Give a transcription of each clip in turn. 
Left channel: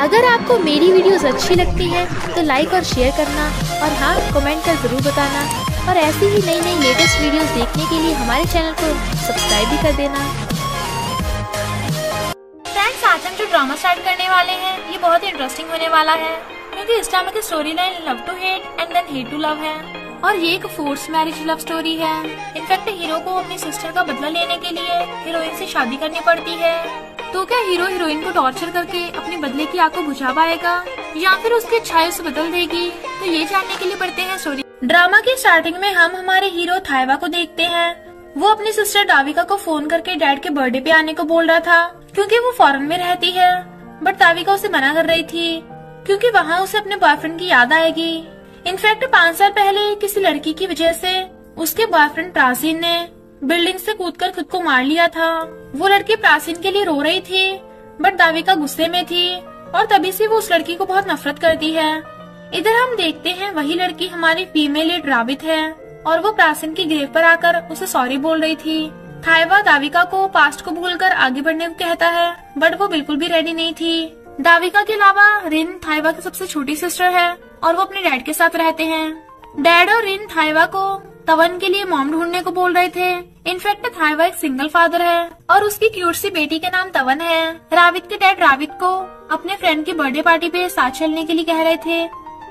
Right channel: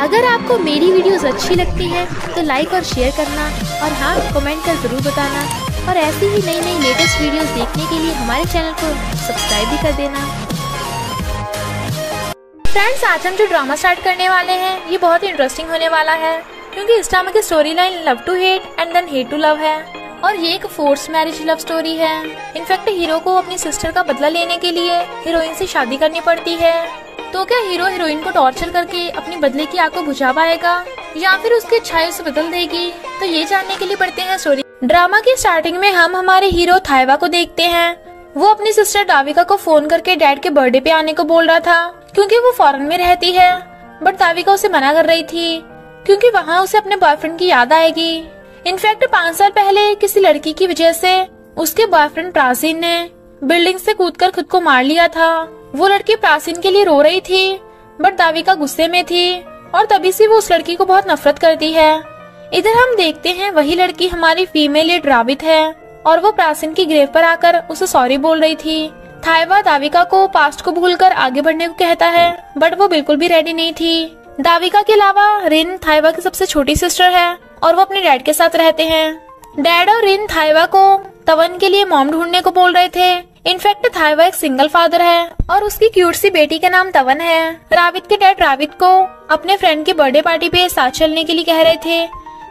अगर आपको मेरी वीडियोस अच्छी लगती है तो लाइक और शेयर करना, और हाँ, कमेंट कर जरूर बताना। और ऐसी ही नई नई लेटेस्ट वीडियोस देखने के लिए हमारे चैनल को सब्सक्राइब भी कर देना। फ्रेंड्स, आज हम जो ड्रामा स्टार्ट करने वाले हैं ये बहुत इंटरेस्टिंग होने वाला है, क्योंकि इस ड्रामा की story line love to hate and then hate to love है, और ये एक फोर्स मैरिज लव स्टोरी है। इनफैक्ट हीरो को अपनी सिस्टर का बदला लेने के लिए हीरोइन से शादी करनी पड़ती है। तो क्या हीरो हीरोइन को टॉर्चर करके अपने बदले की आग को बुझा पाएगा, या फिर उसकी इच्छाएं उसे बदल देगी? तो ये जानने के लिए पढ़ते हैं स्टोरी। ड्रामा की स्टार्टिंग में हम हमारे हीरो थाइवा को देखते हैं। वो अपनी सिस्टर दाविका को फोन करके डैड के बर्थडे पे आने को बोल रहा था, क्योंकि वो फॉरेन में रहती है। बट दाविका उसे मना कर रही थी, क्योंकि वहाँ उसे अपने बॉयफ्रेंड की याद आएगी। इनफैक्ट 5 साल पहले किसी लड़की की वजह से उसके बॉयफ्रेंड प्राचीन ने बिल्डिंग से कूदकर खुद को मार लिया था। वो लड़की प्राचीन के लिए रो रही थी, बट दाविका गुस्से में थी, और तभी से वो उस लड़की को बहुत नफरत करती है। इधर हम देखते हैं वही लड़की हमारी फीमेल लीड रावित है, और वो प्राचीन की ग्रेव पर आकर उसे सॉरी बोल रही थी। थाइवा दाविका को पास्ट को भूलकर आगे बढ़ने को कहता है, बट वो बिल्कुल भी रेडी नहीं थी। दाविका के अलावा रिन थाइवा की सबसे छोटी सिस्टर है, और वो अपने डैड के साथ रहते हैं। डैड और रिन थाइवा को तवन के लिए मॉम ढूंढने को बोल रहे थे। इनफैक्ट थाइवा एक सिंगल फादर है, और उसकी क्यूट सी बेटी का नाम तवन है। रावित के डैड रावित को अपने फ्रेंड की बर्थडे पार्टी पे साथ चलने के लिए कह रहे थे,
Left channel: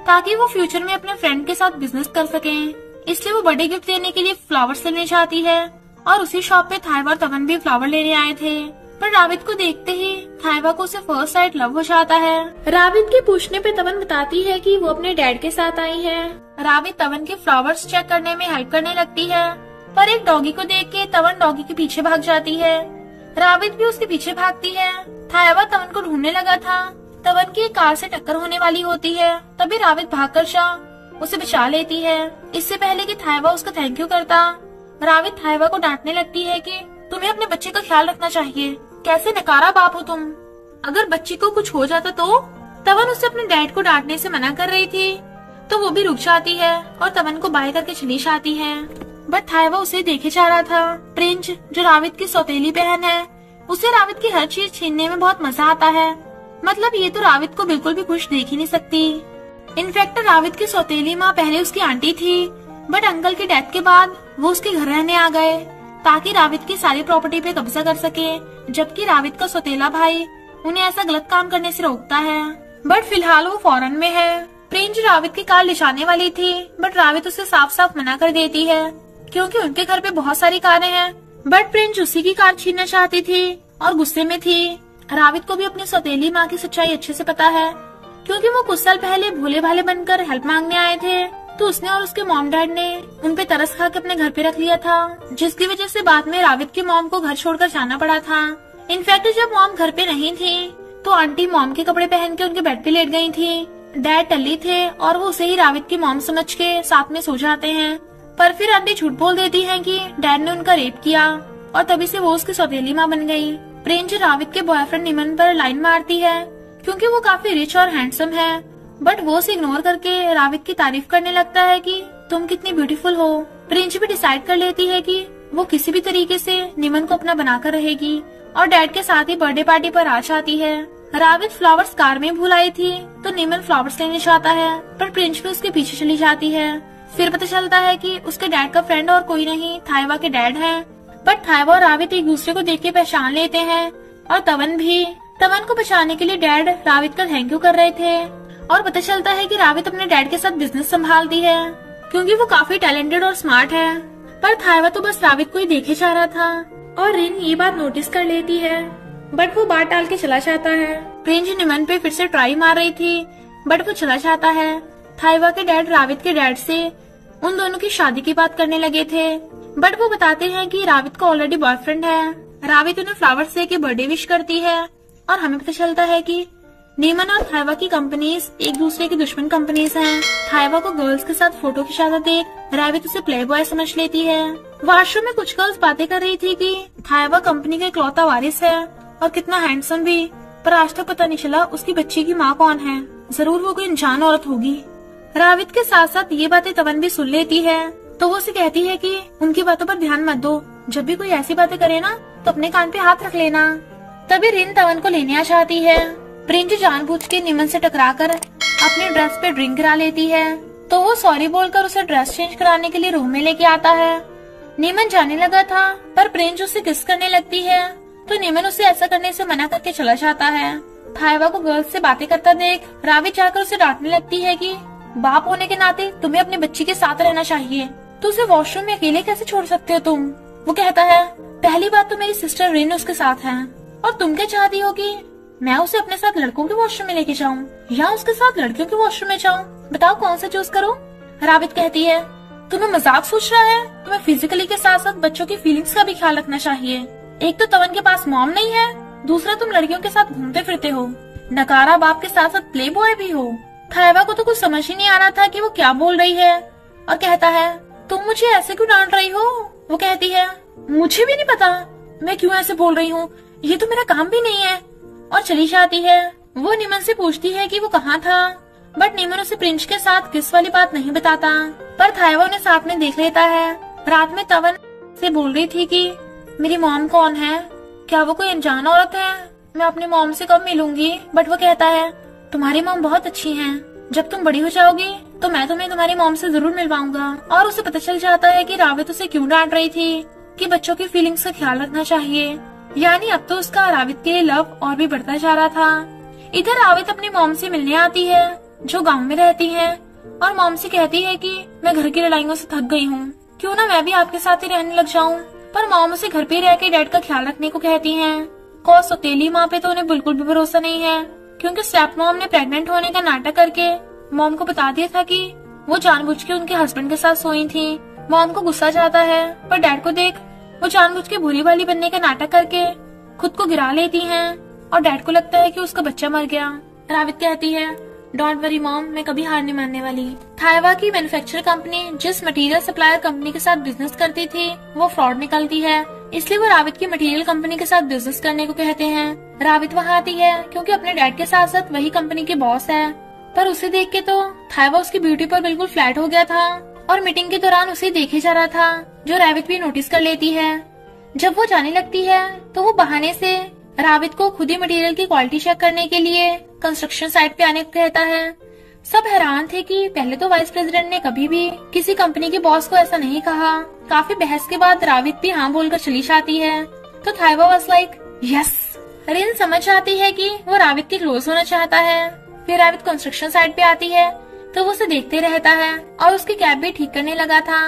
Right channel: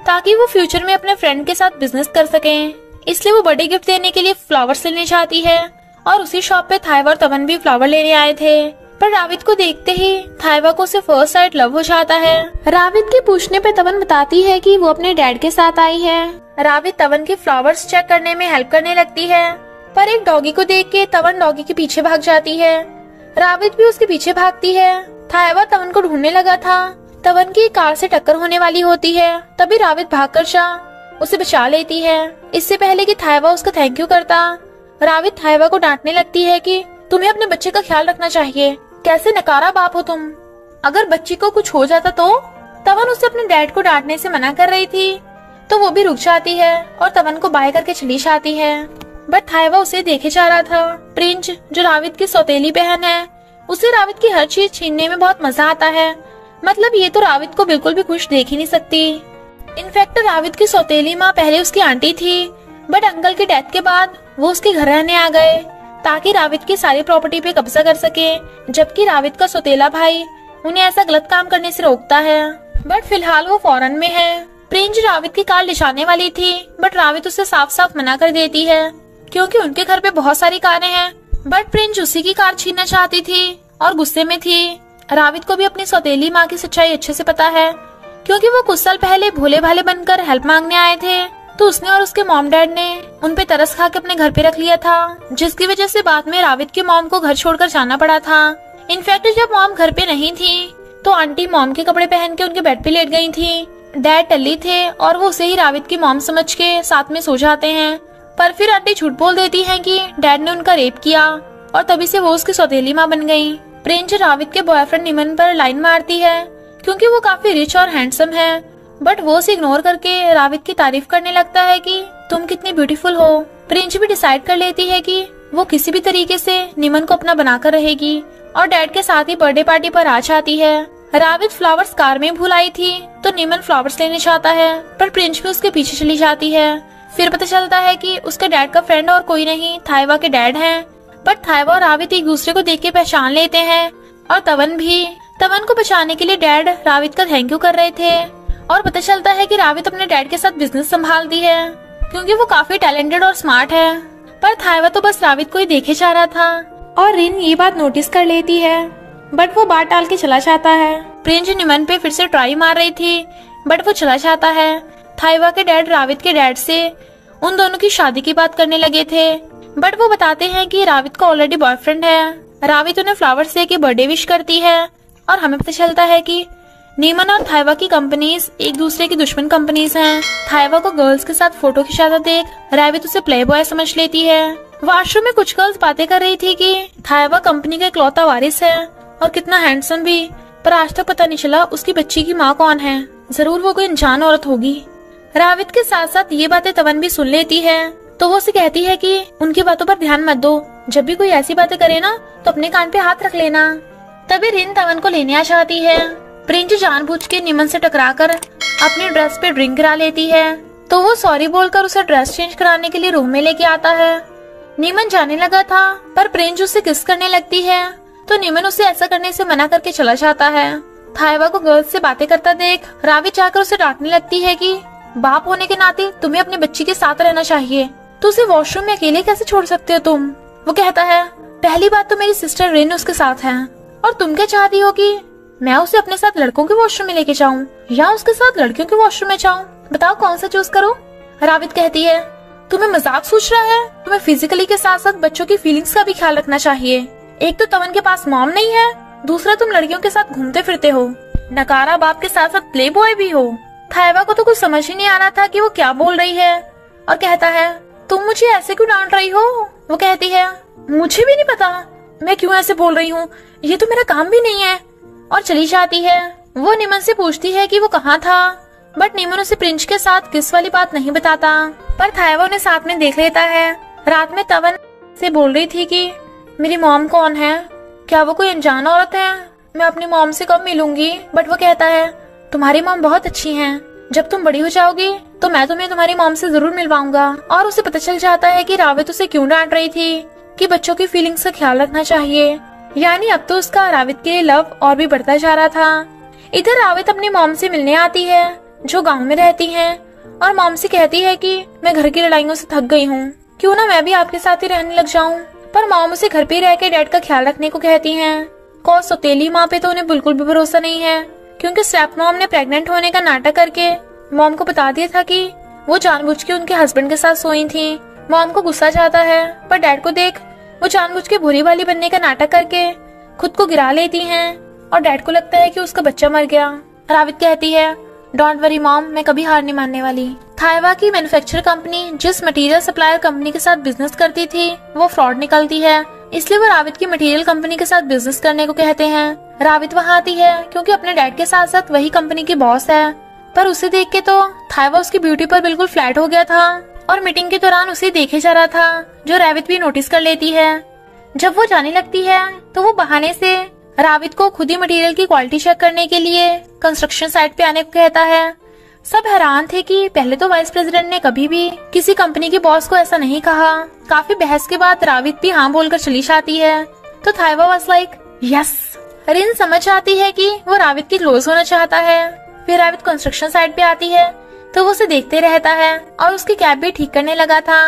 ताकि वो फ्यूचर में अपने फ्रेंड के साथ बिजनेस कर सकें। इसलिए वो बर्थडे गिफ्ट देने के लिए फ्लावर्स लेने चाहती है, और उसी शॉप पे थाइवा और तवन भी फ्लावर लेने आए थे। पर रावित को देखते ही थाइवा को उसे फर्स्ट साइड लव हो जाता है। रावित के पूछने पे तवन बताती है कि वो अपने डैड के साथ आई है। रावित तवन के फ्लावर्स चेक करने में हेल्प करने लगती है, पर एक डॉगी को देख के तवन डॉगी के पीछे भाग जाती है। रावित भी उसके पीछे भागती है। थाइवा तवन को ढूंढने लगा था। तवन की कार से टक्कर होने वाली होती है, तभी रावित भागकर जा उसे बचा लेती है। इससे पहले कि थाइवा उसका थैंक यू करता, रावित थाइवा को डांटने लगती है कि तुम्हें अपने बच्चे का ख्याल रखना चाहिए, कैसे नकारा बाप हो तुम, अगर बच्ची को कुछ हो जाता तो। तवन उसे अपने डैड को डांटने से मना कर रही थी, तो वो भी रुक जाती है और तवन को बाय करके चली जाती है। बट थाइवा उसे देखे जा रहा था। प्रिंस, जो रावित की सौतेली बहन है, उसे रावित की हर चीज छीनने में बहुत मजा आता है। मतलब ये तो रावित को बिल्कुल भी खुश देख ही नहीं सकती। इनफैक्ट रावित की सौतेली माँ पहले उसकी आंटी थी, बट अंकल की डेथ के बाद वो उसके घर रहने आ गए, ताकि रावित की सारी प्रॉपर्टी पे कब्जा कर सके, जबकि रावित का सौतेला भाई उन्हें ऐसा गलत काम करने से रोकता है। बट फिलहाल वो फॉरेन में है। प्रिंस रावित की कार ले जाने वाली थी, बट रावित उसे साफ साफ मना कर देती है, क्योंकि उनके घर पे बहुत सारी कारें हैं। बट प्रिंस उसी की कार छीनना चाहती थी और गुस्से में थी। रावित को भी अपनी सौतेली माँ की सच्चाई अच्छे से पता है, क्योंकि वो कुछ साल पहले भोले भाले बनकर हेल्प मांगने आए थे, तो उसने और उसके मॉम डैड ने उन पे तरस खा के अपने घर पे रख लिया था, जिसकी वजह से बाद में रावित के मॉम को घर छोड़कर जाना पड़ा था। इनफैक्ट जब मॉम घर पे नहीं थी, तो आंटी मॉम के कपड़े पहन के उनके बेड पे लेट गई थी। डैड टल्ली थे, और वो उसे ही रावित की मॉम समझ के साथ में सो जाते हैं। पर फिर आंटी झूठ बोल देती है कि डैड ने उनका रेप किया, और तभी से वो उसकी सौतेली माँ बन गई। प्रिंस रावित के बॉयफ्रेंड निमन पर लाइन मारती है, क्योंकि वो काफी रिच और हैंडसम है, बट वो उसे इग्नोर करके रावित की तारीफ करने लगता है कि तुम कितनी ब्यूटीफुल हो। प्रिंस भी डिसाइड कर लेती है कि वो किसी भी तरीके से निमन को अपना बनाकर रहेगी, और डैड के साथ ही बर्थडे पार्टी पर आ जाती है। रावित फ्लावर्स कार में भूल आई थी, तो निमन फ्लावर्स लेने चाहता है, पर प्रिंस भी उसके पीछे चली जाती है। फिर पता चलता है कि उसके डैड का फ्रेंड और कोई नहीं, थाइवा के डैड हैं। बट थाइवा और रावित एक दूसरे को देख के पहचान लेते हैं, और तवन भी। तवन को बचाने के लिए डैड रावित का थैंक यू कर रहे थे, और पता चलता है कि रावित अपने डैड के साथ बिजनेस संभालती है, क्योंकि वो काफी टैलेंटेड और स्मार्ट है। पर थाइवा तो बस रावित को ही देखे जा रहा था, और रिन ये बात नोटिस कर लेती है, बट वो बात टाल के चला जाता है। प्रिंस निमन पे फिर से ट्राई मार रही थी, बट वो चला जाता है। थाइवा के डैड रावित के डैड से उन दोनों की शादी की बात करने लगे थे, बट वो बताते हैं कि रावित का ऑलरेडी बॉयफ्रेंड है। रावित उन्हें फ्लावर्स दे के बर्थडे विश करती है, और हमें पता चलता है कि नीमन और थाइवा की कंपनीज एक दूसरे की दुश्मन कंपनीज हैं। थाइवा को गर्ल्स के साथ फोटो खिंचाता देख रावित उसे प्ले बॉय समझ लेती है। वॉशरूम में कुछ गर्ल्स बातें कर रही थी कि थाइवा कंपनी का इकलौता वारिस है, और कितना हैंडसम भी, पर आज तक पता नहीं चला उसकी बच्ची की माँ कौन है। जरूर वो कोई अनजान औरत होगी। रावित के साथ साथ ये बातें तवन भी सुन लेती है, तो वो उसे कहती है कि उनकी बातों पर ध्यान मत दो, जब भी कोई ऐसी बातें करे ना तो अपने कान पे हाथ रख लेना। तभी रिन तवन को लेने आ जाती है। प्रिंच जानबूझ के नीमन से टकराकर अपनी ड्रेस पे ड्रिंक गिरा लेती है, तो वो सॉरी बोलकर उसे ड्रेस चेंज कराने के लिए रूम में लेके आता है। नीमन जाने लगा था पर प्रिंच उससे किस करने लगती है, तो नीमन उसे ऐसा करने से मना करके चला जाता है। थाइवा को गर्ल्स से बातें करता देख रावित जाकर उसे डांटने लगती है कि बाप होने के नाते तुम्हें अपने बच्ची के साथ रहना चाहिए, तो उसे वॉशरूम में अकेले कैसे छोड़ सकते हो तुम। वो कहता है पहली बात तो मेरी सिस्टर रेन उसके साथ है, और तुम क्या चाहती हो कि मैं उसे अपने साथ लड़कों के वॉशरूम में लेके जाऊं या उसके साथ लड़कियों के वॉशरूम में जाऊं, बताओ कौन सा चूज करो। रावित कहती है तुम्हें मजाक सोच रहा है, तुम्हें फिजिकली के साथ साथ बच्चों की फीलिंग्स का भी ख्याल रखना चाहिए। एक तो तवन के पास मॉम नहीं है, दूसरा तुम लड़कियों के साथ घूमते फिरते हो, नकारा बाप के साथ साथ प्ले बॉय भी हो। थाइवा को तो कुछ समझ ही नहीं आ रहा था कि वो क्या बोल रही है, और कहता है तुम मुझे ऐसे क्यों डांट रही हो। वो कहती है मुझे भी नहीं पता मैं क्यों ऐसे बोल रही हूँ, ये तो मेरा काम भी नहीं है, और चली जाती है। वो नीमन से पूछती है कि वो कहाँ था, बट नीमन उसे प्रिंच के साथ किस वाली बात नहीं बताता, पर थाइवा उन्हें साथ में देख लेता है। रात में तवन से बोल रही थी कि मेरी मॉम कौन है, क्या वो कोई अनजान औरत है, मैं अपनी मॉम से कब मिलूंगी। बट वो कहता है तुम्हारी मॉम बहुत अच्छी हैं, जब तुम बड़ी हो जाओगी तो मैं तुम्हें तुम्हारी मॉम से जरूर मिलवाऊंगा। और उसे पता चल जाता है कि रावित उसे क्यों डांट रही थी कि बच्चों की फीलिंग्स का ख्याल रखना चाहिए, यानी अब तो उसका रावित के लिए लव और भी बढ़ता जा रहा था। इधर रावित अपनी मॉम से मिलने आती है जो गांव में रहती है, और मॉम से कहती है कि मैं घर की लड़ाइयों से थक गई हूँ, क्यों ना मैं भी आपके साथ ही रहने लग जाऊँ। पर मॉम उसे घर पे रह के डैड का ख्याल रखने को कहती हैं। कॉस सौतेली माँ पे तो उन्हें बिल्कुल भी भरोसा नहीं है, क्योंकि स्टेप मॉम ने प्रेग्नेंट होने का नाटक करके मॉम को बता दिया था कि वो जानबूझ के उनके हस्बैंड के साथ सोई थी। मॉम को गुस्सा जाता है, पर डैड को देख वो जानबूझ के बुरी वाली बनने का नाटक करके खुद को गिरा लेती हैं, और डैड को लगता है कि उसका बच्चा मर गया। रावित कहती है डोंट वरी मॉम, मैं कभी हार नहीं मानने वाली। थाइवा की मैन्युफैक्चर कंपनी जिस मटेरियल सप्लायर कंपनी के साथ बिजनेस करती थी वो फ्रॉड निकलती है, इसलिए वो रावित की मटेरियल कंपनी के साथ बिजनेस करने को कहते हैं। रावित वहाँ आती है क्योंकि अपने डैड के साथ साथ वही कंपनी की बॉस है, पर उसे देख के तो थाइवा उसकी ब्यूटी पर बिल्कुल फ्लैट हो गया था, और मीटिंग के दौरान उसे देखे जा रहा था, जो रावित भी नोटिस कर लेती है। जब वो जाने लगती है तो वो बहाने से रावित को खुद ही मटेरियल की क्वालिटी चेक करने के लिए कंस्ट्रक्शन साइट पे आने को कहता है। सब हैरान थे कि पहले तो वाइस प्रेसिडेंट ने कभी भी किसी कंपनी के बॉस को ऐसा नहीं कहा। काफी बहस के बाद रावित भी हाँ बोलकर चली जाती है, तो थाइवा वाज लाइक यस। रिन समझ आती है कि वो रावित की क्लोज होना चाहता है। फिर रावित कंस्ट्रक्शन साइट पे आती है तो वो उसे देखते रहता है, और उसकी कैब भी ठीक करने लगा था।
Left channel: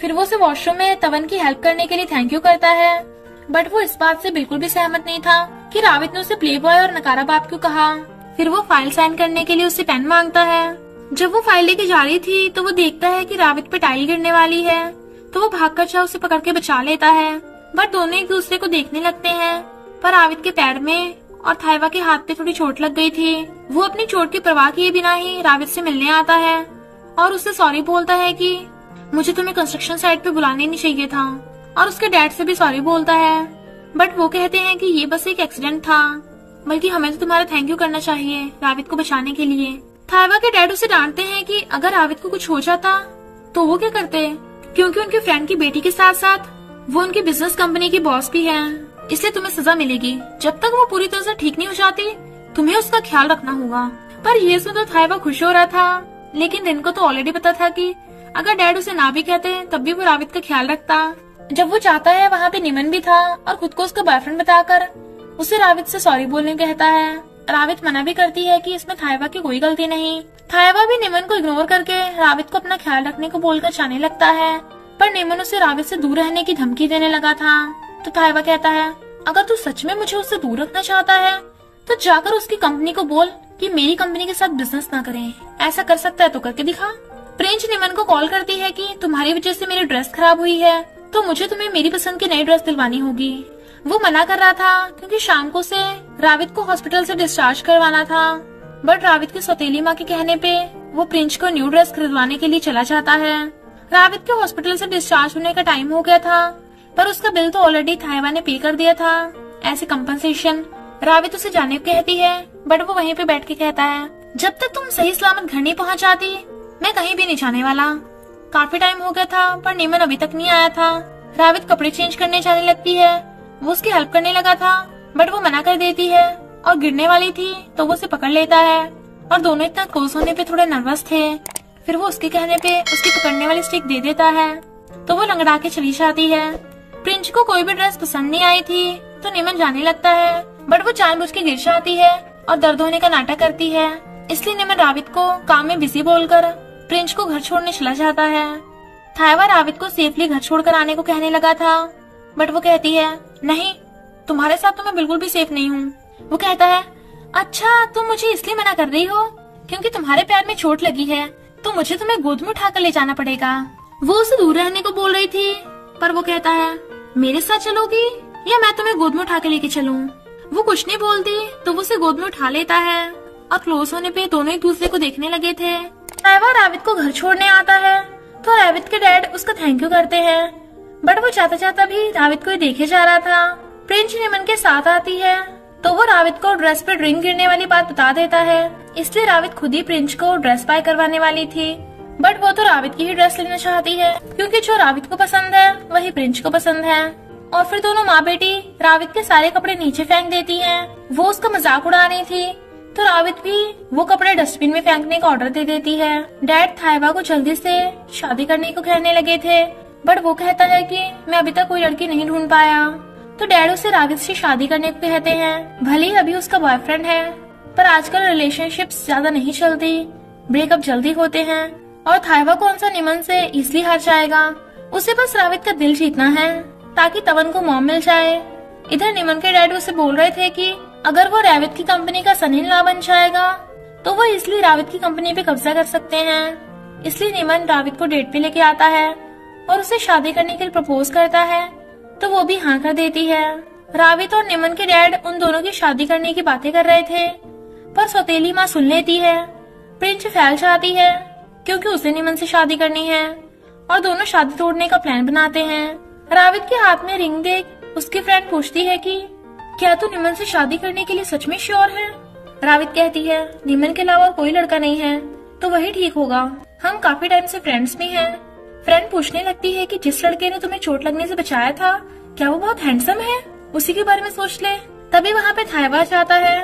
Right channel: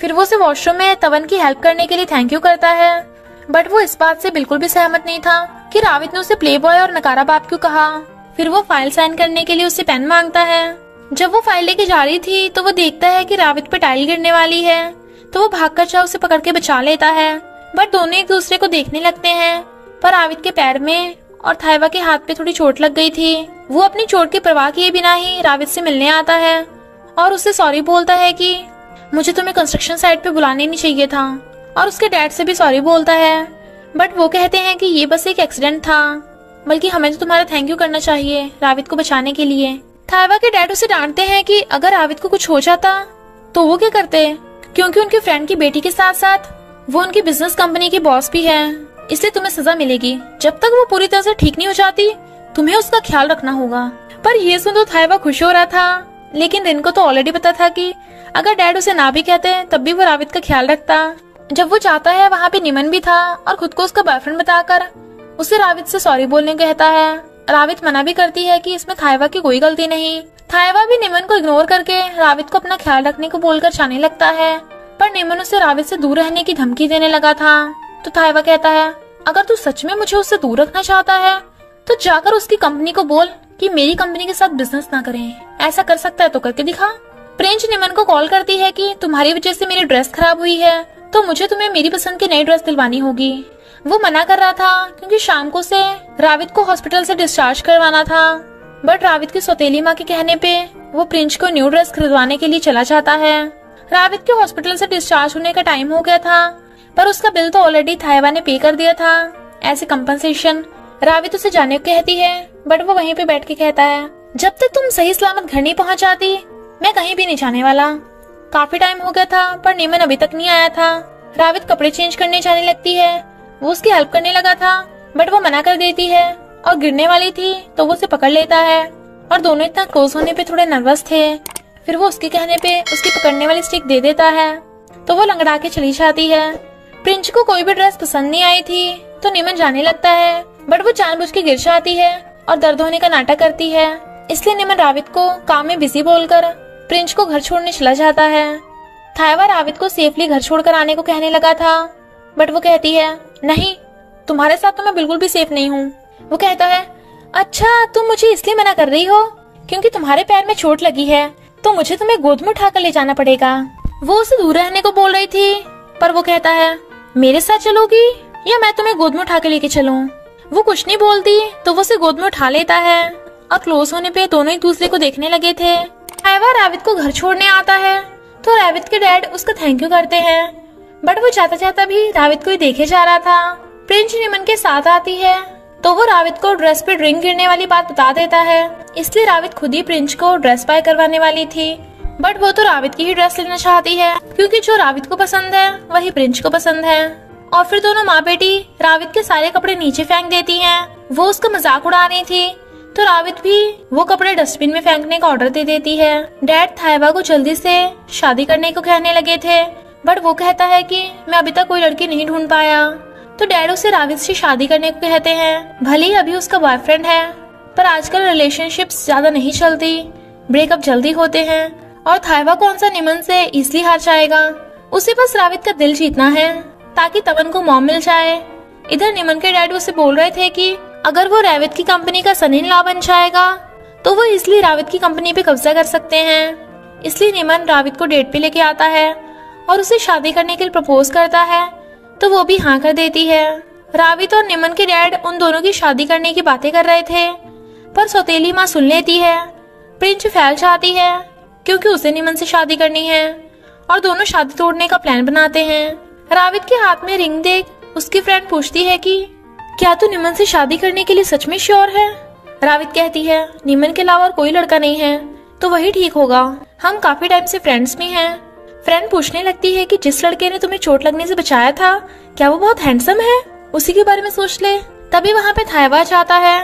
फिर वो उसे वॉशरूम में तवन की हेल्प करने के लिए थैंक यू करता है, बट वो इस बात से बिल्कुल भी सहमत नहीं था कि रावित ने उसे प्ले बॉय और नकारा बाप क्यों कहा। फिर वो फाइल साइन करने के लिए उससे पेन मांगता है। जब वो फाइल लेके जा रही थी तो वो देखता है कि रावित पे टाई गिरने वाली है, तो वो भागकर जा उसे पकड़ के बचा लेता है। बट दोनों एक दूसरे को देखने लगते हैं, पर रावित के पैर में और थाइवा के हाथ पे थोड़ी चोट लग गई थी। वो अपनी चोट की परवाह किए बिना ही रावित से मिलने आता है और उससे सॉरी बोलता है कि मुझे तुम्हें कंस्ट्रक्शन साइट पे बुलाने नहीं चाहिए था, और उसके डैड से भी सॉरी बोलता है। बट वो कहते हैं कि ये बस एक एक्सीडेंट था, बल्कि हमें तो तुम्हारा थैंक यू करना चाहिए रावित को बचाने के लिए। थाइवा के डैड उसे डांटते हैं कि अगर रावित को कुछ हो जाता तो वो क्या करते, क्योंकि उनके फ्रेंड की बेटी के साथ साथ वो उनकी बिजनेस कंपनी की बॉस भी है, इसलिए तुम्हें सजा मिलेगी। जब तक वो पूरी तरह से ठीक नहीं हो जाती तुम्हें उसका ख्याल रखना होगा। पर ये सुन तो थाइवा खुश हो रहा था, लेकिन रिन को तो ऑलरेडी पता था कि अगर डैड उसे ना भी कहते तब भी वो रावित का ख्याल रखता। जब वो जाता है वहाँ पे निमन भी था और खुद को उसका बॉयफ्रेंड बताकर उसे रावित से सॉरी बोलने कहता है। रावित मना भी करती है कि इसमें थाइवा की कोई गलती नहीं। थाइवा भी निमन को इग्नोर करके रावित को अपना ख्याल रखने को बोलकर जाने लगता है, पर निमन उसे रावित से दूर रहने की धमकी देने लगा था। तो थाइवा कहता है अगर तू सच में मुझे उससे दूर रखना चाहता है तो जाकर उसकी कंपनी को बोल कि मेरी कंपनी के साथ बिजनेस ना करें, ऐसा कर सकता है तो करके दिखा। प्रिंच निमन को कॉल करती है कि तुम्हारी वजह से मेरी ड्रेस खराब हुई है, तो मुझे तुम्हें मेरी पसंद की नई ड्रेस दिलवानी होगी। वो मना कर रहा था क्योंकि शाम को उसे रावित को हॉस्पिटल से डिस्चार्ज करवाना था, बट रावित की सौतेली माँ के कहने पे वो प्रिंच को न्यू ड्रेस खरीदवाने के लिए चला जाता है। रावित के हॉस्पिटल से डिस्चार्ज होने का टाइम हो गया था, पर उसका बिल तो ऑलरेडी थाइवा ने पे कर दिया था ऐसे कंपनसेशन। रावित उसे जाने को कहती है, बट वो वहीं पे बैठ के कहता है जब तक तुम सही सलामत घर नहीं पहुँच जाती मैं कहीं भी नहीं जाने वाला। काफी टाइम हो गया था पर निमन अभी तक नहीं आया था। रावित कपड़े चेंज करने जाने लगती है, वो उसकी हेल्प करने लगा था बट वो मना कर देती है और गिरने वाली थी तो वो उसे पकड़ लेता है और दोनों इतना क्लोज होने पे थोड़े नर्वस थे। फिर वो उसके कहने पे उसकी पकड़ने वाली स्टिक दे देता है तो वो लंगड़ा के चली जाती है। प्रिंस को कोई भी ड्रेस पसंद नहीं आई थी तो निमन जाने लगता है, बट वो जानबूझ के गिर जाती है और दर्द होने का नाटक करती है। इसलिए निमन रावित को काम में बिजी बोलकर प्रिंस को घर छोड़ने चला जाता है। थायवा रावित को सेफली घर छोड़कर आने को कहने लगा था, बट वो कहती है नहीं, तुम्हारे साथ तो मैं बिल्कुल भी सेफ नहीं हूँ। वो कहता है अच्छा, तुम मुझे इसलिए मना कर रही हो क्योंकि तुम्हारे पैर में चोट लगी है तो मुझे तुम्हें गोद में उठाकर ले जाना पड़ेगा। वो उसे दूर रहने को बोल रही थी, पर वो कहता है मेरे साथ चलोगी या मैं तुम्हें गोद में उठा के लेके चलूं? वो कुछ नहीं बोलती तो वो उसे गोद में उठा लेता है और क्लोज होने पे दोनों एक दूसरे को देखने लगे थे। थायवा रावित को घर छोड़ने आता है तो रावित के डैड उसका थैंक यू करते हैं, बट वो जाता जाता भी रावित को ही देखे जा रहा था। प्रिंस निमन के साथ आती है तो वो रावित को ड्रेस पे ड्रिंक गिरने वाली बात बता देता है, इसलिए रावित खुद ही प्रिंस को ड्रेस बाय करवाने वाली थी, बट वो तो रावित की ही ड्रेस लेना चाहती है क्योंकि जो रावित को पसंद है वही प्रिंस को पसंद है। और फिर दोनों माँ बेटी रावित के सारे कपड़े नीचे फेंक देती हैं। वो उसका मजाक उड़ा रही थी तो रावित भी वो कपड़े डस्टबिन में फेंकने का ऑर्डर दे देती है। डैड थायवा को जल्दी से शादी करने को कहने लगे थे, बट वो कहता है कि मैं अभी तक कोई लड़की नहीं ढूंढ पाया। तो डैड उसे रावित से शादी करने को कहते हैं। भले ही अभी उसका बॉयफ्रेंड है, पर आजकल रिलेशनशिप्स ज्यादा नहीं चलती, ब्रेकअप जल्दी होते हैं और थायवा कौन सा निमन से इजली हार जाएगा। उसे बस रावित का दिल जीतना है ताकि तवन को मॉम मिल जाए। इधर निमन के डैड उसे बोल रहे थे कि अगर वो रावित की कंपनी का सन इन लॉ बन जाएगा तो वो इसलिए रावित की कंपनी पे कब्जा कर सकते हैं। इसलिए निमन रावित को डेट पे लेके आता है और उसे शादी करने के लिए प्रपोज करता है तो वो भी हाँ कर देती है। रावित और निमन के डैड उन दोनों की शादी करने की बातें कर रहे थे, पर सौतेली माँ सुन लेती है। प्रिंस फैल जाती है क्योंकि उसे निमन से शादी करनी है और दोनों शादी तोड़ने का प्लान बनाते हैं। रावित के हाथ में रिंग देख उसकी फ्रेंड पूछती है कि क्या तू निमन से शादी करने के लिए सच में श्योर है? रावित कहती है निमन के अलावा और कोई लड़का नहीं है तो वही ठीक होगा, हम काफी टाइम से फ्रेंड्स भी हैं। फ्रेंड पूछने लगती है कि जिस लड़के ने तुम्हें चोट लगने से बचाया था क्या वो बहुत हैंडसम है? उसी के बारे में सोच ले। तभी वहाँ पे थायवा जाता है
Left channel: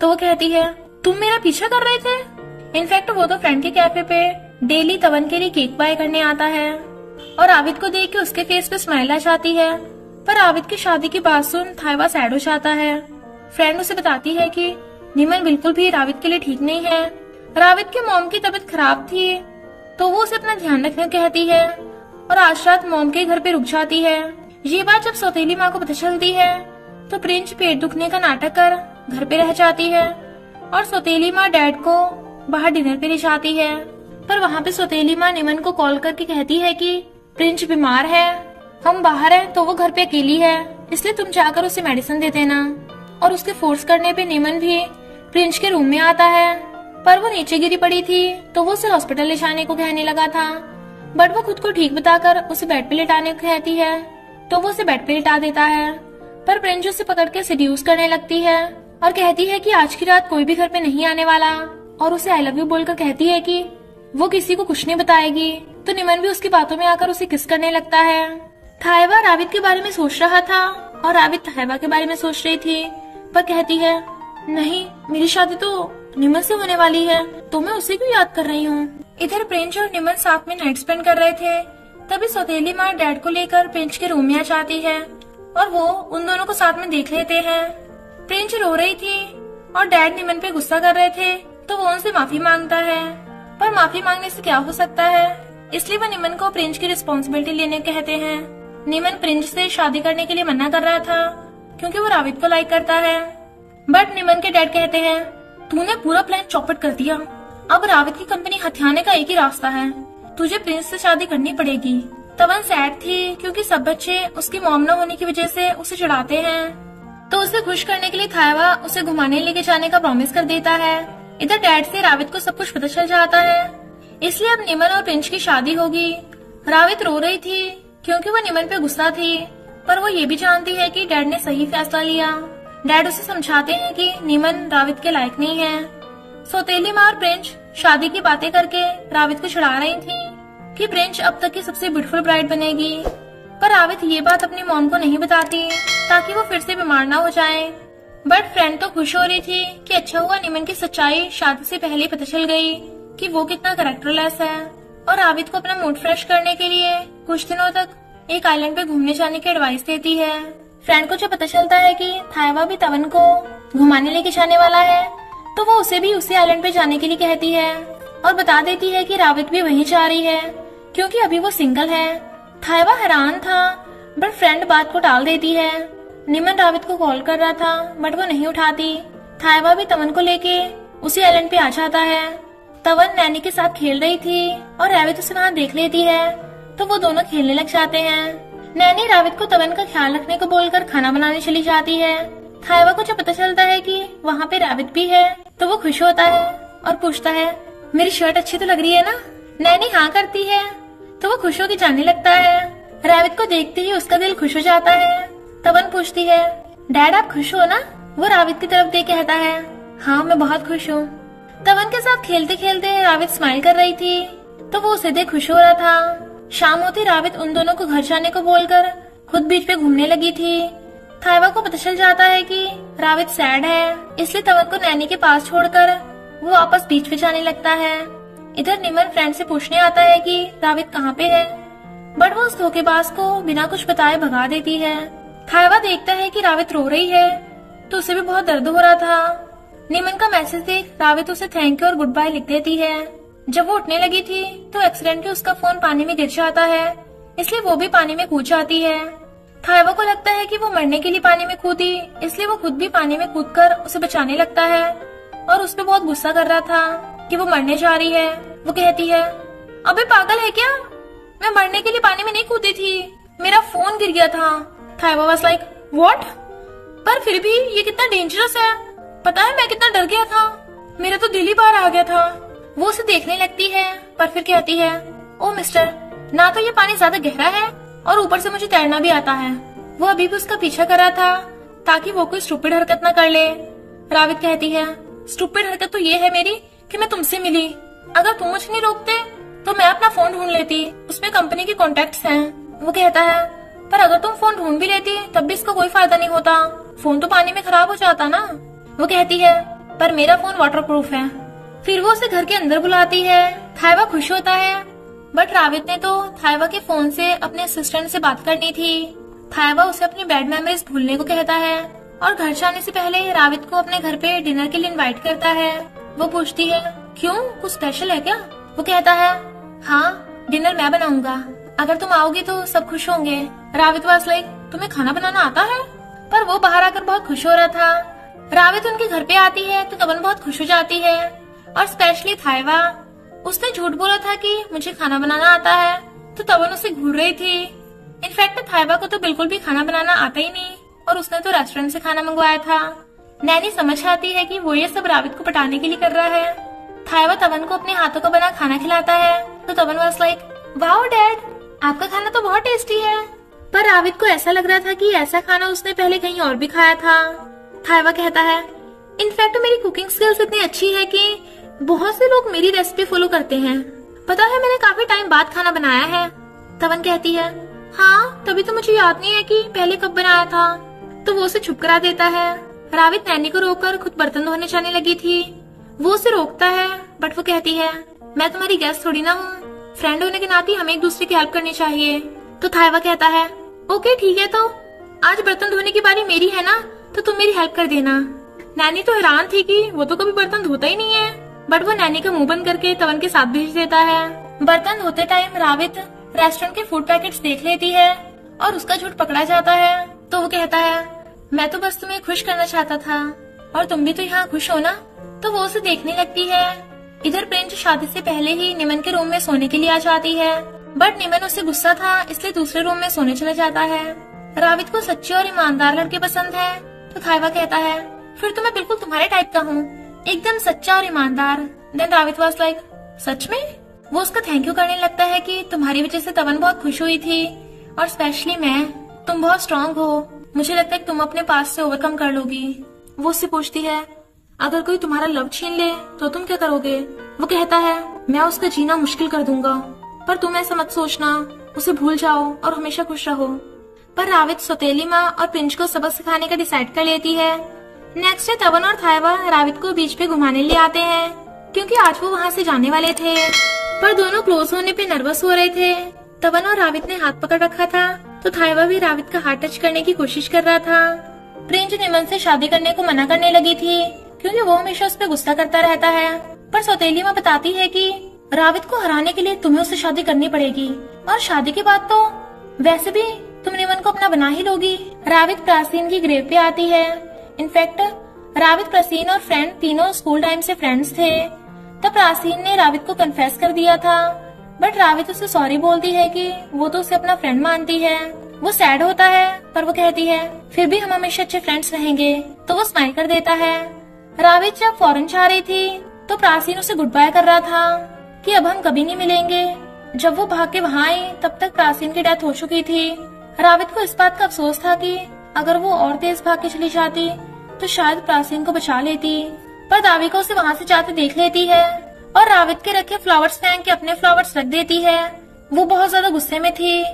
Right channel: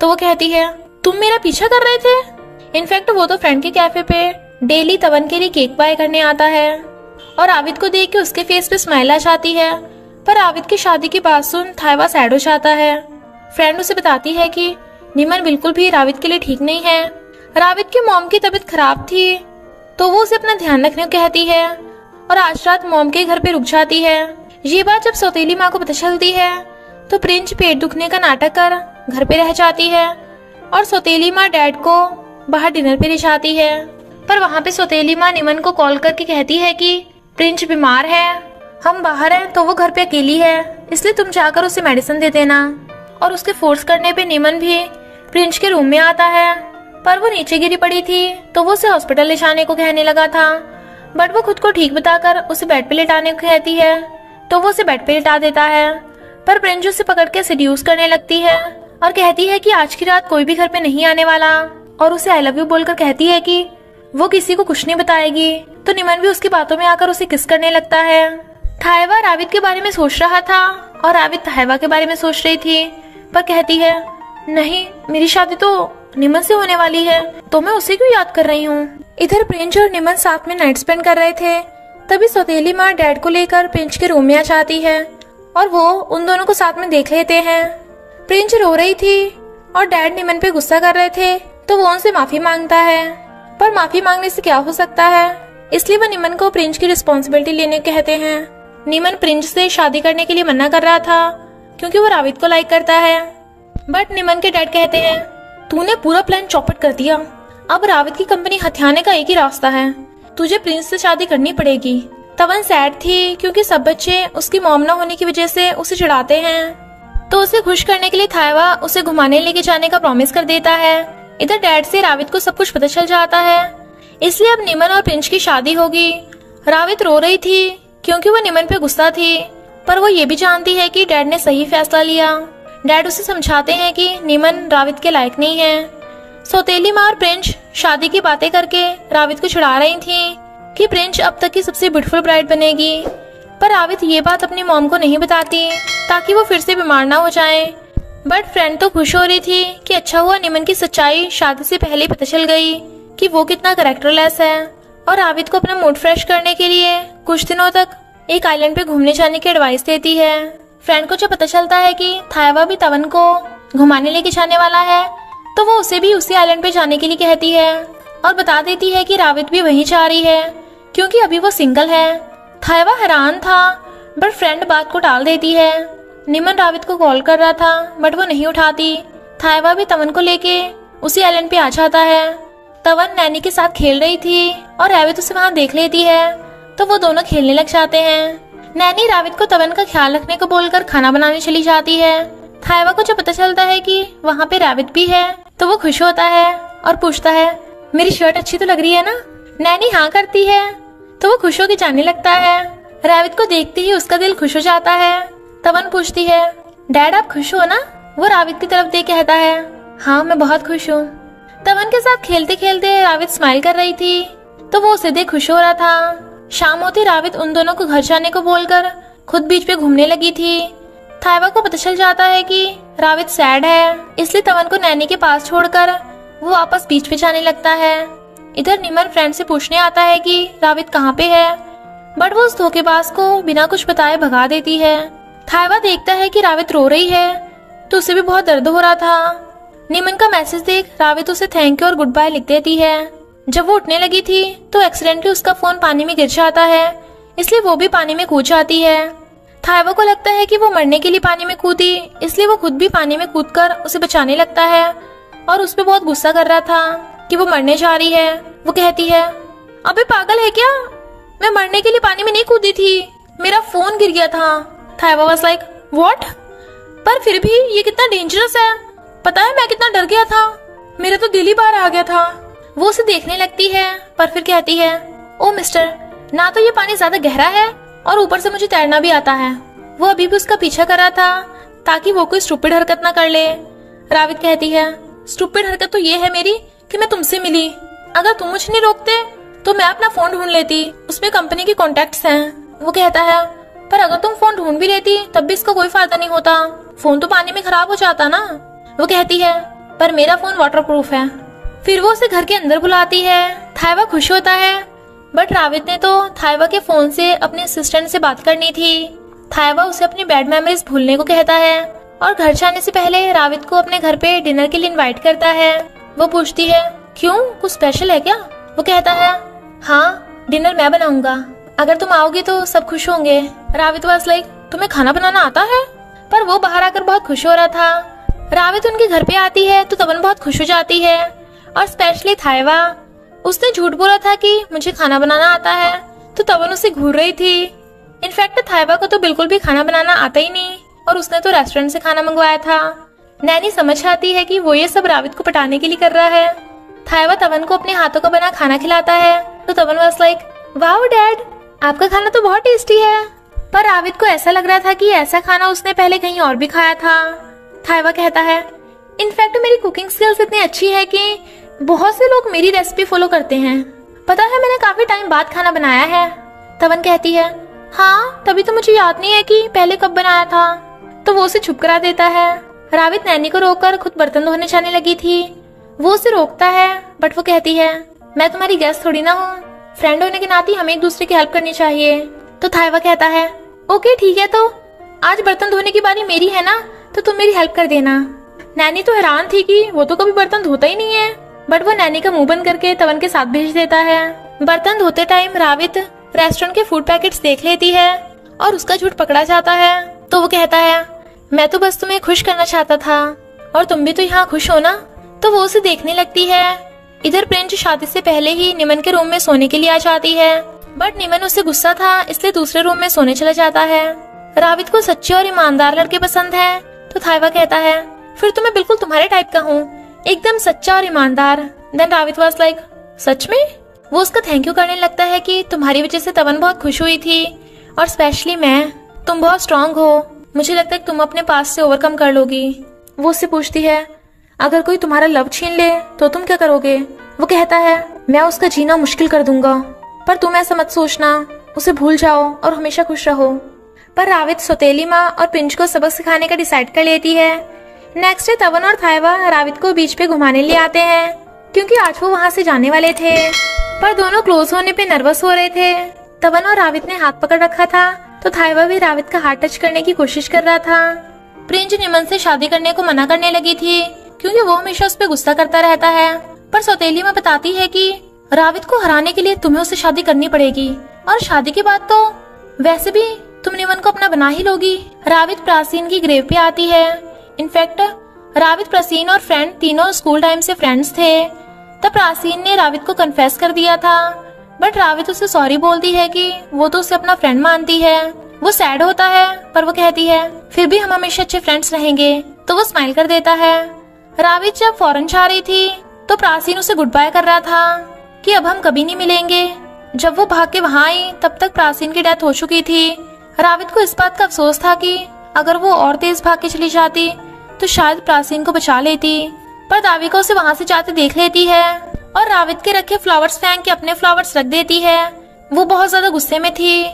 तो वो कहती है तुम मेरा पीछा कर रहे थे। इनफैक्ट वो तो फ्रेंड के कैफे पे डेली तवन के लिए केक बाय करने आता है और आविद को देख के उसके फेस पे स्माइल आ जाती है, पर आविद की शादी की बात सुन थायवा सैड हो जाता है। फ्रेंड उसे बताती है कि निमन बिल्कुल भी राविद के लिए ठीक नहीं है। राविद की मॉम की तबीयत खराब थी तो वो उसे अपना ध्यान रखने को कहती है और आज रात मॉम के घर पे रुक जाती है। ये बात जब सौतेली माँ को पता चलती है तो प्रिंस पेट दुखने का नाटक कर घर पे रह जाती है और सौतेली माँ डैड को बाहर डिनर पे ले जाती है। पर वहाँ पे सौतेली माँ निमन को कॉल करके कहती है कि प्रिंस बीमार है, हम बाहर हैं तो वो घर पे अकेली है, इसलिए तुम जाकर उसे मेडिसिन दे देना। और उसके फोर्स करने पे निमन भी प्रिंस के रूम में आता है, पर वो नीचे गिरी पड़ी थी तो वो उसे हॉस्पिटल ले जाने को कहने लगा था, बट वो खुद को ठीक बताकर उसे बेड पे लेटाने को कहती है तो वो उसे बेड पे लेटा देता है। पर प्रिंस उसे पकड़ के सेड्यूस करने लगती है और कहती है कि आज की रात कोई भी घर पे नहीं आने वाला और उसे आई लव यू बोलकर कहती है कि वो किसी को कुछ नहीं बताएगी। तो निमन भी उसकी बातों में आकर उसे किस करने लगता है। थायवा राविद के बारे में सोच रहा था और राविद थायवा के बारे में सोच रही थी, पर कहती है नहीं, मेरी शादी तो निमन से होने वाली है तो मैं उसे क्यों याद कर रही हूँ। इधर प्रिंस और निमन साथ में नाइट स्पेंड कर रहे थे, तभी सौतेली माँ डैड को लेकर प्रिंस के रूम में आ जाती है और वो उन दोनों को साथ में देख लेते हैं। प्रिंस रो रही थी और डैड निमन पे गुस्सा कर रहे थे तो वो उनसे माफी मांगता है, पर माफी मांगने से क्या हो सकता है, इसलिए वो निमन को प्रिंस की रिस्पॉन्सिबिलिटी लेने को कहते हैं। निमन प्रिंस से शादी करने के लिए मना कर रहा था क्योंकि वो राविद को लाइक करता है, बट निमन के डैड कहते हैं तूने पूरा प्लान चौपट कर दिया, अब राविद की कंपनी हथियाने का एक ही रास्ता है, तुझे प्रिंस से शादी करनी पड़ेगी। तवन सैड थी क्योंकि सब बच्चे उसकी मॉम न होने की वजह से उसे चिढ़ाते हैं, तो उसे खुश करने के लिए थायवा उसे घुमाने लेके जाने का प्रॉमिस कर देता है। इधर डैड से राविद को सब कुछ पता चल जाता है, इसलिए अब निमन और प्रिंस की शादी होगी। राविद रो रही थी क्योंकि वो निमन पे गुस्सा थी, पर वो ये भी जानती है कि डैड ने सही फैसला लिया। डैड उसे समझाते हैं कि निमन राविद के लायक नहीं है। सौतेली माँ और प्रिंस शादी की बातें करके राविद को चिढ़ा रही थी कि प्रिंस अब तक की सबसे ब्यूटीफुल ब्राइड बनेगी, पर राविद ये बात अपनी मॉम को नहीं बताती ताकि वो फिर से बीमार ना हो जाए। बट फ्रेंड तो खुश हो रही थी कि अच्छा हुआ निमन की सच्चाई शादी से पहले ही पता चल गई कि वो कितना कैरेक्टरलेस है, और रावित को अपना मूड फ्रेश करने के लिए कुछ दिनों तक एक आइलैंड पे घूमने जाने की एडवाइस देती है। फ्रेंड को जब पता चलता है कि थायवा भी तवन को घुमाने लेके जाने वाला है, तो वो उसे भी उसी आइलैंड पे जाने के लिए कहती है और बता देती है कि रावित भी वहीं जा रही है क्योंकि अभी वो सिंगल है। थायवा हैरान था, बट फ्रेंड बात को टाल देती है। निमन रावित को कॉल कर रहा था, बट वो नहीं उठाती। थायवा भी तवन को लेके उसी आइलैंड पे आ जाता है। तवन नैनी के साथ खेल रही थी और रावित उसे वहाँ देख लेती है, तो वो दोनों खेलने लग जाते हैं। नैनी रावित को तवन का ख्याल रखने को बोलकर खाना बनाने चली जाती है। थायवा को जब पता चलता है कि वहाँ पे रावित भी है, तो वो खुश होता है और पूछता है, मेरी शर्ट अच्छी तो लग रही है ना? नैनी हाँ करती है, तो वो खुश होकर जाने लगता है। रावित को देखते ही उसका दिल खुश हो जाता है। तवन पूछती है, डैड आप खुश हो ना? वो रावित की तरफ देख कहता है, हाँ मैं बहुत खुश हूँ। तवन के साथ खेलते खेलते रावित स्माइल कर रही थी, तो वो उसे देख खुश हो रहा था। शाम होते रावित उन दोनों को घर जाने को बोलकर खुद बीच पे घूमने लगी थी। थायवा को पता चल जाता है कि रावित सैड है, इसलिए तवन को नैनी के पास छोड़कर वो वापस बीच पे जाने लगता है। इधर निमन फ्रेंड से पूछने आता है कि रावित कहाँ पे है, बट वो उस धोखेबाज को बिना कुछ बताए भगा देती है। थायवा देखता है कि रावित रो रही है, तो उसे भी बहुत दर्द हो रहा था। निमन का मैसेज देख रावित उसे थैंक यू और गुड बाय लिख देती है। जब वो उठने लगी थी तो एक्सीडेंटली उसका फोन पानी में गिर जाता है, इसलिए वो भी पानी में कूद जाती है। थायवा को लगता है कि वो मरने के लिए पानी में कूदी, इसलिए वो खुद भी पानी में कूदकर उसे बचाने लगता है और उस पर बहुत गुस्सा कर रहा था कि वो मरने जा रही है। वो कहती है, अबे पागल है क्या? मैं मरने के लिए पानी में नहीं कूदी थी, मेरा फोन गिर गया था। थायवा वाज लाइक व्हाट? पर फिर भी ये कितना डेंजरस है, पता है मैं कितना डर गया था, मेरा तो दिल ही बाहर आ गया था। वो उसे देखने लगती है, पर फिर कहती है, ओ मिस्टर, ना तो ये पानी ज्यादा गहरा है और ऊपर से मुझे तैरना भी आता है। वो अभी भी उसका पीछा कर रहा था ताकि वो कोई स्टूपिड हरकत न कर ले। रावित कहती है, स्टूपिड हरकत तो ये है मेरी कि मैं तुमसे मिली, अगर तुम मुझे नहीं रोकते तो मैं अपना फोन ढूंढ लेती, उसमें कंपनी के कॉन्टेक्ट्स हैं। वो कहता है, पर अगर तुम फोन ढूंढ भी लेती तब भी इसका कोई फायदा नहीं होता, फोन तो पानी में खराब हो जाता ना। वो कहती है, पर मेरा फोन वाटरप्रूफ है। फिर वो उसे घर के अंदर बुलाती है। थायवा खुश होता है, बट रावित ने तो थायवा के फोन से अपने असिस्टेंट से बात करनी थी। थायवा उसे अपनी बैड मेमोरीज भूलने को कहता है और घर जाने से पहले रावित को अपने घर पे डिनर के लिए इनवाइट करता है। वो पूछती है, क्यों, कुछ स्पेशल है क्या? वो कहता है, हाँ डिनर मैं बनाऊंगा, अगर तुम आओगी तो सब खुश होंगे। रावित वाज लाइक, तुम्हें खाना बनाना आता है? पर वो बाहर आकर बहुत खुश हो रहा था। रावित उनके घर पे आती है तो तवन बहुत खुश हो जाती है, और स्पेशली थायवा। उसने झूठ बोला था कि मुझे खाना बनाना आता है, तो तवन उसे घूर रही थी। इनफैक्ट थायवा को तो बिल्कुल भी खाना बनाना आता ही नहीं, और उसने तो रेस्टोरेंट से खाना मंगवाया था। नैनी समझ आती है कि वो ये सब रावित को पटाने के लिए कर रहा है। थायवा तवन को अपने हाथों का बना खाना खिलाता है, तो तवन वाज लाइक, वाओ डैड, आपका खाना तो बहुत टेस्टी है। पर रावित को ऐसा लग रहा था कि ऐसा खाना उसने पहले कहीं और भी खाया था। थायवा कहता है, इनफैक्ट मेरी कुकिंग स्किल्स इतनी अच्छी है कि बहुत से लोग मेरी रेसिपी फॉलो करते हैं। पता है मैंने काफी टाइम बाद खाना बनाया है। तवन कहती है, हाँ तभी तो मुझे याद नहीं है कि पहले कब बनाया था। तो वो उसे चुप करा देता है। रावित नैनी को रोककर खुद बर्तन धोने जाने लगी थी। वो उसे रोकता है, बट वो कहती है, मैं तुम्हारी गेस्ट थोड़ी ना हूँ, फ्रेंड होने के नाते हमें एक दूसरे की हेल्प करनी चाहिए। तो थायवा कहता है, ओके ठीक है, तो आज बर्तन धोने की बारी मेरी है ना, तो तुम मेरी हेल्प कर देना। नैनी तो हैरान थी कि वो तो कभी बर्तन धोता ही नहीं है, बट वो नैनी का मुंह बंद करके तवन के साथ भेज देता है। बर्तन धोते टाइम रावित रेस्टोरेंट के फूड पैकेट्स देख लेती है और उसका झूठ पकड़ा जाता है। तो वो कहता है, मैं तो बस तुम्हें खुश करना चाहता था और तुम भी तो यहाँ खुश हो ना। तो वो उसे देखने लगती है। इधर प्रिंस शादी से पहले ही निमन के रूम में सोने के लिए आ जाती है, बट निमन उससे गुस्सा था इसलिए दूसरे रूम में सोने चला जाता है। रावित को सच्चे और ईमानदार लड़के पसंद है, तो थायवा कहता है, फिर तो मैं बिल्कुल तुम्हारे टाइप का हूँ, एकदम सच्चा और ईमानदार। देन रावित वाज लाइक, सच में? वो उसका थैंक यू करने लगता है कि तुम्हारी वजह से तवन बहुत खुश हुई थी, और स्पेशली मैं, तुम बहुत स्ट्रांग हो, मुझे लगता है तुम अपने पास से ओवरकम कर लोगी। वो उससे पूछती है, अगर कोई तुम्हारा लव छीन ले तो तुम क्या करोगे? वो कहता है, मैं उसका जीना मुश्किल कर दूंगा, पर तुम ऐसा मत सोचना, उसे भूल जाओ और हमेशा खुश रहो। पर रावित सौतेली माँ और पिंच को सबक सिखाने का डिसाइड कर लेती है, नेक्स्ट डे तवन और थाइवा रावित को बीच पे घुमाने ले आते हैं क्योंकि आज वो वहाँ से जाने वाले थे, पर दोनों क्लोज होने पे नर्वस हो रहे थे। तवन और रावित ने हाथ पकड़ रखा था तो थाइवा भी रावित का हाथ टच करने की कोशिश कर रहा था। प्रिंस निमन से शादी करने को मना करने लगी थी क्योंकि वो हमेशा उस पर गुस्सा करता रहता है, पर सौतेली में बताती है कि रावित को हराने के लिए तुम्हें उससे शादी करनी पड़ेगी और शादी के बाद तो वैसे भी तुम निमन को अपना बना ही लोगी। रावित प्राचीन की ग्रेव पे आती है। इनफैक्ट रावित, प्राचीन और फ्रेंड तीनों स्कूल टाइम से फ्रेंड्स थे। तब प्राचीन ने रावित को कन्फेस कर दिया था, बट रावित उसे सॉरी बोलती है कि वो तो उसे अपना फ्रेंड मानती है। वो सैड होता है पर वो कहती है फिर भी हम हमेशा अच्छे फ्रेंड्स रहेंगे, तो वो स्माइल कर देता है। रावित जब फॉरेन जा रही थी तो प्राचीन उसे गुड बाय कर रहा था कि अब हम कभी नहीं मिलेंगे। जब वो भाग के वहाँ आई तब तक प्राचीन की डेथ हो चुकी थी। रावित को इस बात का अफसोस था कि अगर वो और तेज भाग के चली जाती तो शायद प्राचीन को बचा लेती, पर दाविका उसे वहाँ से जाते देख लेती है और रावित के रखे फ्लावर्स फेंक के अपने फ्लावर्स रख देती है। वो बहुत ज्यादा गुस्से में थी।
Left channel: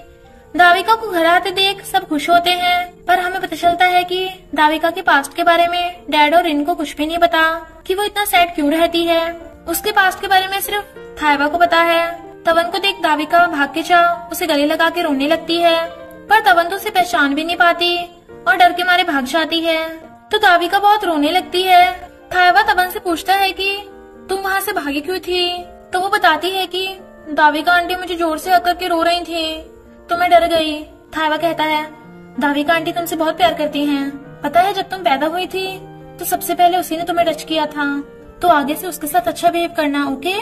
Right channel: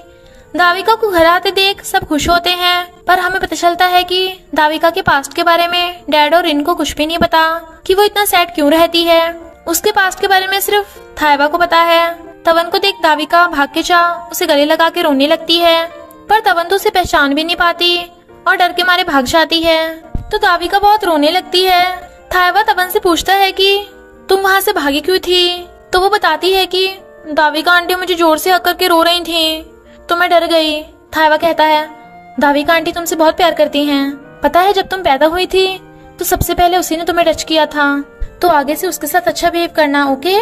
दाविका को घर आते देख सब खुश होते हैं, पर हमें पता चलता है कि दाविका के पास्ट के बारे में डैड और इनको कुछ भी नहीं पता कि वो इतना सैड क्यों रहती है। उसके पास्ट के बारे में सिर्फ थाइवा को पता है। तवन को देख दाविका भाग के जा उसे गले लगा के रोने लगती है, पर तवन तो उसे पहचान भी नहीं पाती और डर के मारे भाग जाती है। तो दाविका बहुत रोने लगती है। थाइवा तवन से पूछता है कि तुम वहाँ से भागी क्यों थी, तो वो बताती है कि दाविका आंटी मुझे जोर से हक करके रो रही थी तो मैं डर गई। थाइवा कहता है दाविका आंटी तुमसे बहुत प्यार करती हैं, पता है जब तुम पैदा हुई थी तो सबसे पहले उसी ने तुम्हें टच किया था, तो आगे से उसके साथ अच्छा बिहेव करना, ओके?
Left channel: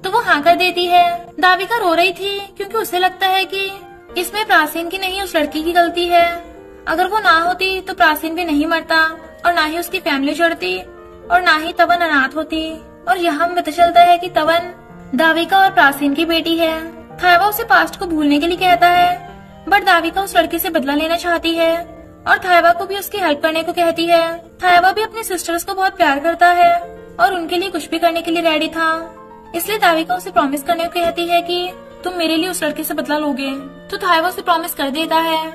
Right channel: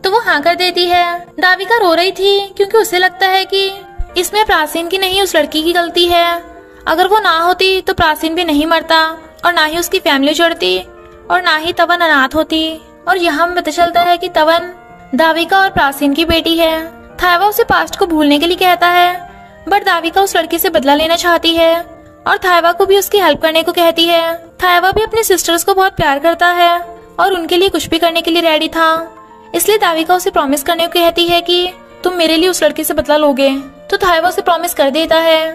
तो वो हाँ कर देती है। दाविका रो रही थी क्योंकि उसे लगता है कि इसमें प्राचीन की नहीं उस लड़की की गलती है। अगर वो ना होती तो प्राचीन भी नहीं मरता और ना ही उसकी फैमिली जुड़ती और ना ही तवन अनाथ होती। और यहाँ हमें पता चलता है कि तवन दाविका और प्राचीन की बेटी है। थाइवा उसे पास्ट को भूलने के लिए कहता है, बट दाविका उस लड़की से बदला लेना चाहती है और थाइवा को भी उसकी हेल्प करने को कहती है। थाइवा भी अपनी सिस्टर्स को बहुत प्यार करता है और उनके लिए कुछ भी करने के लिए रेडी था, इसलिए दाविका उसे प्रॉमिस करने को कहती है कि तुम मेरे लिए उस लड़की से बदला लोगे। तो थाइवा उसे प्रॉमिस कर देता है।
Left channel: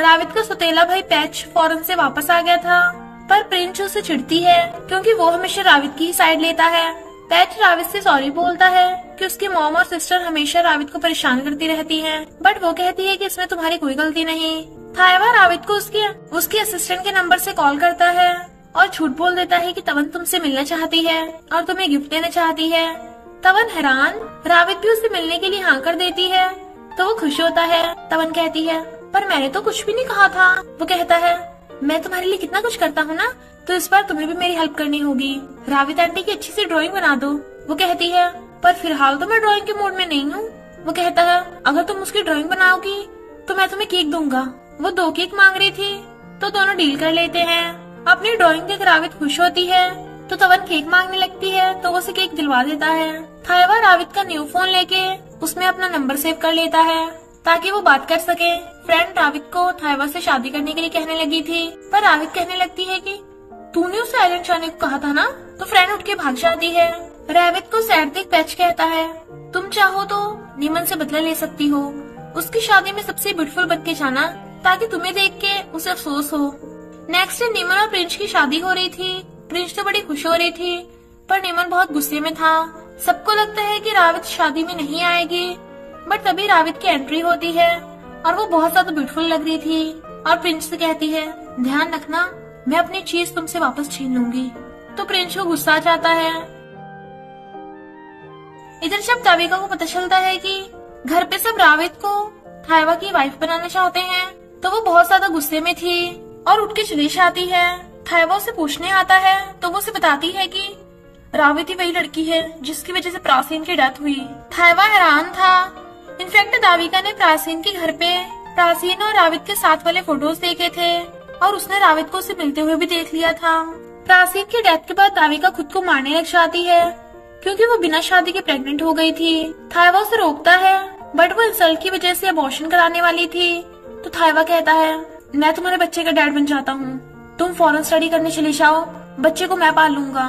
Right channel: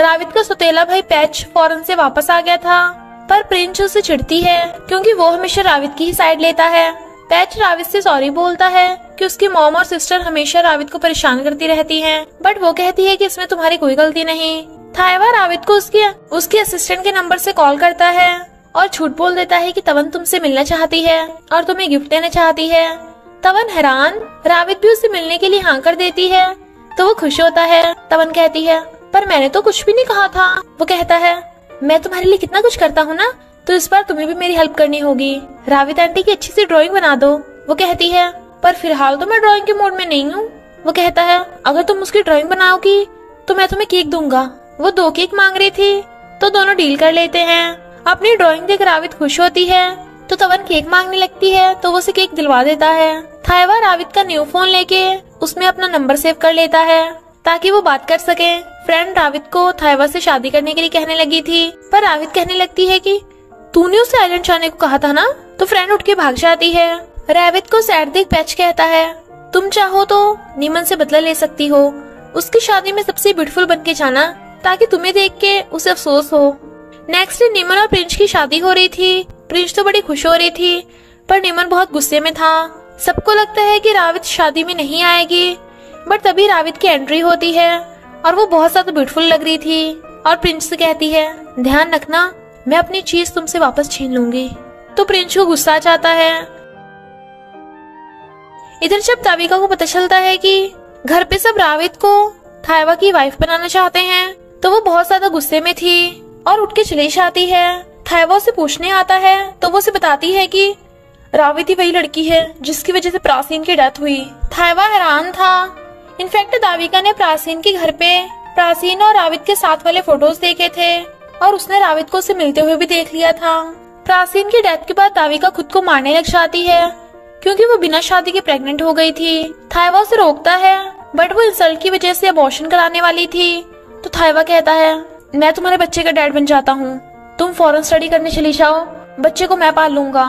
रावित को सौतेला भाई पैच फॉरेन से वापस आ गया था, पर प्रिंस उसे चिढ़ती है क्योंकि वो हमेशा रावित की ही साइड लेता है। पैच रावित से सॉरी बोलता है कि उसकी मॉम और सिस्टर हमेशा रावित को परेशान करती रहती हैं, बट वो कहती है कि इसमें तुम्हारी कोई गलती नहीं। थाइवा रावित को उसके असिस्टेंट के नंबर से कॉल करता है और झूठ बोल देता है कि तवन तुमसे मिलना चाहती है और तुम्हें गिफ्ट देना चाहती है। तवन हैरान, रावित भी उसे मिलने के लिए हाँ कर देती है तो वो खुश होता है। तवन कहती है पर मैंने तो कुछ भी नहीं कहा था। वो कहता है मैं तुम्हारे लिए कितना कुछ करता हूँ ना, तो इस बार तुम्हें भी मेरी हेल्प करनी होगी। रावित आंटी की अच्छी सी ड्राइंग बना दो। वो कहती है पर फिलहाल तो मैं ड्राइंग के मूड में नहीं हूँ। वो कहता है अगर तुम उसकी ड्राइंग बनाओगी तो मैं तुम्हें केक दूंगा। वो 2 केक मांग रही थी तो दोनों डील कर लेते हैं। अपनी ड्राइंग देख रावित खुश होती है तो तवन केक मांगने लगती है तो वो उसे केक दिलवा देता है। थाइवा रावित का न्यू फोन लेके उसमें अपना नंबर सेव कर लेता है ताकि वो बात कर सके। फ्रेंड रावित को थाइवा से शादी करने के लिए कहने लगी थी, पर रावित कहने लगती है कि तूने उसे आइलैंड जाने को कहा था ना। तो फ्रेंड उठ के भाग जाती है। रावित को सैड देख पैच कहता है तुम चाहो तो निमन से बदला ले सकती हो, उसकी शादी में सबसे ब्यूटीफुल बन के जाना ताकि तुम्हें देख के उसे अफसोस हो। नेक्स्ट डे निमन और प्रिंस की शादी हो रही थी। प्रिंस तो बड़ी खुश हो रही थी, पर निमन बहुत गुस्से में था। सबको लगता है कि रावित शादी में नहीं आएगी, बट तभी रावित की एंट्री होती है और वो बहुत ज्यादा ब्यूटीफुल लग रही थी और प्रिंस से कहती है ध्यान रखना, मैं अपनी चीज तुमसे वापस छीन लूंगी। तो प्रिंस को गुस्सा आ जाता है। इधर जब दाविका को पता चलता है कि घर पे सब रावित को थाइवा की वाइफ बनाना चाहते हैं, तो वो बहुत ज्यादा गुस्से में थी और उठ के चली जाती है। थाइवा उसे पूछने आता है तो वो उसे बताती है कि रावित ही वही लड़की है जिसकी वजह से प्राचीन की डेथ हुई। थाइवा हैरान था। इनफैक्ट दाविका ने प्राचीन के घर पे प्राचीन और रावित के साथ वाले फोटोज देखे थे और उसने रावित को उसे मिलते हुए भी देख लिया था। प्राचीन की डेथ के बाद दाविका खुद को मारने लग जाती है क्योंकि वो बिना शादी के प्रेग्नेंट हो गई थी। थाइवा उसे रोकता है, बट वो इंसल्ट की वजह से अबॉर्शन कराने वाली थी। तो थाइवा कहता है मैं तुम्हारे बच्चे का डैड बन जाता हूँ, तुम फॉरेन स्टडी करने चली जाओ, बच्चे को मैं पाल लूंगा,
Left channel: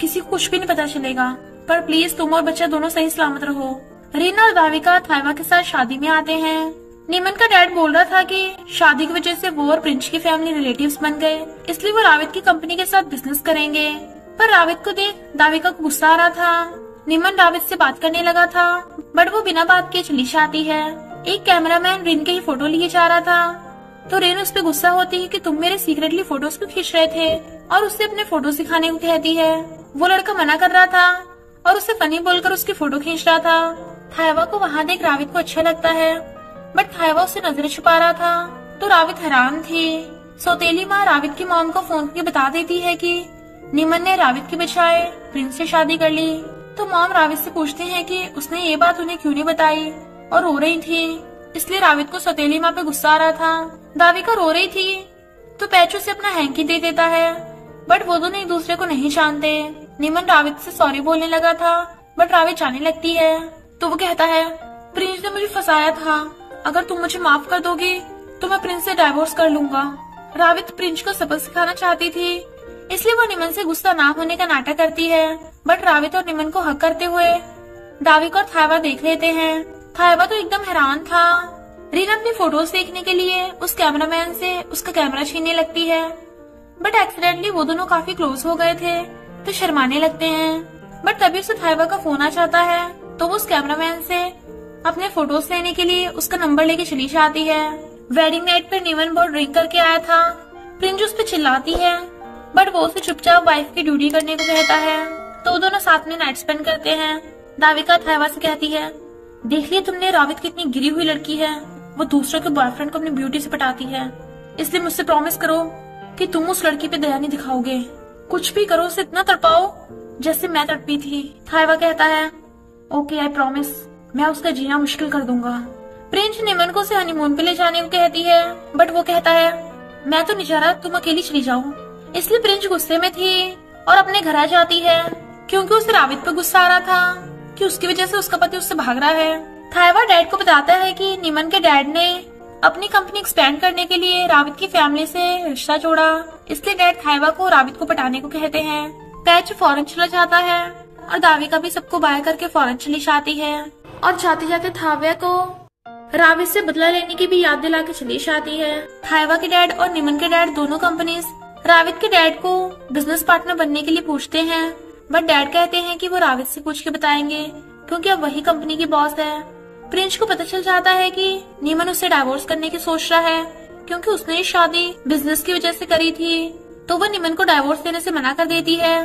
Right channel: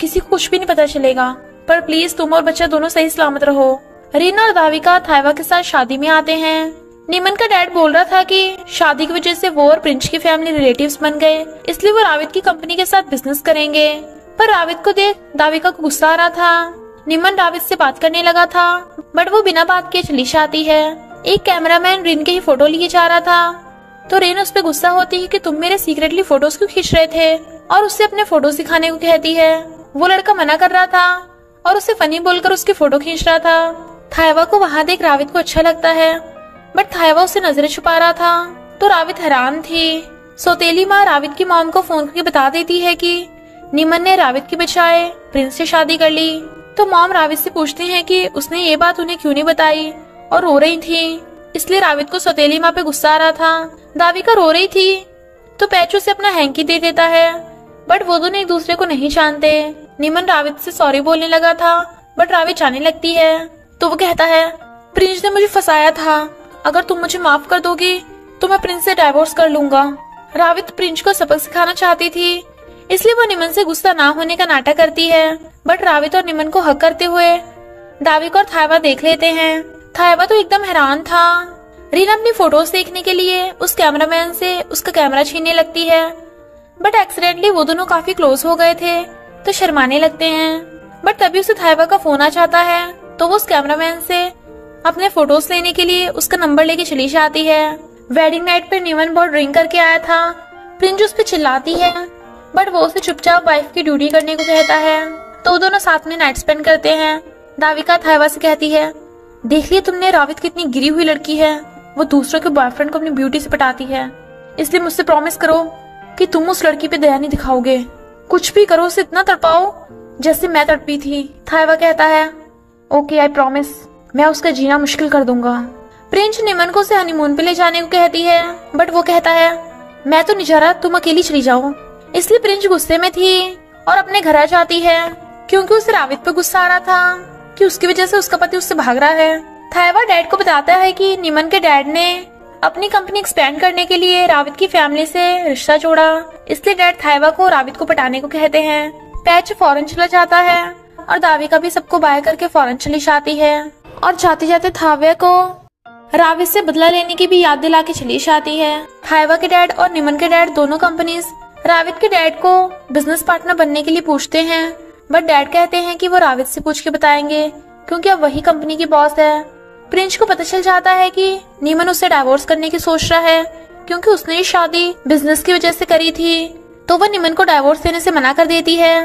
किसी को कुछ भी नहीं पता चलेगा, पर प्लीज तुम और बच्चा दोनों सही सलामत रहो। रीना और दाविका थाइवा के साथ शादी में आते हैं। निमन का डैड बोल रहा था कि शादी की वजह से वो और प्रिंस की फैमिली रिलेटिव्स बन गए, इसलिए वो रावित की कंपनी के साथ बिजनेस करेंगे। पर रावित को देख दाविका को गुस्सा आ रहा था। निमन रावित से बात करने लगा था, बट वो बिना बात के चली जाती है। एक कैमरामैन रिन के ही फोटो लिए जा रहा था, तो रिन उस पर गुस्सा होती है कि तुम मेरे सीक्रेटली फोटोज क्यों खींच रहे थे, और उससे अपने फोटो दिखाने को कहती है। वो लड़का मना कर रहा था और उसे फनी बोलकर उसकी फोटो खींच रहा था। थायवा को वहाँ देख रावित को अच्छा लगता है, बट थायवा उससे नजरें छुपा रहा था, तो रावित हैरान थी। सौतेली माँ रावित की मॉम को फोन करके बता देती है कि निमन ने रावित की बजाय प्रिंस से शादी कर ली। तो मॉम रावित से पूछते हैं कि उसने ये बात उन्हें क्यों नहीं बताई, और रो रही थी, इसलिए रावित को सौतेली माँ पे गुस्सा आ रहा था। दाविका रो रही थी, तो पैचू से अपना हैंकी दे देता है, बट वो दोनों एक दूसरे को नहीं जानते। निमन रावित से सॉरी बोलने लगा था, बट रावित जाने लगती है, तो वो कहता है प्रिंस ने मुझे फंसाया था, अगर तुम मुझे माफ कर दोगी तो मैं प्रिंस से डाइवोर्स कर लूंगा। रावित प्रिंस को सबक सिखाना चाहती थी, इसलिए वो निमन से गुस्सा ना होने का नाटक करती है, बट रावित और निमन को हक करते हुए दाविका और थायवा देख लेते हैं। थायवा तो एकदम हैरान था। रीना अपनी फोटोज देखने के लिए उस कैमरामैन से उसका कैमरा छीनने लगती है, बट एक्सीडेंटली वो दोनों काफी क्लोज हो गए थे, तो शर्माने लगते हैं। बट तभी उसे थायवा का फोन आ जाता है, तो वो उस कैमरामैन से अपने फोटोज लेने के लिए उसका नंबर लेके चली जाती है। वेडिंग नाइट पे निमन बहुत ड्रिंक करके आया था। प्रिंस उस पर चिल्लाती है, बट वो उसे चुपचाप वाइफ की ड्यूटी करने को कहता है, तो वो दोनों साथ में नाइट स्पेंड करते हैं। दाविका थायवा से कहती है, देख लिया तुमने रावित कितनी गिरी हुई लड़की है, वो दूसरों के बॉयफ्रेंड को अपनी ब्यूटी से पटाती है, इसलिए मुझसे प्रॉमिस करो कि तुम उस लड़की पे दया नहीं दिखाओगे, कुछ भी करो उसे इतना तड़पाओ जैसे मैं तड़पी थी। थायवा कहता है, ओके आई प्रॉमिस, मैं उसका जीना मुश्किल कर दूंगा। प्रिंस निमन को उसे हनीमून पे ले जाने को कहती है, बट वो कहता है मैं तो नहीं जा रहा, तुम अकेली चली जाओ। इसलिए प्रिंस गुस्से में थी और अपने घर आ जाती है, क्योंकि उसे रावित पे गुस्सा आ रहा था कि उसकी वजह से उसका पति उससे भाग रहा है। थायवा डैड को बताता है कि निमन के डैड ने अपनी कंपनी एक्सपेंड करने के लिए रावित की फैमिली से रिश्ता जोड़ा, इसलिए डैड थायवा को रावित को पटाने को कहते हैं। पैच फौरन चला जाता है और दाविका भी सबको बाय करके फौरन चली जाती है, और जाते जाते थायवा को रावित से बदला लेने की भी याद दिला के चली जाती है। थायवा के डैड और निमन के डैड दोनों कंपनीज रावित के डैड को बिजनेस पार्टनर बनने के लिए पूछते हैं, बट डैड कहते हैं कि वो रावित से पूछ के बताएंगे, क्योंकि अब वही कंपनी की बॉस है। प्रिंस को पता चल जाता है कि निमन उससे डाइवोर्स करने की सोच रहा है, क्योंकि उसने ये शादी बिजनेस की वजह से करी थी, तो वो निमन को डाइवोर्स देने से मना कर देती है।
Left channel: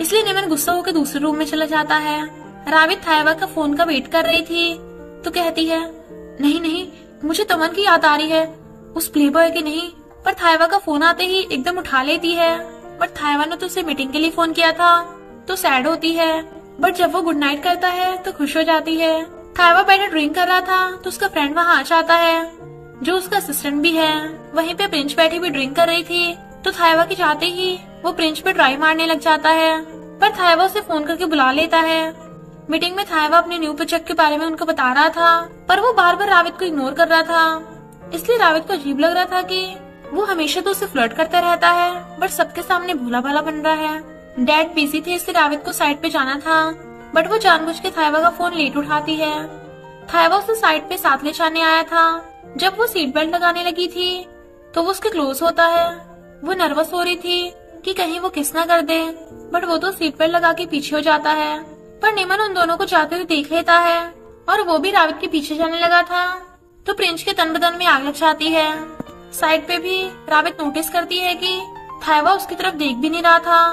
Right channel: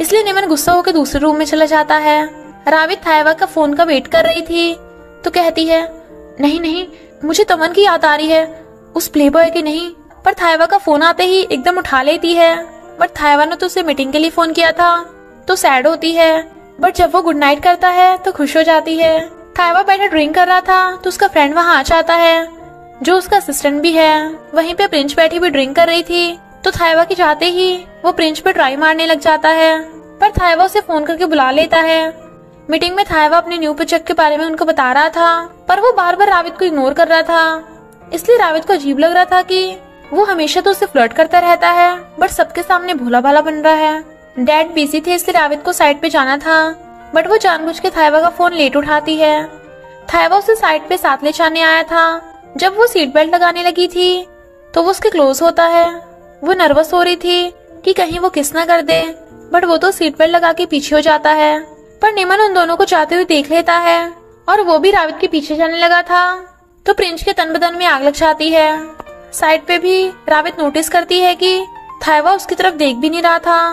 इसलिए निमन गुस्सा होकर दूसरे रूम में चला जाता है। रावित थायवा का फोन का वेट कर रही थी, तो कहती है नहीं नहीं, मुझे तमन की याद आ रही है, उस प्लेबॉय की नहीं। पर थायवा का फोन आते ही एकदम उठा लेती है, बट थायवा ने तो उसे मीटिंग के लिए फोन किया था, तो सैड होती है, बट जब वो गुड नाइट करता है तो खुश हो जाती है। थायवा पहले ड्रिंक कर रहा था, तो उसका फ्रेंड वहाँ आ जाता है, जो उसका असिस्टेंट भी है। वहीं पे प्रिंस बैठी भी ड्रिंक कर रही थी, तो थायवा के जाते ही वो प्रिंस पे ट्राई मारने लग जाता है, पर थायवा उसे फोन करके बुला लेता है। मीटिंग में थायवा अपने न्यू प्रोजेक्ट के बारे में उनको बता रहा था, पर वो बार बार रावित को इग्नोर कर रहा था, इसलिए रावित को अजीब लग रहा था कि वो हमेशा तो उसे फ्लर्ट करता रहता है, बट सबके सामने भोला भाला बन रहा है। डैड बिजी थे, इसलिए रावित को साइड पे जाना था, बट वो जानबूझ के थायवा का फोन लेट उठाती है। थायवा उसे साइड पे साथ ले जाने आया था। जब वो सीट बेल्ट लगाने लगी थी, तो वो उसके क्लोज होता है। वो नर्वस हो रही थी कि कहीं वो किस न कर दे, बट वो तो सीट बेल्ट लगा के पीछे हो जाता है। पर निमन उन दोनों को जाते हुए देख लेता है, और वो भी रावित के पीछे जाने लगा था, तो प्रिंस के तन बदन में आग लग जाती है। साइड पे भी रावित नोटिस करती है कि थायवा उसकी तरफ देख भी नहीं रहा था,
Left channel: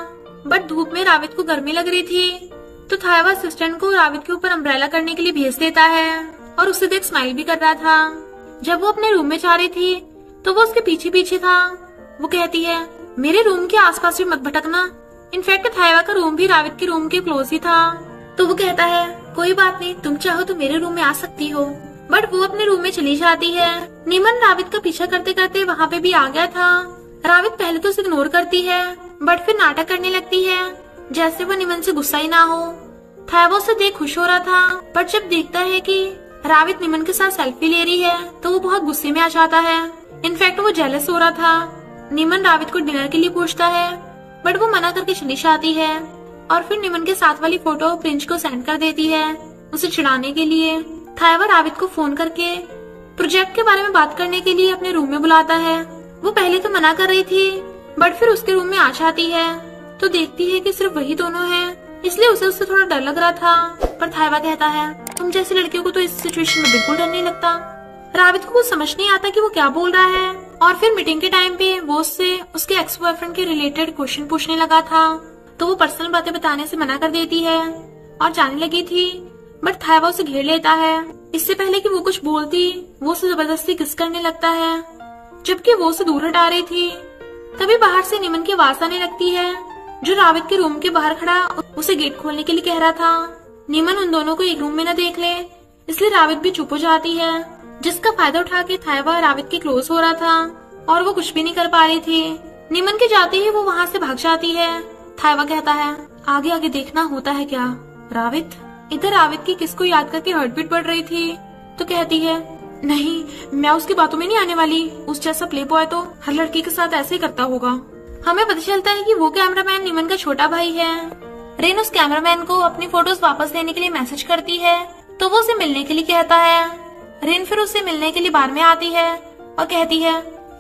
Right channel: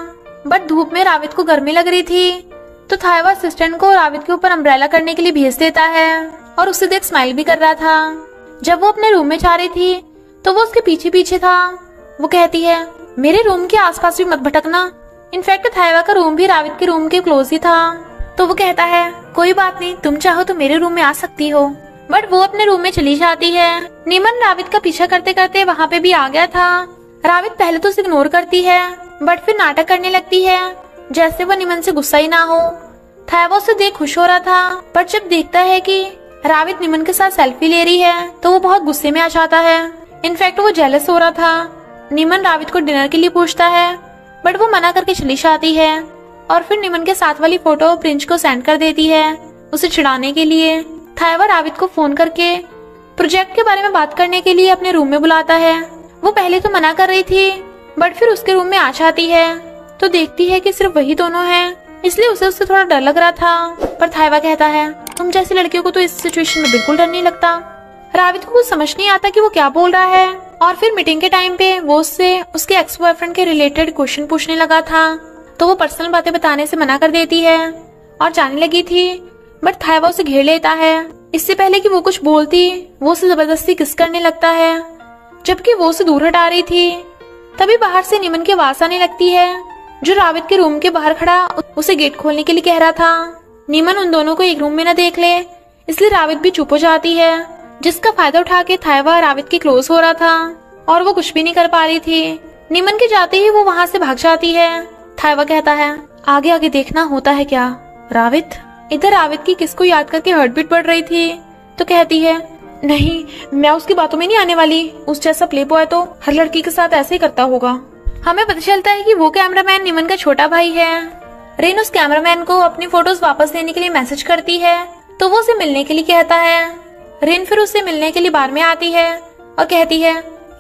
बट धूप में रावित को गर्मी लग रही थी, तो थायवा असिस्टेंट को रावित के ऊपर अम्ब्रेला करने के लिए भेज देता है, और उसे देख स्माइल भी कर रहा था। जब वो अपने रूम में जा रही थी, तो वो उसके पीछे पीछे था। वो कहती है मेरे रूम के आसपास भी मत भटकना। इनफैक्ट थायवा का रूम भी रावित के रूम के क्लोज ही था, तो वो कहता है कोई बात नहीं, तुम चाहो तो मेरे रूम में आ सकती हो, बट वो अपने रूम में चली जाती है। निमन रावित का पीछा करते करते वहाँ पे भी आ गया था। रावित पहले तो उसे इग्नोर करती है, बट फिर नाटक करने लगती है जैसे वो निमन से गुस्सा ही ना हो। थायवा उसे देख खुश हो रहा था, पर जब देखता है कि रावित निमन के साथ सेल्फी ले रही है, तो वो बहुत गुस्से में आ जाता है। इनफैक्ट वो जेलस हो रहा था। निमन रावित को डिनर के लिए पूछता है, बट वो मना करके चली जाती है, और फिर निमन के साथ वाली फोटो प्रिंस को सेंड कर देती है उसे चिढ़ाने के लिए। थायवा रावित को फोन करके प्रोजेक्ट के बारे में बात करने के लिए अपने रूम में बुलाता है। वो पहले तो मना कर रही थी, बट फिर उसके रूम में आ जाती है तो देखती है कि सिर्फ वही दोनों हैं, इसलिए उसे उससे थोड़ा डर लग रहा था। पर थाइवा कहता है, तुम जैसी लड़कियों को तो इस सिचुएशन में बिल्कुल डर नहीं लगता। रावित को कुछ समझ नहीं आता कि वो क्या बोल रहा है। और फिर मीटिंग के टाइम पे वो उससे उसके एक्स बॉयफ्रेंड के रिलेटेड क्वेश्चन पूछने लगा था, तो वो पर्सनल बातें बताने से मना कर देती है और जाने लगी थी, बट थाइवा उसे घेर लेता है। इससे पहले कि वो कुछ बोलती, वो उसे जबरदस्ती किस करने लगता है, जबकि वो उसे दूर हटा रही थी। तभी बाहर से निमन की आवाज आने लगती है, जो रावित के रूम के बाहर खड़ा उसे गेट खोलने के लिए कह रहा था। निमन उन दोनों को एक रूम में न देख ले, इसलिए रावित भी चुप हो जाती है, जिसका फायदा उठा के थाइवा रावित के क्लोज हो रहा था और वो कुछ भी नहीं कर पा रही थी। निमन के जाते ही वो वहाँ से भाग जाती है। थाइवा कहता है, आगे आगे देखना होता है क्या रावित। इधर रावित की किसको याद करके हार्ट बीट बढ़ रही थी, तो कहती है, नहीं मैं उसकी बातों में नहीं आने वाली। उस जैसा प्ले बॉय तो हर लड़की के साथ ऐसे ही करता होगा। हमें पता चलता है कि वो कैमरामैन निमन का छोटा भाई है। रेन उस कैमरामैन को अपनी फोटोज वापस लेने के लिए मैसेज करती है, तो वो उसे मिलने के लिए कहता है। रेन फिर उससे मिलने के लिए बार में आती है और कहती है,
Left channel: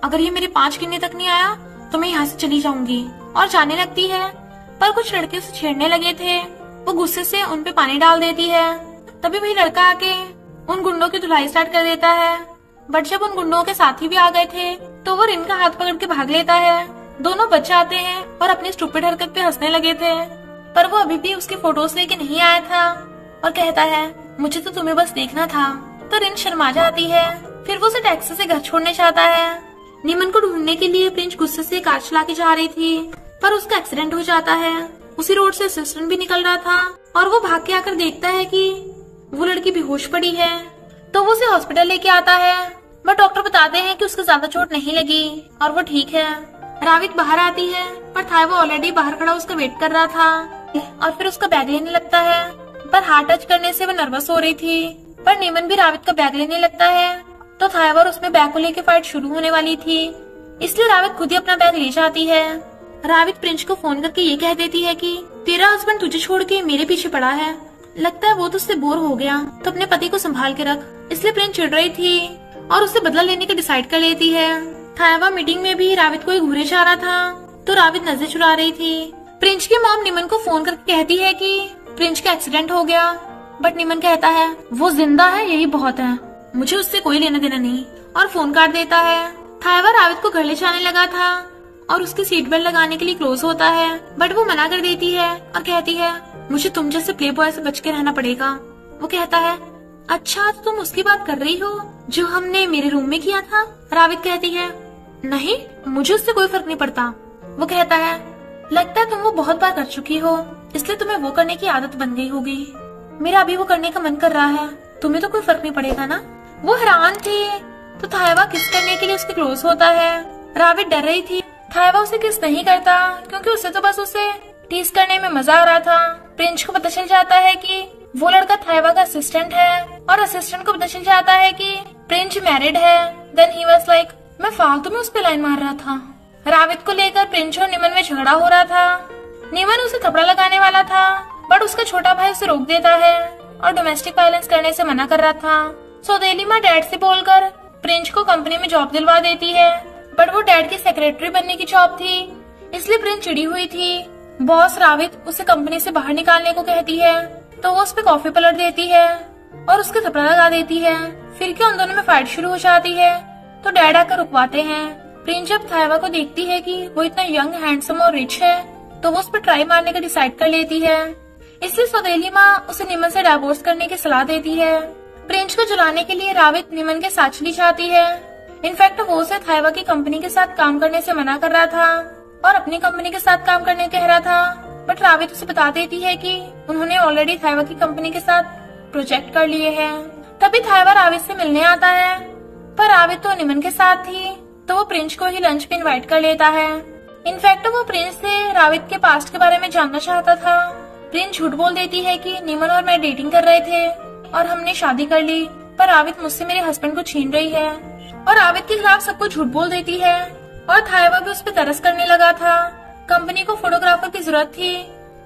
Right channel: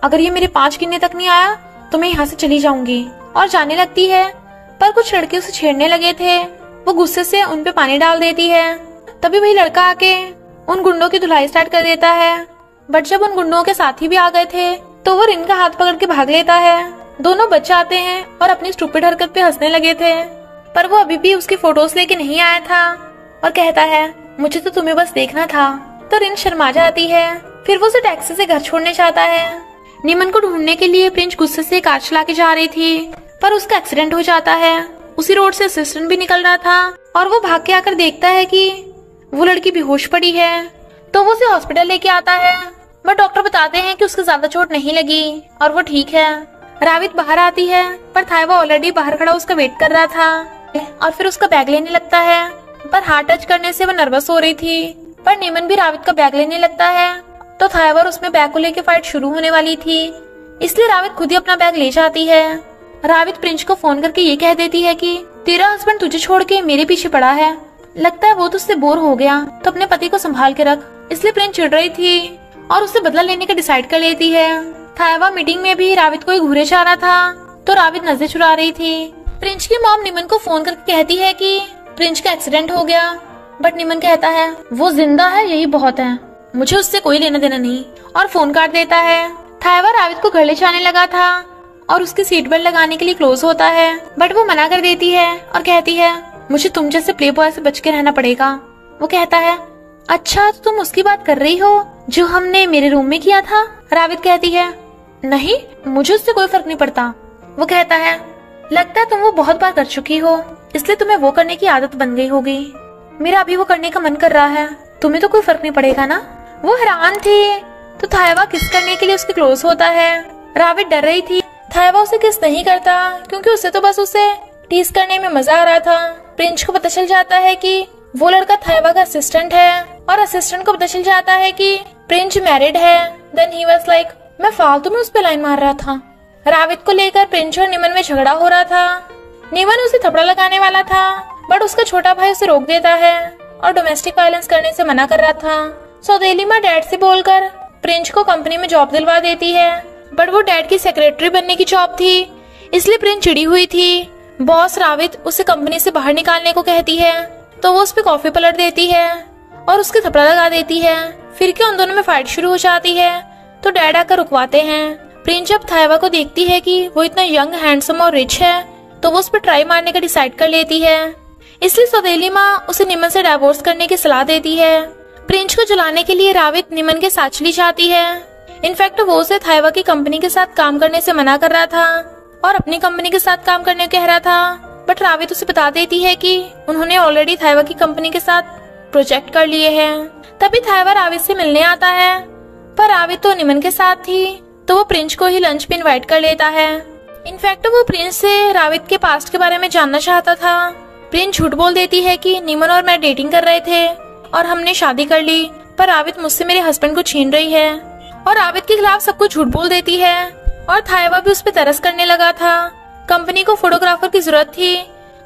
अगर ये मेरे 5 गिनने तक नहीं आया तो मैं यहाँ से चली जाऊंगी, और जाने लगती है। पर कुछ लड़के उसे छेड़ने लगे थे, वो गुस्से से उन पे पानी डाल देती है। तभी वही लड़का आके उन गुंडों की धुलाई स्टार्ट कर देता है, बट जब उन गुंडों के साथी भी आ गए थे तो वो रिन का हाथ पकड़ के भाग लेता है। दोनों बच जाते हैं और अपनी स्टूपिड हरकत पे हंसने लगे थे, पर वो अभी भी उसकी फोटोज लेके नहीं आया था और कहता है, मुझे तो तुम्हें बस देखना था। तो रिन शर्मा जाती है। फिर वो उसे टैक्सी से घर छोड़ने चाहता है। निमन को ढूंढने के लिए प्रिंस गुस्से से कार चला के जा रही थी, पर उसका एक्सीडेंट हो जाता है। उसी रोड से असिस्टेंट भी निकल रहा था और वो भाग के आकर देखता है कि वो लड़की बेहोश पड़ी है, तो वो उसे हॉस्पिटल लेके आता है। बट डॉक्टर बताते हैं कि उसको ज्यादा चोट नहीं लगी और वो ठीक है। रावित बाहर आती है, पर थाइवा ऑलरेडी बाहर खड़ा उसका वेट कर रहा था और फिर उसका बैग लेने लगता है, पर हाथ टच करने से वो नर्वस हो रही थी। पर निमन भी रावित का बैग लेने लगता है, तो थाइवा और उसमें बैग को लेके फाइट शुरू होने वाली थी, इसलिए रावित खुद ही अपना बैग ले जाती है। रावित प्रिंस को फोन करके ये कह देती है कि तेरा हस्बैंड तुझे छोड़ के मेरे पीछे पड़ा है, लगता है वो तुझसे बोर हो गया, तो अपने पति को संभाल के रख। इसलिए प्रिंस चिढ़ रही थी और उससे बदला लेने का डिसाइड कर लेती है। थाइवा मीटिंग में भी रावित को घूरे जा रहा था, तो रावित नजर चुरा रही थी। प्रिंस की मॉम निमन को फोन करके कहती है कि प्रिंस का एक्सीडेंट हो गया, बट निमन कहता है, वो जिंदा है यही बहुत है, मुझे उससे कोई लेना देना नहीं, और फोन काट देता है। थाइवा रावित को घर ले जाने लगा था और उसकी सीट बेल्ट लगाने के लिए क्लोज होता है, बट वो मना कर देती है और कहती है, मुझे तुम जैसे प्ले बॉय से बच के रहना पड़ेगा। वो कहता है, अच्छा तो तुम उसकी बात कर रही हो जो हमने मेरे रूम में किया था। रावित कहती है, नहीं मुझे उससे कोई फर्क नहीं पड़ता। वो कहता है, लगता है तुम वो बहुत बार कर चुकी हो, इसलिए तुम्हें वो करने की आदत बन गई होगी। मेरा अभी वो करने का मन कर रहा है, तुम्हें तो कोई फर्क नहीं पड़ेगा ना। वो हैरान थी, तो थाइवा किस करने के लिए उसके क्लोज होता है। रावित डर रही थी, थाइवा उसे किस नहीं करता क्योंकि उसे तो बस उसे टीज करने में मजा आ रहा था। प्रिंस को पता चल जाता है कि वो लड़का थाइवा का असिस्टेंट है, और असिस्टेंट को पता चल जाता है कि प्रिंस मैरिड है। देन ही वाज लाइक, मैं फालतू में उस पे लाइन मार रहा था। रावित को लेकर प्रिंस और निमन में झगड़ा हो रहा था। निमन उसे थपड़ा लगाने वाला था, बट उसका छोटा भाई उसे रोक देता है और डोमेस्टिक वायलेंस करने से मना कर रहा था। सौदेली माँ डैड से बोलकर प्रिंस को कंपनी में जॉब दिलवा देती है, बट वो डैड की सेक्रेटरी बनने की जॉब थी, इसलिए प्रिंस चिड़ी हुई थी। बॉस रावित उसे कंपनी से बाहर निकालने को कहती है, तो वो उस पे कॉफी पलट देती है और उसके थपड़ा लगा देती है। फिर क्या उन दोनों में फाइट शुरू हो जाती है, तो डैड आकर रुकवाते हैं। प्रिंस जब थाइवा को देखती है कि वो इतना यंग, हैंडसम और रिच है, तो वो उस पर ट्राई मारने का डिसाइड कर लेती है। इसलिए सौदेली माँ उसे निमन से डाइवोर्स करने की सलाह देती है। प्रिंस को जलाने के लिए रावित निमन के साथ चली जाती है। इनफैक्ट वो उसे थाइवा की कंपनी के साथ काम करने से मना कर रहा था और अपनी कंपनी के साथ काम करने को कह रहा था, बट रावित उसे बता देती है कि उन्होंने ऑलरेडी थाइवा की कंपनी के साथ प्रोजेक्ट कर लिए हैं। तभी थाइवा रावित से मिलने आता है, पर रावित तो निमन के साथ थी, तो वो प्रिंस को ही लंच पे इनवाइट कर लेता है। इनफैक्ट वो प्रिंस से रावित के पास्ट के बारे में जानना चाहता था। प्रिंस झूठ बोल देती है कि निमन और मैं डेटिंग कर रहे थे और हमने शादी कर ली, पर रावित मुझसे मेरे हस्बैंड को छीन रही है, और रावित के खिलाफ सब कुछ झूठ बोल देती है। और थाइवा भी उस पर तरस करने लगा था। कंपनी को फोटोग्राफर की जरूरत थी,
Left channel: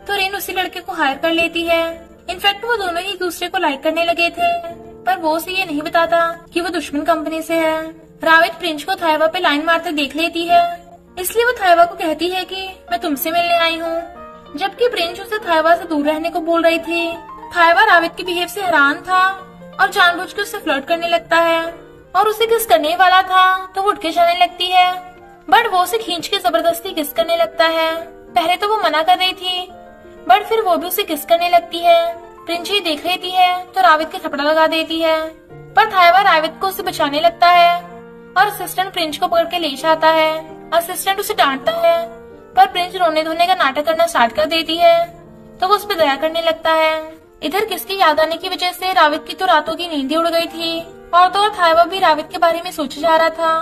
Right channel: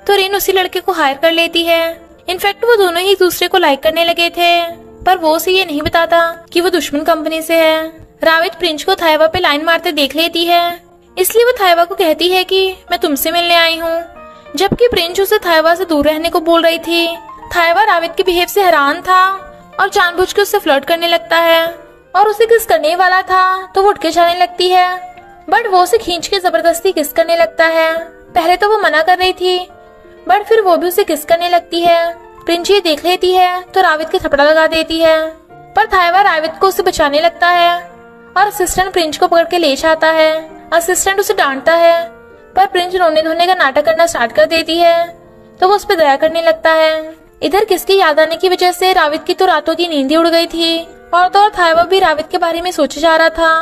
तो रिन उसी लड़के को हायर कर लेती है। इनफैक्ट वो दोनों ही एक दूसरे को लाइक करने लगे थे। पर वो उसे ये नहीं बताता कि वो दुश्मन कंपनी से है। रावित प्रिंस को थाइवा पे लाइन मारते देख लेती है, इसलिए वो थाइवा को कहती है कि मैं तुमसे मिलने आई हूँ, जबकि प्रिंस उसे थाइवा से दूर रहने को बोल रही थी। थाइवा रावित के बिहेव से हैरान था और जानबूझ के उससे फ्लर्ट करने लगता है और उसे किस करने वाला था तो वो उठ के जाने लगती है, बट वो उसे खींच के जबरदस्ती किस करने लगता है। पहले तो वो मना कर रही थी, बट फिर वो भी उसे किस करने लगती है। प्रिंस ये देख लेती है तो रावित के थपड़ा लगा देती है, पर थाइवा रावित को उसे बचाने लगता है और असिस्टेंट प्रिंस को पकड़ के ले जाता है। असिस्टेंट उसे डांटता है, पर प्रिंस रोने धोने का नाटक करना स्टार्ट कर देती है तो वो उस पर दया करने लगता है। इधर किसकी याद आने की वजह से रावित की तो रातों की नींद ही उड़ गई थी और तो थाइवा भी रावित के बारे में सोचे जा रहा था,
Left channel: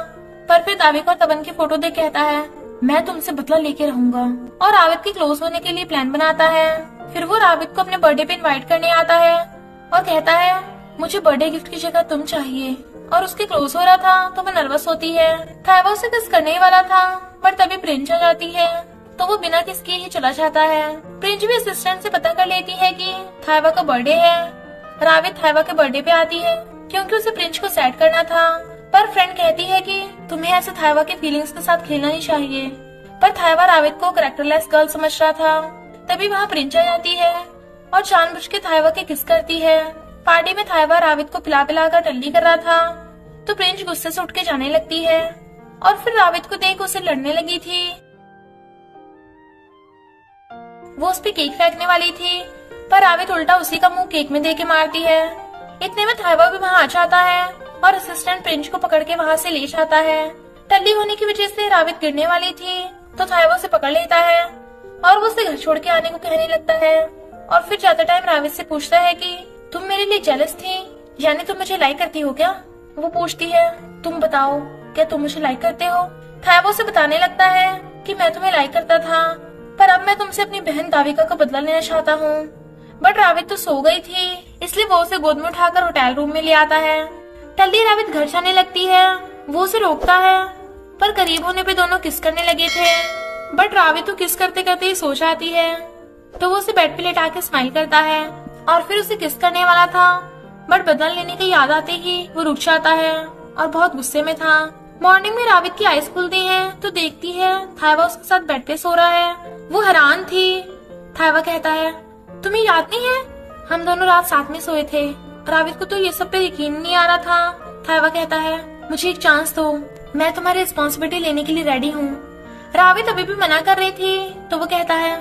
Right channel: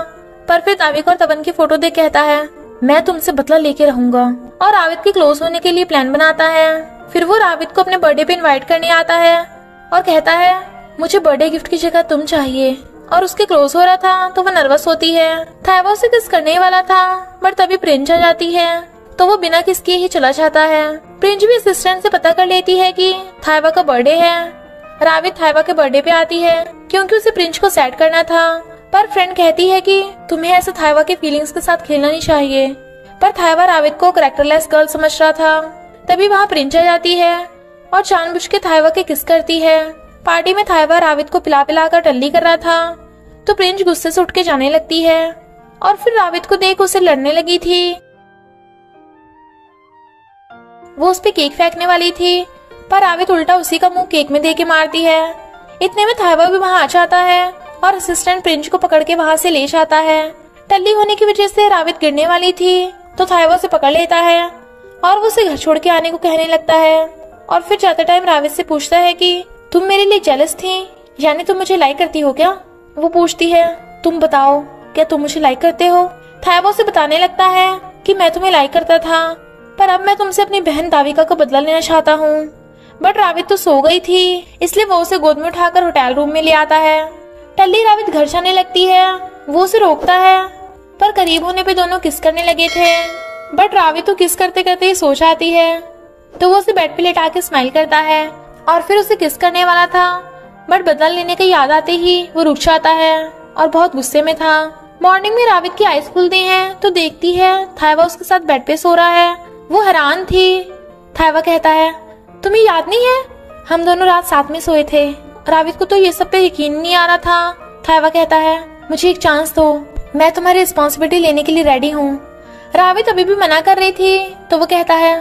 पर फिर ताविक और तबन की फोटो देख कहता है मैं तुमसे बदला लेके रहूंगा और रावित के क्लोज होने के लिए प्लान बनाता है। फिर वो रावित को अपने बर्थडे पे इनवाइट करने आता है और कहता है मुझे बर्थडे गिफ्ट की जगह तुम चाहिए, और उसके क्लोज हो रहा था तो वो नर्वस होती है। थाइवा उसे किस करने वाला था, बट तभी प्रिंस आ जाती है तो वो बिना किस किए ही चला जाता है। प्रिंस भी असिस्टेंट से पता कर लेती है कि थाइवा का बर्थडे है। रावित थाइवा के बर्थडे पे आती है क्योंकि उसे प्रिंस को सैड करना था, पर फ्रेंड कहती है कि तुम्हें ऐसे थाइवा के फीलिंग्स के साथ खेलना नहीं चाहिए, पर थाइवा रावित को कैरेक्टरलेस गर्ल समझ रहा था। तभी वहाँ प्रिंस आ जाती है और जानबूझ के थाइवा के किस करती है। पार्टी में थाइवा रावित को पिला पिला कर टल्ली कर रहा था तो प्रिंस गुस्से से उठ के जाने लगती है और फिर रावित को देख उसे लड़ने लगी थी। वो उस पे केक फेंकने वाली थी, पर रावित उल्टा उसी का मुंह केक में दे के मारती है। इतने में थाइवा भी वहाँ आ जाता है और असिस्टेंट प्रिंस को पकड़ के वहाँ से ले जाता है। टल्ली होने की वजह से रावित गिरने वाली थी तो थाइवा उसे पकड़ लेता है और वो उसे घर छोड़ के आने को कहने लगता है और फिर जाते टाइम रावित से पूछता है कि तुम मेरे लिए जेलस थी, यानी तुम मुझे लाइक करती हो क्या। वो पूछती है तुम बताओ क्या तुम मुझे लाइक करते हो। थाइवा उसे बताने लगता है कि मैं तुम्हें लाइक करता था, पर अब मैं तुमसे अपनी बहन दाविका को बदला लेना चाहता हूँ। बट रावित तो सो गई थी, इसलिए वो उसे गोद में उठाकर होटल रूम में ले आता है। टल्ली रावित घर जाने लगती है, वो उसे रोकता है, पर करीब होने पे दोनों किस करने लगे थे, बट रावित तो किस करते करते ही सो जाती है तो वो उसे बेड पे लेटा के स्माइल करता है और फिर उसे किस करने वाला था, बट बदला लेने की याद आते ही वो रुक जाता है और बहुत गुस्से में था। मॉर्निंग में रावित की आईज खुलती हैं तो देखती है थाइवा उसके साथ बेड पे सो रहा है। वो हैरान थी। थाइवा कहता है तुम्हें याद नहीं है हम दोनों रात साथ में सोए थे। रावित को तो ये सब पे यकीन नहीं आ रहा था। थाइवा कहता है मुझे एक चांस दो, मैं तुम्हारी रिस्पॉन्सिबिलिटी लेने के लिए रेडी हूँ। रावित अभी भी मना कर रही थी तो वो कहता है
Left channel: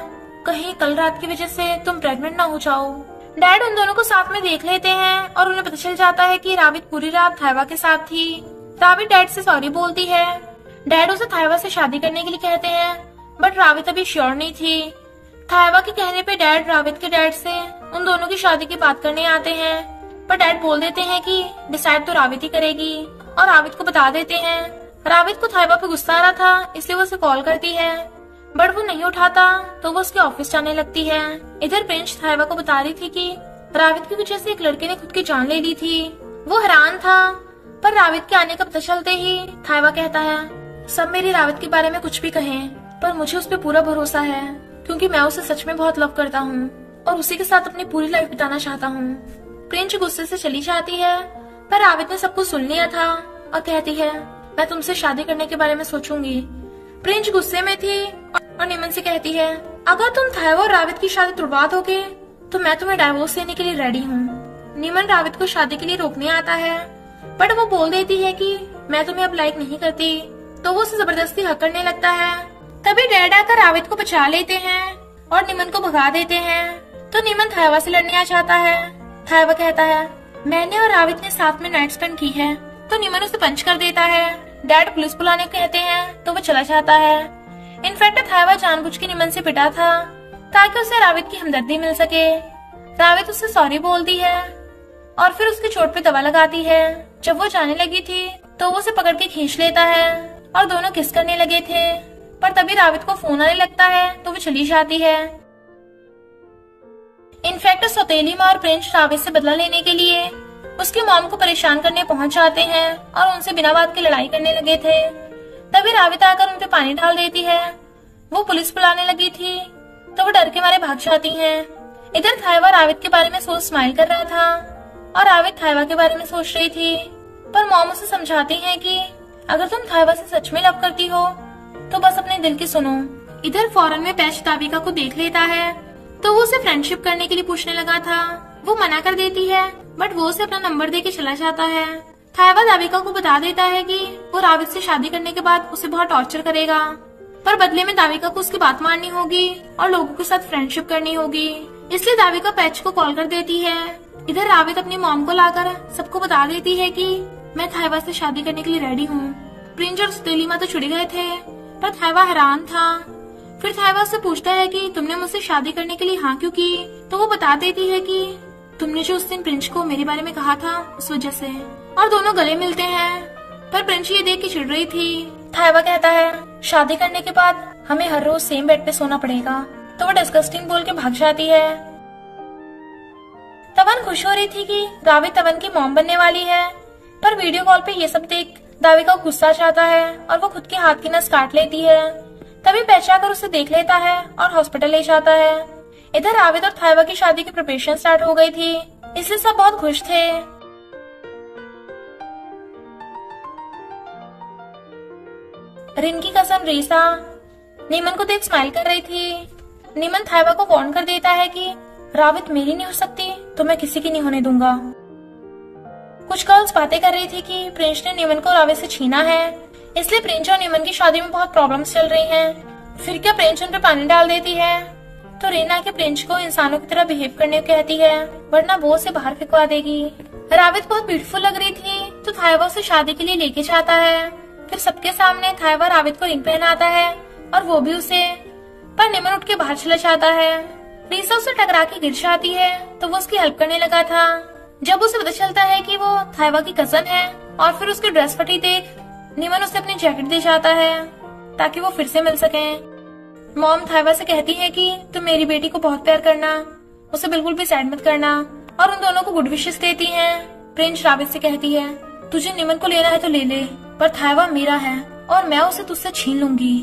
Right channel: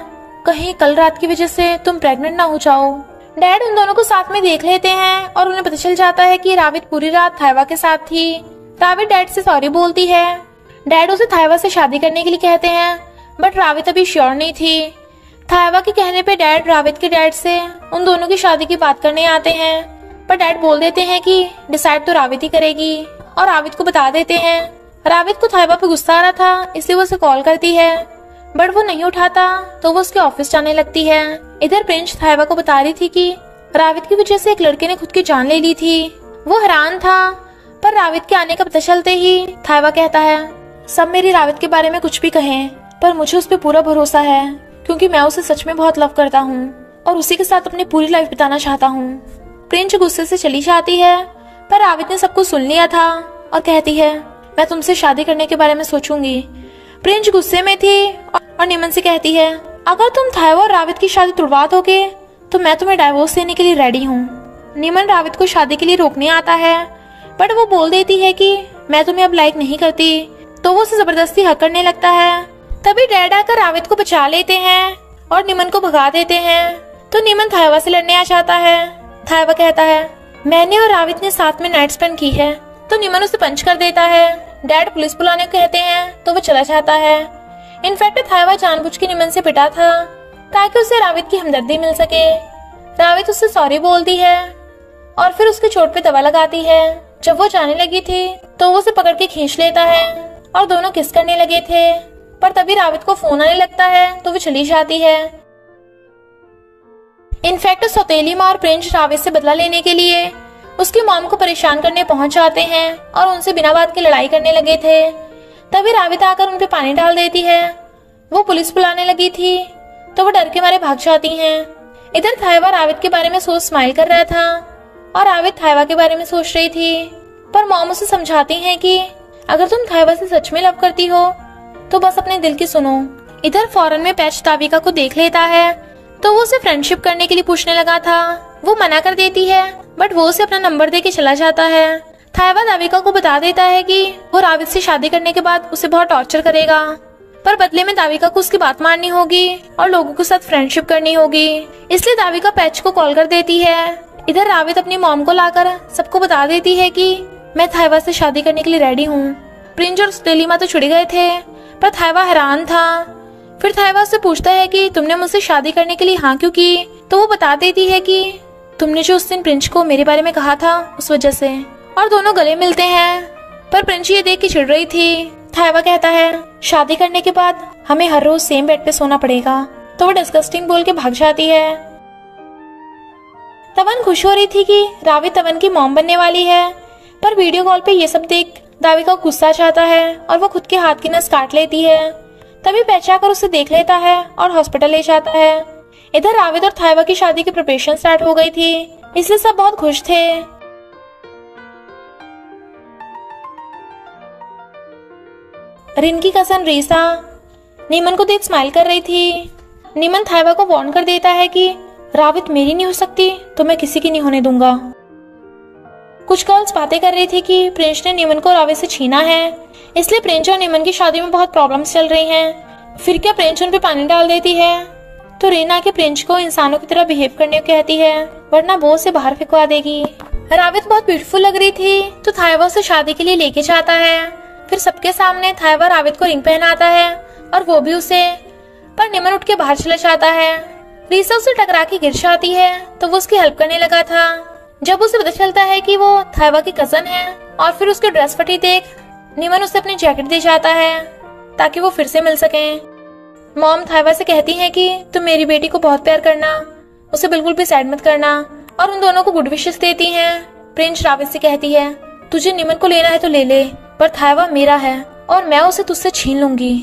कहीं कल रात की वजह से तुम प्रेग्नेंट ना हो जाओ। डैड उन दोनों को साथ में देख लेते हैं और उन्हें पता चल जाता है कि रावित पूरी रात थाइवा के साथ थी। रावित डैड से सॉरी बोलती है। डैड उसे थाइवा से शादी करने के लिए कहते हैं, बट रावित अभी श्योर नहीं थी। थाइवा के कहने पे डैड रावित के डैड से उन दोनों की शादी की बात करने आते हैं, पर डैड बोल देते हैं कि डिसाइड तो रावित ही करेगी और रावित को बता देते हैं। रावित को थाइवा पे गुस्सा आ रहा था, इसलिए वो उसे कॉल करती है, बट वो नहीं उठाता तो वो उसके ऑफिस जाने लगती है। इधर प्रिंस थाइवा को बता रही थी कि रावित की वजह से एक लड़के ने खुद की जान ले ली थी। वो हैरान था, पर रावित के आने का पता चलते ही थाइवा कहता है सब मेरी रावित के बारे में कुछ भी कहें, पर मुझे उस पर पूरा भरोसा है क्योंकि मैं उसे सच में बहुत लव करता हूँ और उसी के साथ अपनी पूरी लाइफ बिताना चाहता हूँ। प्रिंस गुस्से से चली जाती है, पर रावित ने सब कुछ सुन लिया था और कहती है मैं तुमसे शादी करने के बारे में सोचूंगी। प्रिंस गुस्से में थी और निमन से कहती है अगर तुम थाइवा और रावित की शादी तुड़वा दोगे तो मैं तुम्हें डाइवोर्स देने के लिए रेडी हूँ। निमन रावित को शादी के लिए रोकने आता है, बट वो बोल देती है कि मैं तुम्हें अब लाइक नहीं करती, तो वो उसे जबरदस्ती हक करने लगता है। तभी डैड आकर रावित को बचा लेते हैं और निमन को भगा देते हैं, तो निमन थाइवा से लड़ने आ जाता है। थाइवा कहता है मैंने और रावित ने साथ में नाइट स्पेंड की है, तो निमन उसे पंच कर देता है। डैड पुलिस बुलाने को कहते हैं तो वो चला जाता है। इनफैक्ट थाइवा जानबूझ के निमन से पिटा था ताकि उसे रावित की हमदर्दी मिल सके। रावित उससे सॉरी बोलती है और फिर उसकी चोट पे दवा लगाती है। जब वो जाने लगी थी तो वो उसे पकड़ के खींच लेता है और दोनों किस करने लगे थे, पर तभी रावित को फोन आने लगता है तो वो चली जाती है। इनफैक्ट सौतेली माँ और प्रिंस रावित से बदला लेने के लिए उसकी मॉम को परेशान करने पहुंच जाते हैं और उनसे बिना बात के लड़ाई करने लगे थे। तभी रावित आकर उन पे पानी डाल देती है। वो पुलिस बुलाने लगी थी तो वो डर के मारे भाग जाती हैं। इधर थाइवा रावित के बारे में सोच स्माइल कर रहा था, और रावित थाइवा के बारे में सोच रही थी। पर मॉम उसे समझाती हैं कि अगर तुम थाइवा से सच में लव करती हो तो बस अपने दिल की सुनो। इधर फौरन में पैच दाविका को देख लेता है तो वो उसे फ्रेंडशिप करने के लिए पूछने लगा था। वो मना कर देती है बट वो उसे अपना नंबर दे के चला जाता है। थाइवा दाविका को बता देता है कि वो रावित से शादी करने के बाद उसे बहुत टॉर्चर करेगा, पर बदले में दाविका को उसकी बात माननी होगी और लोगों के साथ फ्रेंडशिप करनी होगी। इसलिए दाविका पैच को कॉल कर देती है। इधर रावित अपनी मॉम को लाकर सबको बता देती है कि मैं थाइवा से शादी करने के लिए रेडी हूँ। प्रिंस और स्टेलिमा तो छुड़ गए थे पर थाइवा हैरान था। फिर थाइवा उससे पूछता है कि तुमने मुझसे शादी करने के लिए हाँ क्यों की, तो वो बता देती है कि तुमने जो उस दिन प्रिंस को मेरे बारे में कहा था उस वजह से। और दोनों गले मिलते हैं पर प्रिंस ये देख के चिढ़ रही थी। थाइवा कहता है शादी करने के बाद हमें हर रोज सेम बेड पे सोना पड़ेगा, तो वो डिस्गस्टिंग बोल के भाग जाती है। तवन खुश हो रही थी कि रावित तवन की मॉम बनने वाली है, पर वीडियो कॉल पे ये सब देख दाविका गुस्सा चाहता है और वो खुद के हाथ की नस काट लेती है। तभी पैच आकर उसे देख लेता है और हॉस्पिटल ले जाता है। इधर रावित और थाइवा की शादी की प्रिपरेशन स्टार्ट हो गई थी, इसलिए सब बहुत खुश थे। रिन की कजन रीसा नीमन को देख स्माइल कर रही थी। नीमन थाइवा को वार्न कर देता है कि रावित मेरी नहीं हो सकती तो मैं किसी की नहीं होने दूंगा। कुछ गर्ल्स बातें कर रही थी कि प्रिंस ने नीमन को रावित से छीना है, इसलिए प्रिंस और नीमन की शादी में बहुत प्रॉब्लम्स चल रही हैं। फिर क्या प्रिंस उन पे पानी डाल देती है तो रीना के प्रिंस को इंसानों की तरह बिहेव करने को कहती है, वरना वो उसे बाहर फेंकवा देगी। रावित बहुत ब्यूटीफुल लग रही थी तो थाइवा उसे शादी के लिए लेके जाता है। फिर सबके सामने थाइवा रावित को रिंग पहनाता है और वो भी उसे, पर नीमन उठ के बाहर चला जाता है। रीसा उसे टकरा के गिर जाती है तो वो उसकी हेल्प करने लगा था। जब उसे पता चलता है कि वो थाइवा की कजन है और फिर उसकी ड्रेस फटी देख नीमन उसे अपनी जैकेट दे जाता है ताकि वो फिर से मिल सके। मॉम थाइवा से कहती है कि तुम मेरी बेटी को बहुत प्यार करना, उसे बिल्कुल भी सैड मत करना, और उन दोनों को गुड विशेस देती हैं। प्रिंस रावित से कहती है तुझे नीमन को लेना है तो ले ले, पर थाइवा मेरा है और मैं उसे तुझसे छीन लूंगी।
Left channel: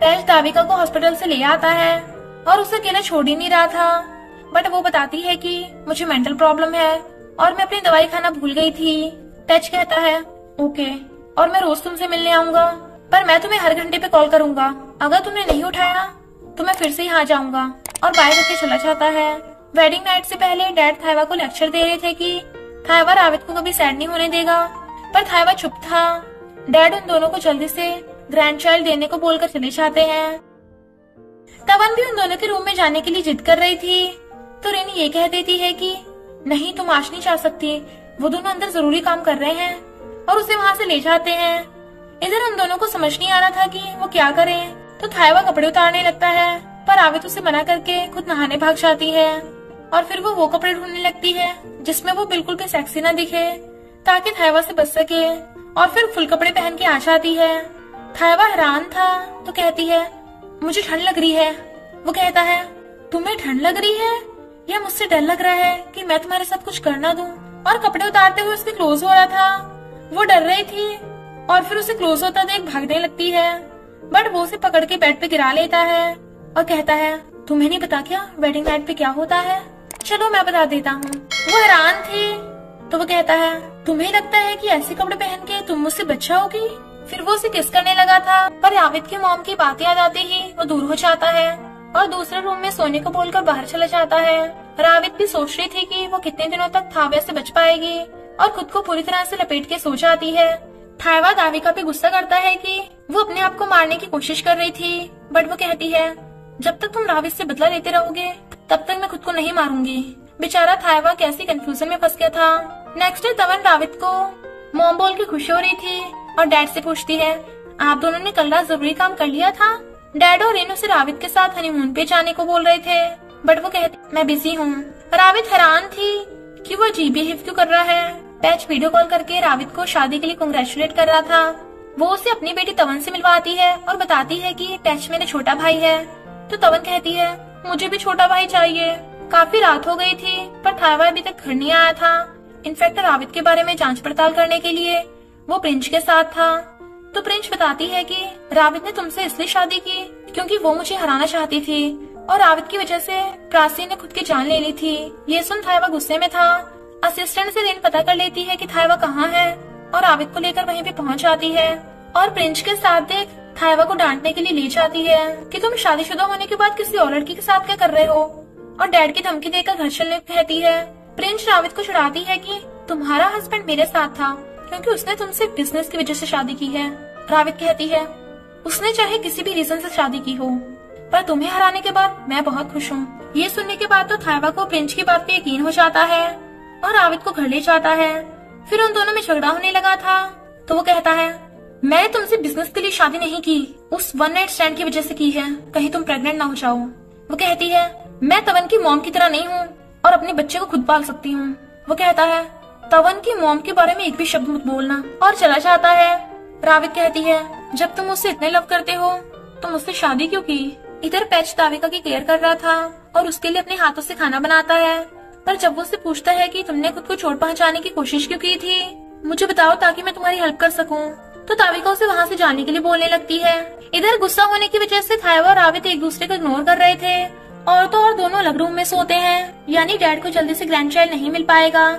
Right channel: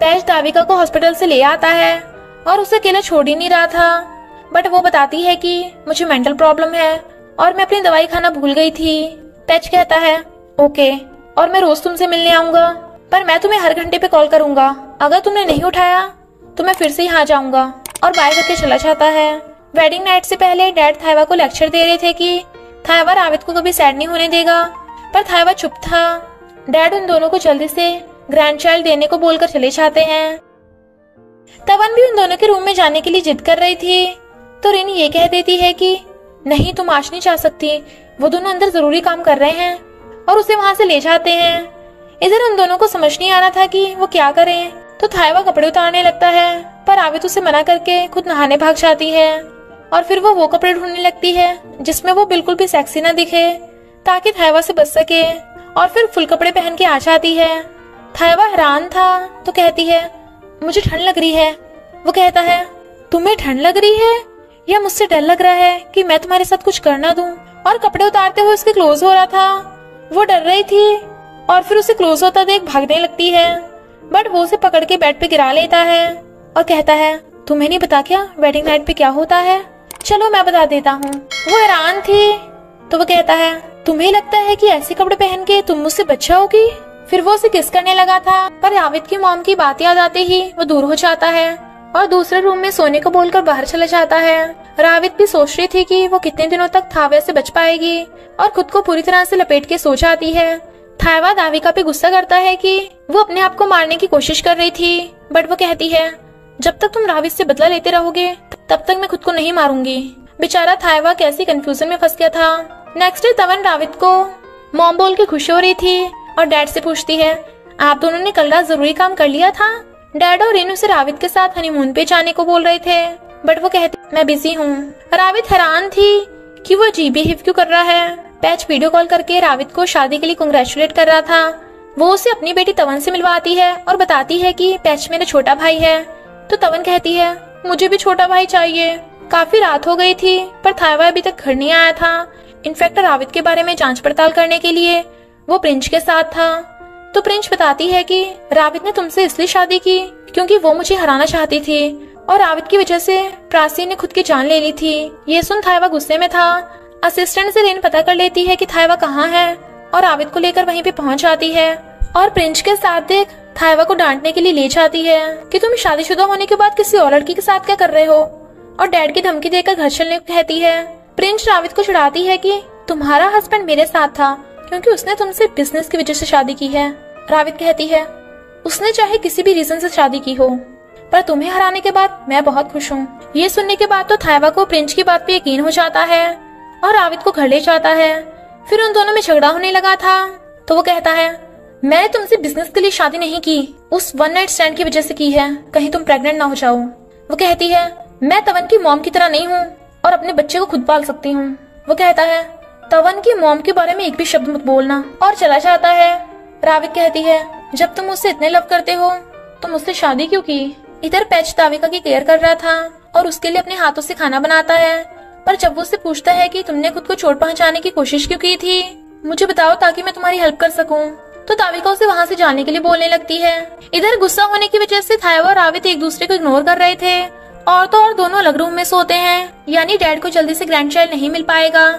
पैच दाविका को हॉस्पिटल से ले आता है और उसे अकेले छोड़ ही नहीं रहा था, बट वो बताती है कि मुझे मेंटल प्रॉब्लम है और मैं अपनी दवाई खाना भूल गई थी। पैच कहता है ओके, और मैं रोज तुमसे मिलने आऊंगा, पर मैं तुम्हें हर घंटे पे कॉल करूंगा। अगर तुमने नहीं उठाया तो मैं फिर से यहाँ जाऊंगा, और बाय करके चला जाता है। वेडिंग नाइट से पहले डैड थाइवा को लेक्चर दे रहे थे कि थाइवा रावित को कभी सैड नहीं होने देगा, पर थाइवा चुप था। डैड उन दोनों को जल्दी से ग्रैंड चाइल्ड देने को बोलकर चले जाते हैं। तवन भी उन दोनों के रूम में जाने के लिए जिद कर रही थी तो रिन ये कह देती है कि नहीं तुम आज नहीं जा सकती, वो दोनों अंदर जरूरी काम कर रहे हैं, और उसे वहाँ से ले जाते हैं। इधर उन दोनों को समझ नहीं आ रहा था कि वो क्या करें, तो थाइवा कपड़े उतारने लगता है, पर रावित उसे मना करके खुद नहाने भाग जाती है। और फिर वो कपड़े ढूंढने लगती है जिसमें वो बिल्कुल भी सेक्सी न दिखे ताकि थाइवा से बच सके, और फिर फुल कपड़े पहन के आ जाती है। थाइवा हैरान था तो कहती है मुझे ठंड लग रही है। वो कहता है तुम्हें ठंड लग रही है या मुझसे डर लग रहा है कि मैं तुम्हारे साथ कुछ कर ना दूं। और कपड़े उतारते हुए उसके क्लोज हो रहा था। वो डर रही थी और फिर उसे क्लोज होता देख भागने लगती है, बट वो उसे पकड़ के बेड पे गिरा लेता है और कहता है तुम्हें नहीं पता क्या वेडिंग नाइट पे क्या होता है, चलो मैं बता देता हूँ। वो हैरान थी तो वो कहता है तुम्हें लगता है कि ऐसे कपड़े पहन के तुम मुझसे बच जाओगी। फिर वो उसे किस करने लगा था, पर रावित की मॉम की बात याद आते ही वो दूर हो जाता है और दूसरे रूम में सोने को बोलकर बाहर चला जाता है। रावित भी सोच रही थी कि वो कितने दिनों तक थाइवा से बच पाएगी और खुद को पूरी तरह से लपेट के सो जाती है। थाइवा दाविका पे गुस्सा करता है कि वो अपने आप को मारने की कोशिश कर रही थी, बट वो कहती है जब तक तुम रावित से बदला लेते रहोगे तब तक मैं खुद को नहीं मारूंगी। बेचारा थाइवा कैसी कंफ्यूजन में फंस गया था। नेक्स्ट डे तवन रावित को मॉम बोल के खुश हो रही थी और डैड से पूछती है आप दोनों ने कल रात जरूरी काम कर लिया था। डैड और रिन उसे रावित के साथ हनीमून पे जाने को बोल रहे थे, बट वो कहती मैं बिजी हूँ। रावित हैरान थी कि वो अजीब बिहेव क्यों कर रहा है। पैच वीडियो कॉल करके रावित को शादी के लिए कांग्रेचुलेट कर रहा था। वो उसे अपनी बेटी तवन से मिलवाती है और बताती है कि पैच मेरा छोटा भाई है। तो तवन कहती है मुझे भी छोटा भाई चाहिए। काफी रात हो गई थी पर थाइवा अभी तक घर नहीं आया था। इनफैक्ट रावित के बारे में जांच पड़ताल करने के लिए वो प्रिंस के साथ था। तो प्रिंस बताती है कि रावित ने तुमसे इसलिए शादी की क्योंकि वो मुझे हराना चाहती थी, और रावित की वजह से प्राची ने खुद की जान ले ली थी। ये सुन थायवा गुस्से में था। असिस्टेंट से रिन पता कर लेती है कि थायवा कहाँ है और रावित को लेकर वहीं पे पहुंच जाती है और प्रिंस के साथ देख थायवा को डांटने के लिए ले जाती है कि तुम शादीशुदा होने के बाद किसी और लड़की के साथ क्या कर रहे हो, और डैड की धमकी देकर घर चलने को कहती है। प्रिंस रावित को चिढ़ाती है कि तुम्हारा हस्बैंड मेरे साथ था क्योंकि उसने तुमसे बिजनेस की वजह से शादी की है। रावित कहती है उसने चाहे किसी भी रीजन से शादी की हो, पर तुम्हें हराने के बाद मैं बहुत खुश हूँ। ये सुनने के बाद तो थायवा को प्रिंस की बात पे यकीन हो जाता है और रावित को घर ले जाता है। फिर उन दोनों में झगड़ा होने लगा था तो वो कहता है मैंने तुमसे बिजनेस के लिए शादी नहीं की, उस वन नाइट स्टैंड की वजह से की है, कहीं तुम प्रेग्नेंट ना हो जाओ। वो कहती है मैं तवन की मॉम की तरह नहीं हूँ और अपने बच्चे को खुद पाल सकती हूँ। वो कहता है तवन की मॉम के बारे में एक भी शब्द मत बोलना, और चला जाता है। रावित कहती है जब तुम मुझसे इतने लव करते हो तो मुझसे शादी क्यों की। इधर पैच ताविका की केयर कर रहा था और उसके लिए अपने हाथों से खाना बनाता है, पर जब वो उससे पूछता है कि तुमने खुद को चोट पहुंचाने की कोशिश क्यों की थी, मुझे बताओ ताकि मैं तुम्हारी हेल्प कर सकूं, तो ताविका उसे वहाँ से जाने के लिए बोलने लगती है। इधर गुस्सा होने की वजह से थायवा और रावित एक दूसरे को इग्नोर कर रहे थे और तो और दोनों अलग रूम में सोते हैं, यानी डैड को जल्दी से ग्रैंड चाइल्ड नहीं मिल पाएगा।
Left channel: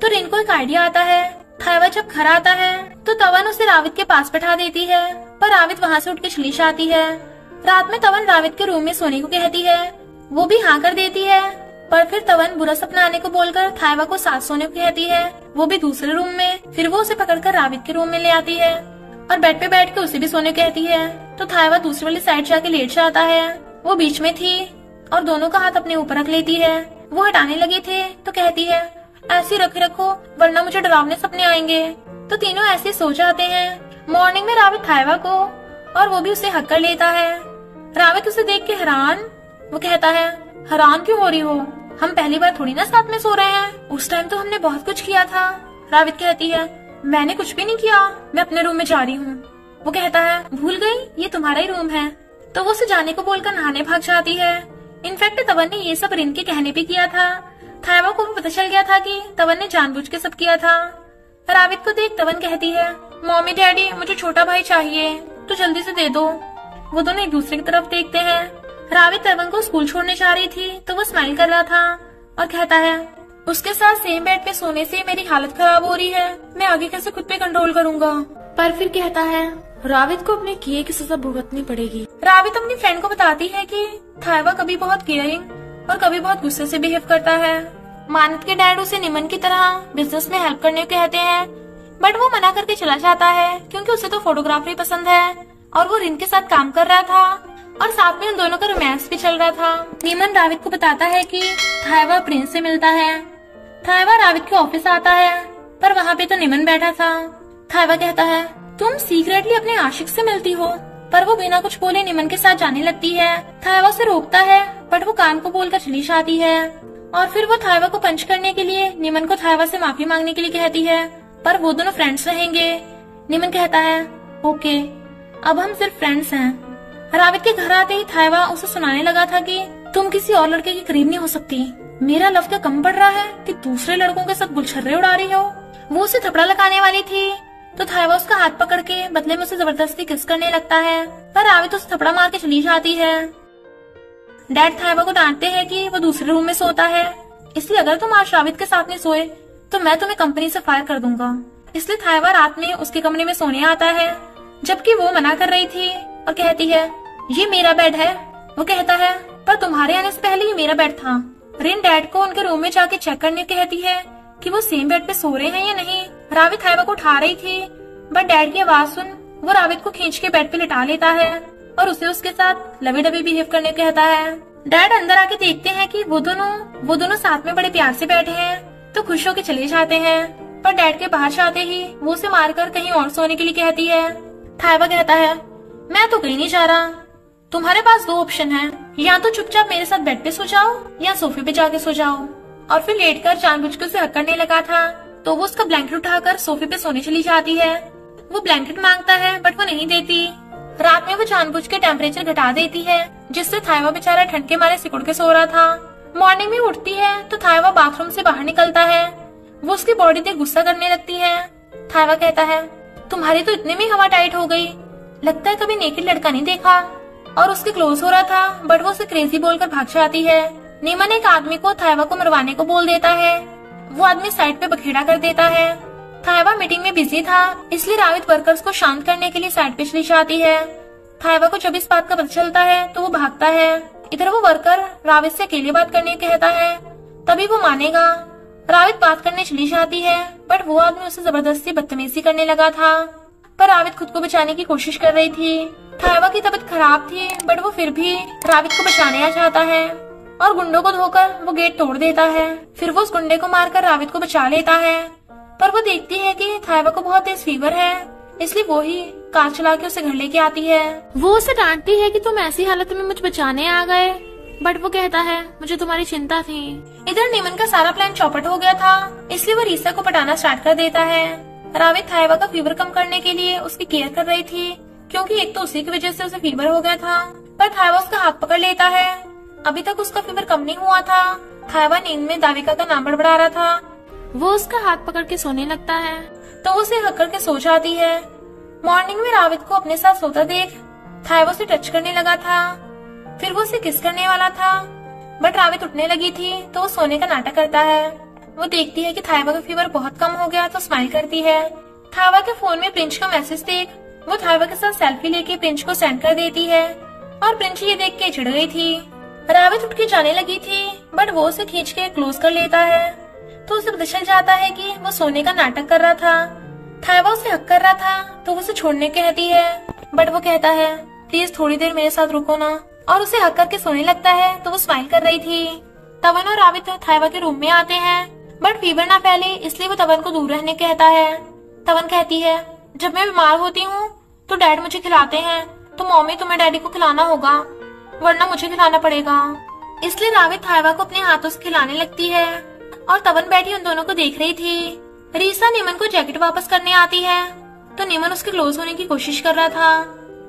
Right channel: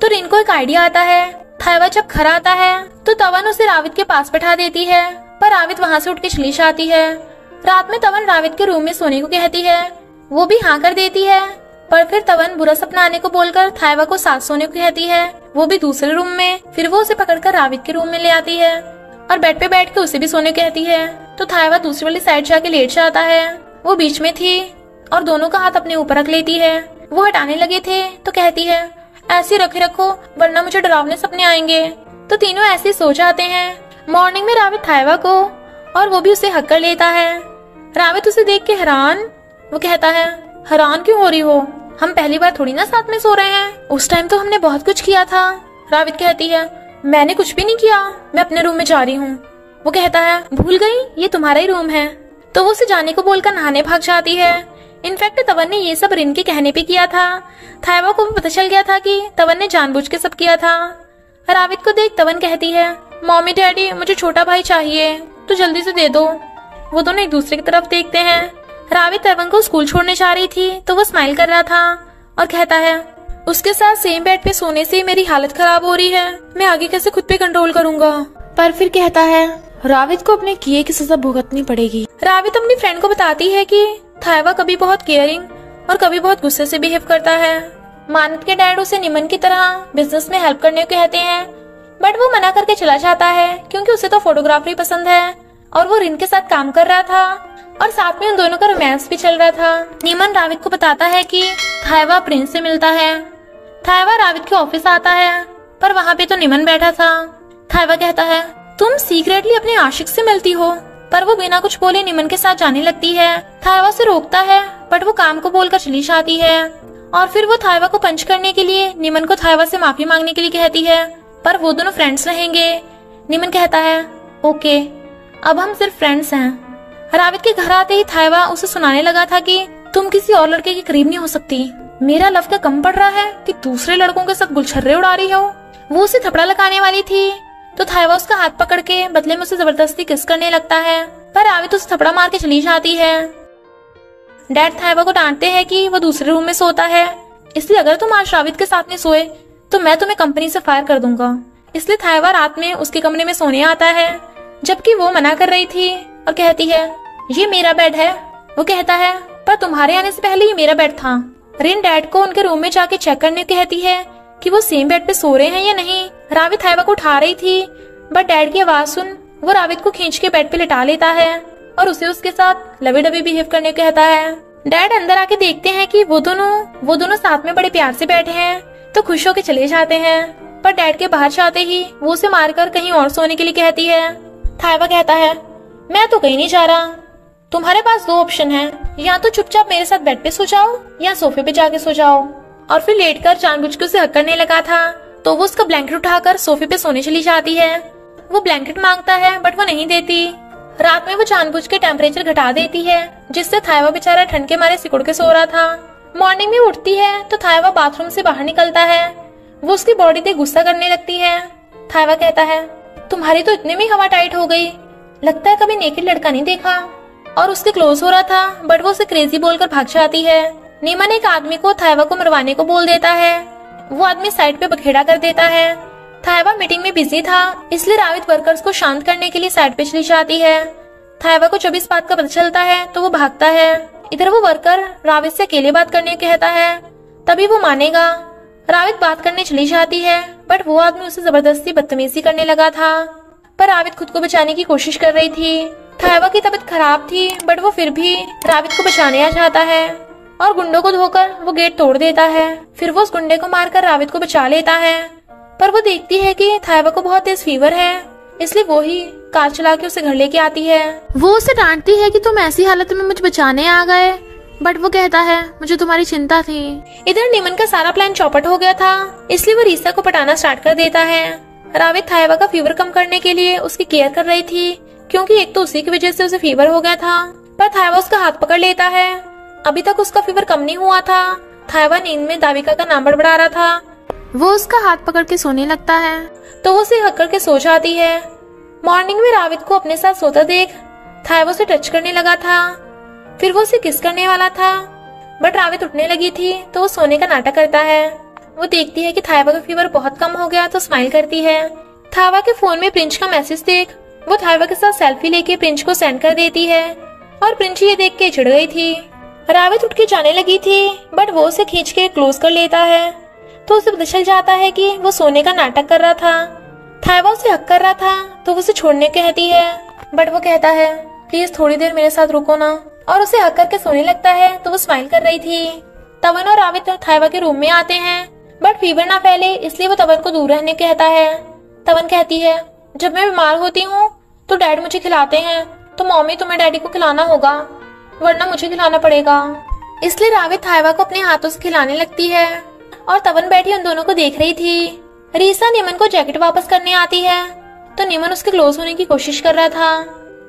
तो रिन को एक आइडिया आता है। थायवा जब घर आता है तो तवन उसे रावित के पास बैठा देती है, पर रावित वहाँ से उठ के चली जाती है। रात में तवन रावित के रूम में सोने को कहती है, वो भी हाँ कर देती है, पर फिर तवन बुरा सपना आने को बोलकर थायवा को साथ सोने को कहती है, वो भी दूसरे रूम में। फिर वो उसे पकड़कर रावित के रूम में ले आती है और बेड पे बैठ के उसे भी सोने को कहती है। तो थायवा दूसरी वाली साइड जाके लेट जाता है। वो बीच में थी और दोनों का हाथ अपने ऊपर रख लेती है। वो हटाने लगे थे तो कहती है ऐसे रखे रखो वरना मुझे डरावने सपने आएंगे। तो तीनों ऐसे सो जाते हैं। मॉर्निंग में रावित थायवा को और वो भी उसे हक कर लेता है। रावित उसे देख के हैरान। वो कहता है हैरान क्यों हो रही हो, हम पहली बार थोड़ी ना साथ में सो रहे हैं, उस टाइम तो हमने बहुत कुछ किया था। रावित कहती है मैंने कुछ भी नहीं किया, मैं अपने रूम में जा रही हूँ। वो कहता है भूल गई ये तुम्हारा ही रूम है। तो वो उसे जाने को बोलकर नहाने भाग जाती है। इनफैक्ट तवन ने ये सब रिन के कहने पे किया था। थायवा को भी पता चल गया था कि तवन ने जानबूझ के सब किया था। रावित को देख तवन कहती है मम्मी डैडी मुझे छोटा भाई चाहिए, तो जल्दी से दे दो। वो दोनों एक दूसरे की तरफ देखते हैं। रावित तवन को स्कूल छोड़ने जा रही थी तो वो स्माइल कर रहा था और कहता है उसके साथ सेम बेड पे सोने से मेरी हालत खराब हो रही है, मैं आगे कैसे खुद पे कंट्रोल करूंगा। पर फिर कहता है रावित को अपने किए की सजा भुगतनी पड़ेगी। रावित अपनी फ्रेंड को बताती है कि थायवा कभी बहुत केयरिंग और कभी बहुत गुस्से से बिहेव करता है। मानत के डैड उसे निमन की तरह बिजनेस में हेल्प करने को कहते हैं, बट वो मना करके चला जाता है क्योंकि उसे तो फोटोग्राफी पसंद है और वो रिन के साथ काम कर रहा था और साथ में उन दोनों का रोमांस भी चल रहा था। निमन रावित को बताता है कि थायवा प्रिंस से मिलता है। थायवा रावित के ऑफिस आता है पर वहाँ पे तो निमन बैठा था। थायवा कहता है तुम सीक्रेटली अपने आशिक से मिलती हो, पर वो बिना कुछ बोले निमन के साथ जाने लगती है। थायवा से रोकता है बट वो काम को बोलकर चली जाती है और फिर वो थायवा को पंच करने के लिए निमन को थायवा से माफी मांगने के लिए कहती है, पर वो दोनों फ्रेंड्स रहेंगे। निमन कहता है ओके अब हम सिर्फ फ्रेंड्स हैं। रावित के घर आते ही थायवा उसे सुनाने लगा था कि तुम किसी और लड़के के करीब नहीं हो सकती, मेरा लव क्या कम पड़ रहा है कि दूसरे लड़कों के साथ गुलछर्रे उड़ा रही हो। वो उसे थपड़ा लगाने वाली थी तो थायवा उसका हाथ पकड़ के बदले में उसे जबरदस्ती किस करने लगता है, पर रावित उसे थपड़ा मार के चली जाती है। डैड थायवा को डांटते हैं कि वो दूसरे रूम में सोता है, इसलिए अगर तुम आज रावित के साथ में सोए तो मैं तुम्हें कंपनी से फायर कर दूंगा। इसलिए थायवा रात में उसके कमरे में सोने आता है, जबकि वो मना कर रही थी और कहती है ये मेरा बेड है। वो कहता है पर तुम्हारे आने से पहले ये मेरा बेड था। रिन डैड को उनके रूम में जाके चेक करने कहती है कि वो सेम बेड पे सो रहे हैं या नहीं। रावित थायवा को उठा रही थी बट डैड की आवाज सुन वो रावित को खींच के बेड पे लिटा लेता है और उसे उसके साथ लवी डबी बिहेव करने को कहता है। डैड अंदर आके देखते हैं कि वो दोनों साथ में बड़े प्यार से बैठे हैं तो खुश होकर चले जाते हैं, पर डैड के बाहर जाते ही वो उसे मारकर कहीं और सोने के लिए कहती है। थायवा कहता है मैं तो कहीं नहीं जा रहा, तुम्हारे पास दो ऑप्शन है, या तो चुपचाप मेरे साथ बेड पे सो जाओ या सोफे पे जाके सो जाओ। और फिर लेटकर जानबूझ के उसे हक करने लगा था तो वो उसका ब्लैंकेट उठाकर सोफे पे सोने चली जाती है। वो ब्लैंकेट मांगता है बट वो नहीं देती। रात में वो जानबूझ के टेम्परेचर घटा देती है जिससे थायवा बेचारा ठंड के मारे सिकुड़ के सो रहा था। मॉर्निंग में उठती है तो थायवा बाथरूम से बाहर निकलता है। वो उसकी बॉडी पे गुस्सा करने लगती है। थायवा कहता है तुम्हारी तो इतने में हवा टाइट हो गई, लगता है कभी नेकेड लड़का नहीं देखा। और उसके क्लोज हो रहा था, बट वो उसे क्रेजी बोलकर भाग जाती है। नीमन एक आदमी को थायवा को मरवाने को बोल देता है। वो आदमी साइड पे बखेड़ा कर देता है। थायवा मीटिंग में बिजी था, इसलिए रावित वर्कर्स को शांत करने के लिए साइड पे चली जाती है। थायवा को जब इस बात का पता चलता है तो वो भागता है। इधर वो वर्कर रावित से अकेले बात करने कहता है, तभी वो मानेगा। रावित बात करने चली जाती है, बट वो आदमी उसे जबरदस्ती बदतमीजी करने लगा था। पर रावित खुद को बचाने की कोशिश कर रही थी। थायवा की तबीयत खराब थी, बट वो फिर भी रावित को बचाने आ जाता है और गुंडों को धोकर वो गेट तोड़ देता है। फिर वो उस गुंडे को मारकर रावित को बचा लेता है। पर वो देखती है कि थायवा को बहुत तेज फीवर है, इसलिए वो ही कार चला के उसे घर लेके आती है। वो उसे डांटती है कि तुम ऐसी हालत में मुझे बचाने आ गए, बट वो कहता है मुझे तुम्हारी चिंता थी। इधर नीमन का सारा प्लान चौपट हो गया था, इसलिए वो रीसा को पटाना स्टार्ट कर देता है। रावित थायवा का फीवर कम करने के लिए उसकी केयर कर रही थी, क्योंकि एक तो उसी की वजह से उसे फीवर हो गया था। पर थायवा उसका हाथ पकड़ लेता है। अभी तक उसका फीवर कम नहीं हुआ था। थायवा नींद में दाविका का नाम बड़बड़ा रहा था। वो उसका हाथ पकड़ के सोने लगता है, तो वो उसे हक करके सो जाती है। मॉर्निंग में रावित को अपने साथ सोता देख थायवा उसे टच करने लगा था। फिर वो उसे किस करने वाला था, बट रावित उठने लगी थी तो वो सोने का नाटक करता है। वो देखती है कि थायवा का फीवर बहुत कम हो गया तो स्माइल करती है। थायवा के फोन में प्रिंस का मैसेज देख वो थायवा के साथ सेल्फी लेके प्रिंस को सेंड कर देती है, और प्रिंस ये देख के चिढ़ गई थी। रावित उठ के जाने लगी थी, बट वो उसे खींच के क्लोज कर लेता है, तो उसे पता चल जाता है कि वो सोने का नाटक कर रहा था। थायवा उसे हक कर रहा था, तो उसे छोड़ने कहती है, बट वो कहता है प्लीज थोड़ी देर मेरे साथ रुको ना, और उसे हक करके सोने लगता है। तो वो स्माइल कर रही थी। तवन और रावित थायवा के रूम में आते हैं, बट फीवर ना फैले इसलिए वो तवन को दूर रहने कहता है। तवन कहती है जब मैं बीमार होती हूँ तो डैड मुझे खिलाते हैं, तो मम्मी तुम्हें डैडी को खिलाना होगा, वरना मुझे खिलाना पड़ेगा। इसलिए रावित थायवा को अपने हाथों से खिलाने लगती है, और तवन बैठी उन दोनों को देख रही थी। रीसा नीमन को जैकेट वापस करने आती है, तो नीमन उसके क्लोज होने की कोशिश कर रहा था,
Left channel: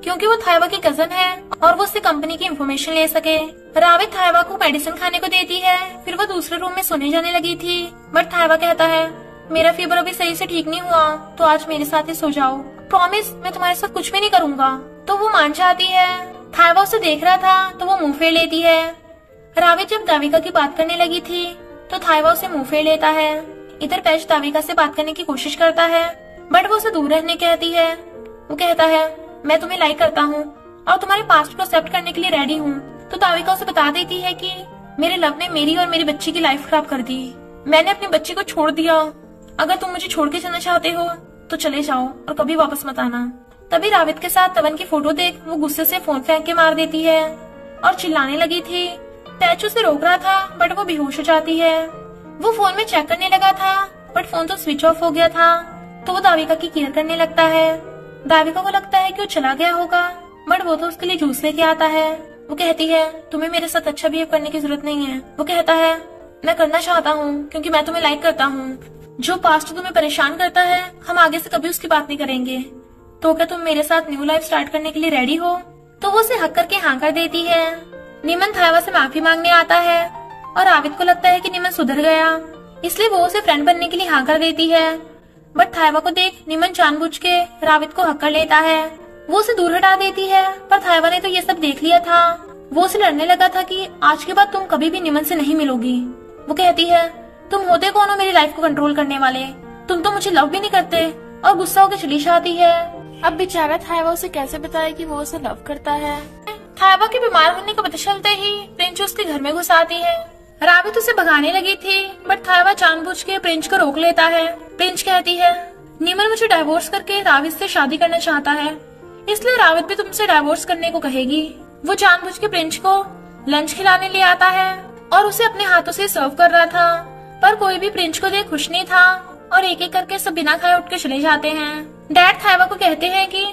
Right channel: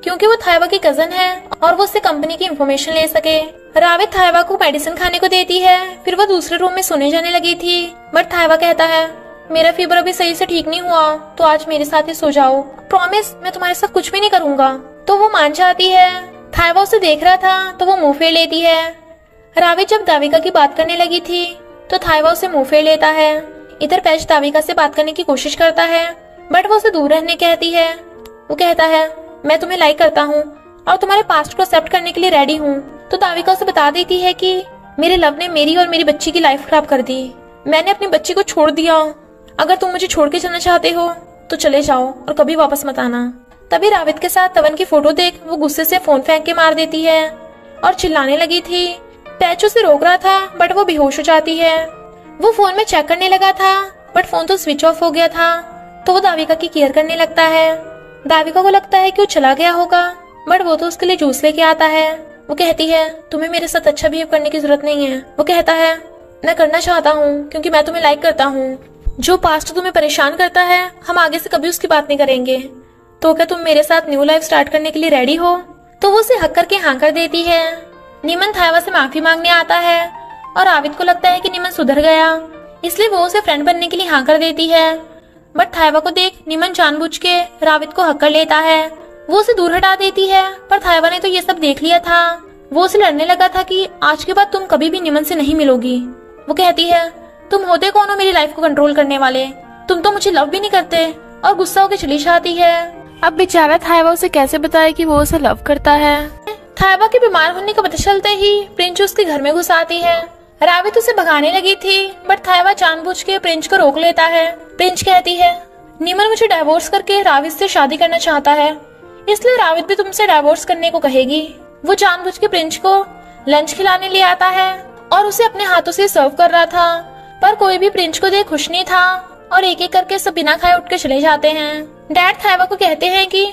क्योंकि वो थायवा की कजन है और वो उससे कंपनी की इंफॉर्मेशन ले सके। रावित थायवा को मेडिसिन खाने को देती है। फिर वो दूसरे रूम में सोने जाने लगी थी, बट थायवा कहता है मेरा फीवर अभी सही से ठीक नहीं हुआ, तो आज मेरे साथ ही सो जाओ, प्रॉमिस मैं तुम्हारे साथ कुछ भी नहीं करूंगा। तो वो मान जाती है। थायवा उसे देख रहा था तो वो मुंह फेर लेती है। रावित जब दाविका की बात करने लगी थी तो थायवा उसे मुंह फेर लेता है। इधर पैच दाविका से बात करने की कोशिश करता है, बट वो उसे दूर रहने कहती है। वो कहता है मैं तुम्हें लाइक करता हूँ और तुम्हारे पास्ट को एक्सेप्ट करने के लिए रेडी हूँ। तो दाविका उसे बता देती है कि मेरे लव ने मेरी और मेरी बच्ची की लाइफ खराब कर दी, मैंने अपनी बच्ची को छोड़ दिया, अगर तुम मुझे छोड़ के चलना चाहते हो तो चले जाओ और कभी वापस मत आना। तभी रावित के साथ तवन की फोटो देख वो गुस्से से फोन फेंक के मार देती है और चिल्लाने लगी थी। पैच उसे रोक रहा था, बट वो बेहोश हो जाती है। वो फोन में चेक करने लगा था, बट फोन तो स्विच ऑफ हो गया था। तो वो दाविका की केयर करने लगता है। दाविका को लगता है कि वो चला गया होगा, बट वो तो उसके लिए जूस लेके आता है। वो कहती है तुम्हें मेरे साथ अच्छा बिहेव करने की जरूरत नहीं है। वो कहता है मैं करना चाहता हूँ क्योंकि मैं तुम्हें लाइक करता हूँ। जो पास्ट तुम्हें परेशान करता है हम आगे से कभी उसकी बात नहीं करेंगे, तो क्या तुम मेरे साथ न्यू लाइफ स्टार्ट करने के लिए रेडी हो? तो वो उसे हक करके हाँ कर देती है। नीमन थायवा से माफी मांगने आता है और आविद को लगता है कि नीमन सुधर गया, इसलिए वो उसे फ्रेंड बनने के लिए हाँ कर देती है। बट थायवा को देख नीमन जानबूझ के राविद को हक कर लेता है। वो उसे दूर हटा देती है, पर थायवा ने तो ये सब देख लिया था। वो उसे लड़ने लगा था कि आज के बाद तुम कभी भी नीमन से नहीं मिलोगी। वो कहती है तुम होते कौन हो मेरी लाइफ को कंट्रोल करने वाले, तुम तो मुझे लव भी नहीं करते, और गुस्सा होकर चली जाती है। अब बेचारा थायवा उसे कैसे बताए कि वो उसे लव करता है। थायवा के बीमार होने का पता चलते ही प्रिंस उसके घर में घुस आती है। रावित उसे भगाने लगी थी, बट थायवा जानबूझ के प्रिंस को रोक लेता है। प्रिंस कहती है नीमन मुझे डाइवोर्स करके रावित से शादी करना चाहता है, इसलिए रावित भी तुमसे डाइवोर्स करने को कहेगी। वो जानबूझ के प्रिंस को लंच खिलाने ले आता है और उसे अपने हाथों से सर्व कर रहा था, पर कोई भी प्रिंस को देख खुश नहीं था और एक एक करके सब बिना खाए उठ के चले जाते हैं। डैड थायवा को कहते हैं कि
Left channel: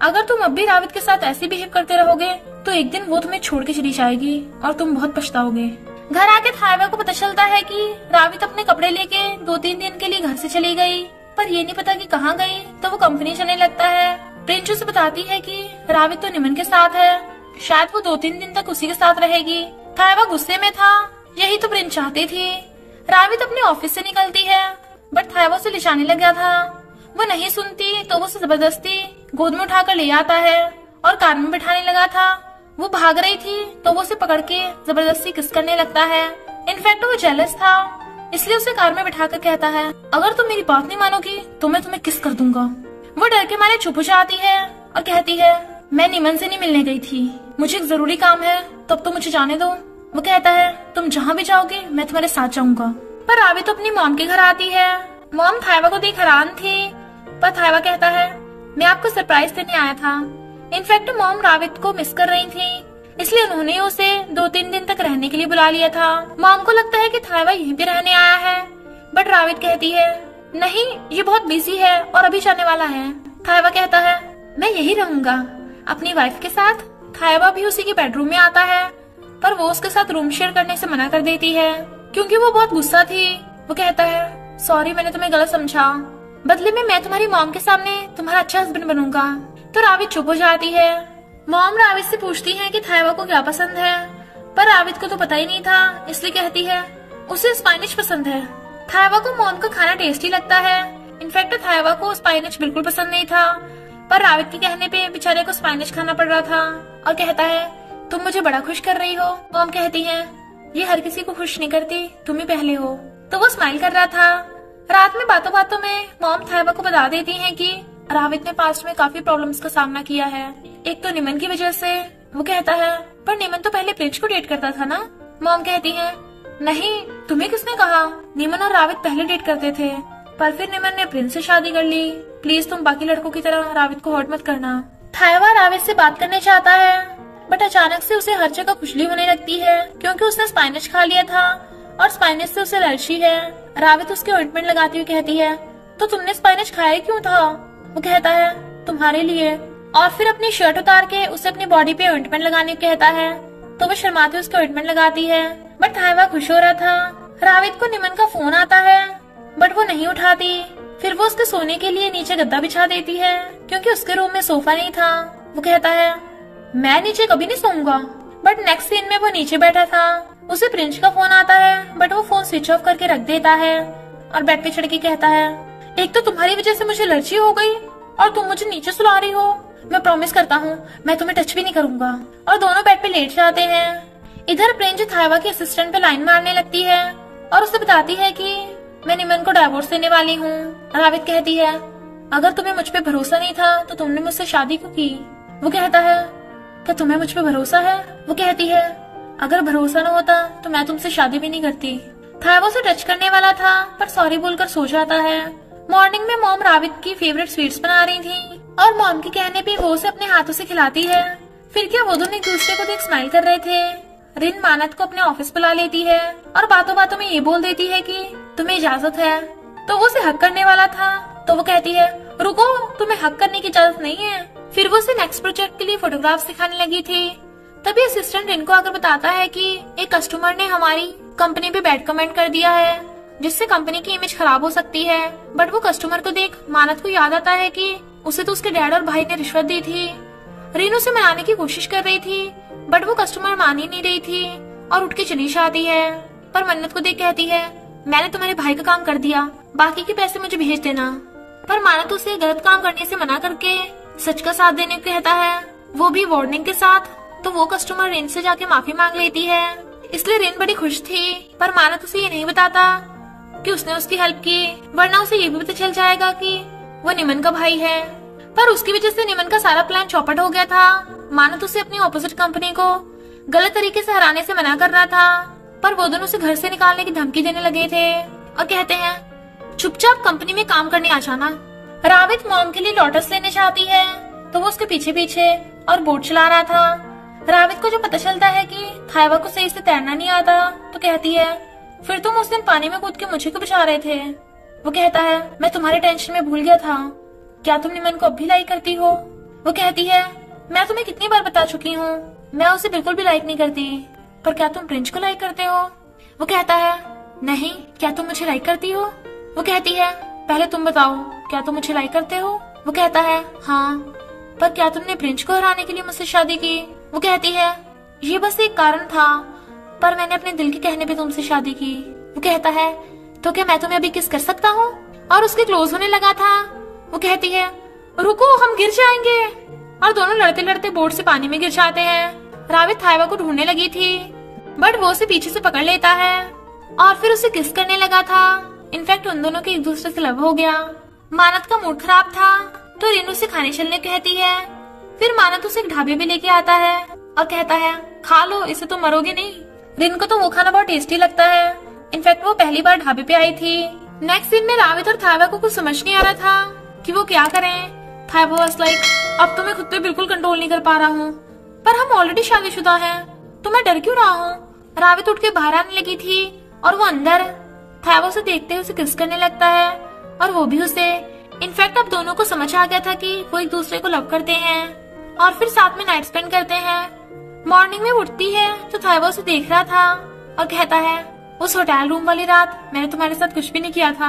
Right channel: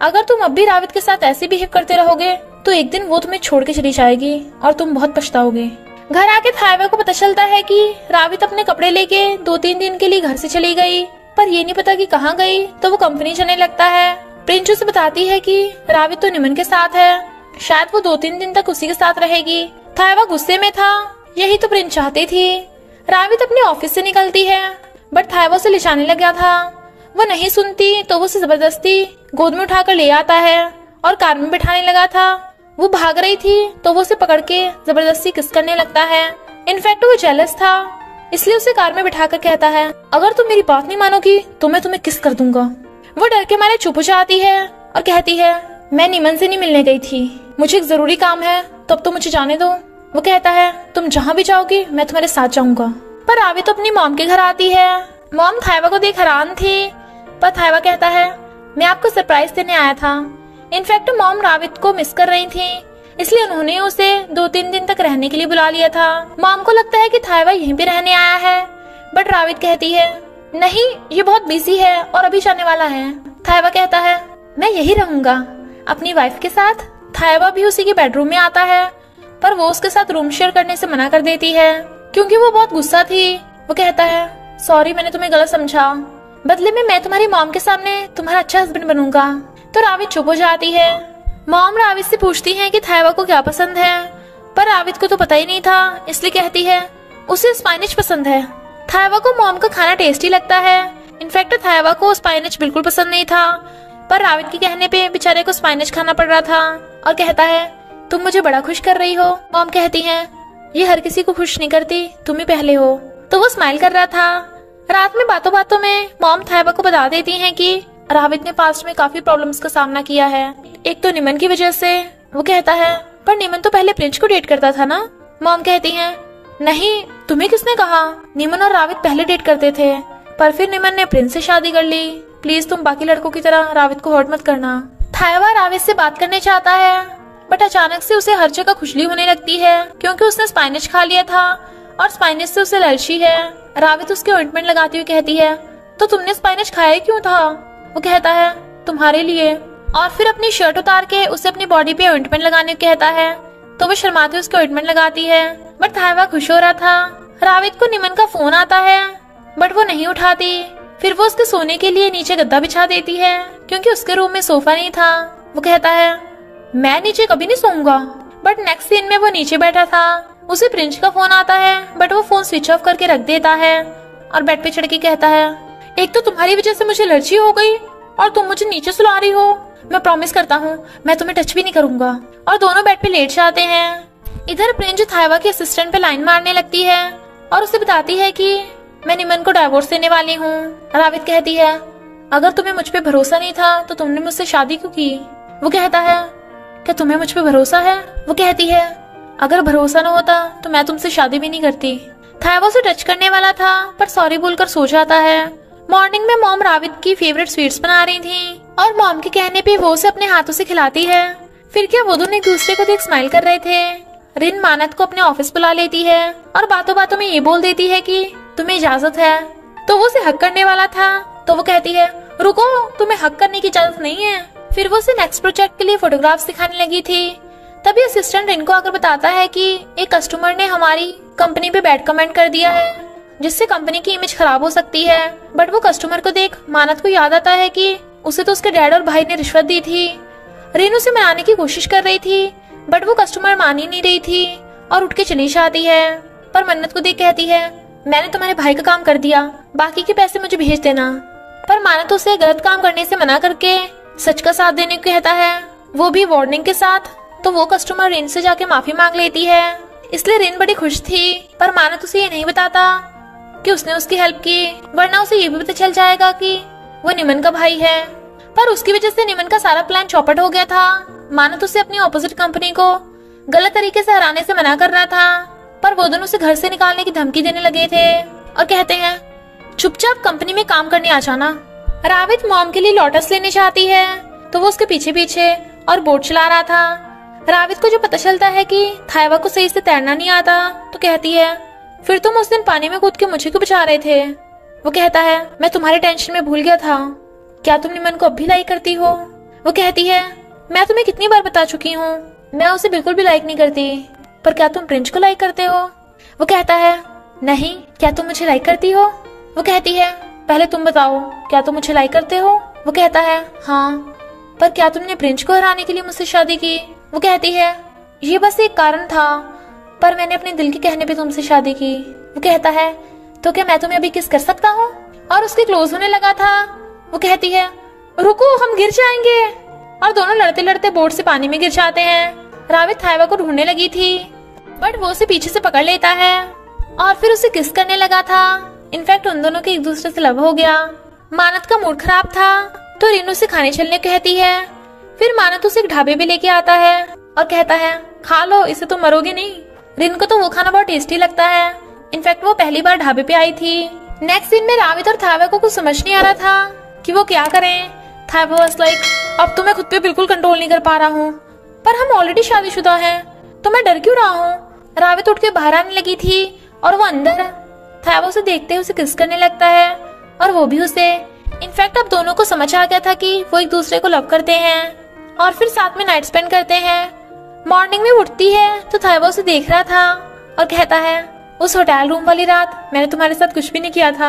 अगर तुम अब भी रावित के साथ ऐसे बिहेव करते रहोगे तो एक दिन वो तुम्हें छोड़ के चली जाएगी और तुम बहुत पछताओगे। घर आके थायवा को पता चलता है कि रावित अपने कपड़े लेके 2-3 दिन के लिए घर से चली गई, पर ये नहीं पता कि कहाँ गई। तो वो कंपनी चलने लगता है। प्रिंस उसे बताती है कि रावित तो निमन के साथ है, शायद वो 2-3 दिन तक उसी के साथ रहेगी। थायवा गुस्से में था, यही तो प्रिंस चाहती थी। रावित अपने ऑफिस से निकलती है, बट थायवा उसे ले जाने लगा था। वो नहीं सुनती तो वो उसे जबरदस्ती गोद में उठाकर ले आता है और कार में बिठाने लगा था। वो भाग रही थी तो वो उसे पकड़ के जबरदस्ती किस करने लगता है। इनफैक्ट वो जेलस था, इसलिए उसे कार में बिठाकर कहता है, अगर तुम मेरी बात नहीं मानोगी तो मैं तुम्हें किस कर दूंगा। वो डर के मारे चुप हो जाती है और कहती है, मैं निमन से नहीं मिलने गई थी, मुझे एक जरूरी काम है, तब तो मुझे जाने दो। वो कहता है, तुम जहाँ भी जाओगी मैं तुम्हारे साथ जाऊंगा। पर रावी तो अपनी मॉम के घर आती है। मॉम थायवा को देख हैरान थी, पर थायवा कहता है, मैं आपको सरप्राइज देने आया था। इनफैक्ट मॉम रावित को मिस कर रही थी, इसलिए उन्होंने उसे 2-3 दिन तक रहने के लिए बुला लिया था। मॉम को लगता है कि थायवा यहीं पे रहने आया है, बट रावित कहती है, नहीं, ये बहुत बिजी है और अभी जाने वाला है। थायवा कहता है, मैं यही रहूंगा अपनी वाइफ के साथ। थायवा भी उसी के बेडरूम में आता है, पर वो उसके साथ रूम शेयर करने से मना कर देती है क्योंकि वो बहुत गुस्सा थी। वो कहता है, सॉरी, मैंने तुम्हें गलत समझा, बदले में मैं तुम्हारी मॉम के सामने तुम्हारा अच्छा हस्बैंड बनूंगा। तो रावित चुप हो जाती है। मॉम रावित से पूछती है कि थायवा को क्या पसंद है, पर रावित को तो पता ही नहीं था, इसलिए कहती है, उसे स्पाइनिश पसंद है। थायवा को मॉम का खाना टेस्टी लगता है। इनफैक्ट थायवा को स्पाइनिश बिल्कुल पसंद नहीं था, पर रावित के कहने पे बेचारे को स्पाइनिश खाना पड़ रहा था और कहता है, तुम मुझे बड़ा खुश कर रही हो। मॉम कहती है, ये हर किसी को खुश नहीं करती, तुम ही पहले हो। तो वो स्माइल कर रहा था। रात में बातों बातों में मॉम थायवा को बता देती है कि रावित ने पास्ट में काफी प्रॉब्लम्स का सामना किया है, एक तो निमन की वजह से। वो कहता है, पर निमन तो पहले प्रिंस को डेट करता था ना। मॉम कहती है, नहीं, तुम्हें किसने कहा, निमन और रावित पहले डेट करते थे, पर फिर निमन ने प्रिंस से शादी कर ली। प्लीज तुम बाकी लड़कों की तरह रावित को हर्ट मत करना। थायवा रावित से बात करने चाहता है, बट अचानक से उसे हर जगह खुजली होने लगती है क्योंकि उसने स्पाइनिश खा लिया था और स्पाइनिश से उसे एलर्जी है। रावित उसके ऑइंटमेंट लगाती हुई कहती है, तो तुमने स्पाइनिश खाया क्यों था। वो कहता है, तुम्हारे लिए। और फिर अपनी शर्ट उतार के उसे अपनी बॉडी पे ऑइंटमेंट लगाने को कहता है, तो वो शर्माती उसके ऑइंटमेंट लगाती है। बट थायवा खुश हो रहा था। रावित को निमन का फोन आता है, बट वो नहीं उठाती। फिर वो उसके सोने के लिए नीचे गद्दा बिछा देती है क्योंकि उसके रूम में सोफा नहीं था। वो कहता है, मैं नीचे कभी नहीं सोऊंगा। बट नेक्स्ट सीन में वो नीचे बैठा था। उसे प्रिंस का फोन आता है, बट वो फोन स्विच ऑफ करके रख देता है और बेड पे चढ़ के कहता है, एक तो तुम्हारी वजह से मुझे एलर्जी हो गई और तुम मुझे नीचे सुला रही हो। मैं प्रॉमिस करता हूँ मैं तुम्हें टच भी नहीं करूंगा। और दोनों बेड पे लेट जाते हैं। इधर प्रिंस थायवा के असिस्टेंट पे लाइन मारने लगती है और उसे बताती है कि मैं निमन को डाइवोर्स देने वाली हूँ। रावित कहती है, अगर तुम्हें मुझ पे भरोसा नहीं था तो तुमने मुझसे शादी क्यों की। वो कहता है, क्या तुम्हें मुझ पे भरोसा है। वो कहती है, अगर भरोसा न होता तो मैं तुमसे शादी भी नहीं करती। थायवा उसे टच करने वाला था पर सॉरी बोलकर सो जाता है। मॉर्निंग में मॉम रावित की फेवरेट स्वीट्स बना रही थी और मॉम के कहने पे वो उसे अपने हाथों से खिलाती है। फिर क्या वो दोनों एक दूसरे को देख स्माइल कर रहे थे। रिन मानत को अपने ऑफिस बुला लेती है और बातों बातों में ये बोल देती है कि तुम्हें इजाजत है। तो वो उसे हक करने वाला था, तो वो कहती है, रुको, तुम्हें हक करने की इजाजत नहीं है। फिर वो उसे नेक्स्ट प्रोजेक्ट के लिए फोटोग्राफ्स दिखाने लगी थी। तभी असिस्टेंट रिन को आकर बताता है कि एक कस्टमर ने हमारी कंपनी पे बैड कमेंट कर दिया है जिससे कंपनी की इमेज खराब हो सकती है। बट वो कस्टमर को देख मानत को याद आता है कि उसे तो उसके डैड और भाई ने रिश्वत दी थी। रिन उसे मनाने की कोशिश कर रही थी, बट वो कस्टमर मान ही नहीं रही थी और उठ के चली जाती है। पर मन्नत को देख कहती है, मैंने तुम्हारे भाई का काम कर दिया, बाकी के पैसे मुझे भेज देना। पर मानत उसे गलत काम करने से मना करके सच का साथ देने को कहता है, वो भी वार्निंग के साथ। तो वो कस्टमर रिन से जाके माफी मांग लेती है। इसलिए रिन बड़ी खुश थी, पर मानत उसे ये नहीं बताता कि उसने उसकी हेल्प की, वरना उसे ये भी पता चल जाएगा कि वो निमन का भाई है। पर उसकी वजह से निमन का सारा प्लान चौपट हो गया था। मानत उसे अपनी ऑपोजिट कंपनी को गलत तरीके से हराने से मना कर रहा था, पर वो दोनों उसे घर से निकालने की धमकी देने लगे थे और कहते हैं, चुपचाप कंपनी में काम करने आ जाना। रावित मॉम के लिए लोटस लेने चाहती है, तो वो उसके पीछे पीछे और बोट चला रहा था। रावित को जो पता चलता है कि थायवा को सही से तैरना नहीं आता, तो कहती है, फिर तुम उस दिन पानी में कूद के मुझे क्यों बचा रहे थे। वो कहता है, मैं तुम्हारे टेंशन में भूल गया था। क्या तुम निमन को अब भी लाइक करती हो। वो कहती है, मैं तुम्हें कितनी बार बता चुकी हूँ, मैं उसे बिल्कुल भी लाइक नहीं करती। पर क्या तुम प्रिंस को लाइक करते हो। वो कहता है, नहीं, क्या तुम मुझे लाइक करती हो। वो कहती है, पहले तुम बताओ, क्या तुम मुझे लाइक करते हो। वो कहता है, हाँ, पर क्या तुमने प्रिंस को हराने के लिए मुझसे शादी की। वो कहती है, ये बस एक कारण था, पर मैंने अपने दिल के कहने पे तुमसे शादी की। वो कहता है, तो क्या मैं तुम्हें अभी किस कर सकता हूँ। और उसके क्लोज होने लगा था। वो कहती है, रुको, हम गिर जाएंगे। और दोनों लड़ते लड़ते बोट से पानी में गिर जाते हैं। रावित थाइवा को ढूंढने लगी थी, बट वो उसे पीछे से पकड़ लेता है और फिर उसे किस करने लगा था। इनफैक्ट उन दोनों के एक दूसरे से लव हो गया। मानत का मूड खराब था तो रिन उसे खाने चलने कहती है। फिर मानत उसे एक ढाबे पे लेके आता है और कहता है खा लो, इसे तो मरोगी नहीं। रिन को तो वो खाना बहुत टेस्टी लगता है। इनफैक्ट वो पहली बार ढाबे पे आई थी। नेक्स्ट दिन में रावित और थाइवा को कुछ समझ नहीं आ रहा था कि वो क्या करें। थाइवा वाज लाइक अब तो मैं खुद पे बिल्कुल कंट्रोल नहीं कर पा रहा हूँ, पर हम ऑलरेडी शादीशुदा हैं तो मैं डर क्यों रहा हूँ। रावित उठ के बाहर आने लगी थी और वो अंदर थाइवा उसे देखते हुए उसे किस करने लगता है और वो भी उसे। इनफैक्ट अब दोनों को समझ आ गया था कि वो एक दूसरे को लव करते हैं और फिर साथ में नाइट स्पेंड करते हैं। मॉर्निंग में उठती है तो थाइवा उसे देख रहा था और कहता है उस होटल रूम वाली रात मैंने तुम्हारे साथ कुछ भी नहीं किया था,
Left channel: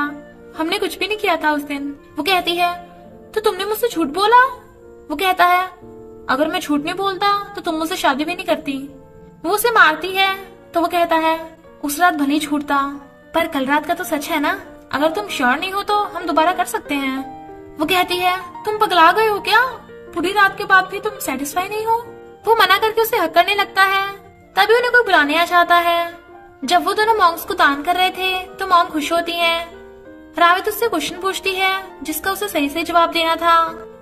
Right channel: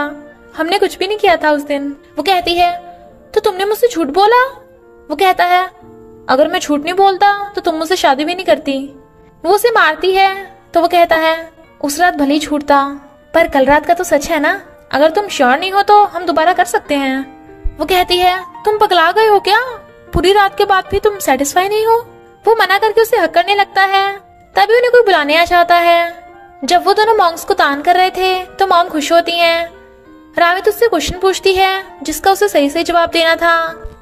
हमने कुछ भी नहीं किया था उस दिन। वो कहती है तो तुमने मुझसे झूठ बोला। वो कहता है अगर मैं झूठ नहीं बोलता तो तुम मुझसे शादी भी नहीं करती। वो उसे मारती है तो वो कहता है उस रात भले ही झूठ था, पर कल रात का तो सच है ना। अगर तुम श्योर नहीं हो तो हम दोबारा कर सकते हैं। वो कहती है तुम पगला गए हो क्या, पूरी रात के बाद भी तुम सेटिस्फाई नहीं हो। वो मना करके उसे हक करने लगता है। तभी उन्हें कोई बुलाने आ जाता है। जब वो दोनों मॉन्क्स को तान कर रहे थे तो मॉम खुश होती हैं। रावित उससे क्वेश्चन पूछती है जिसका उसे सही सही जवाब देना था।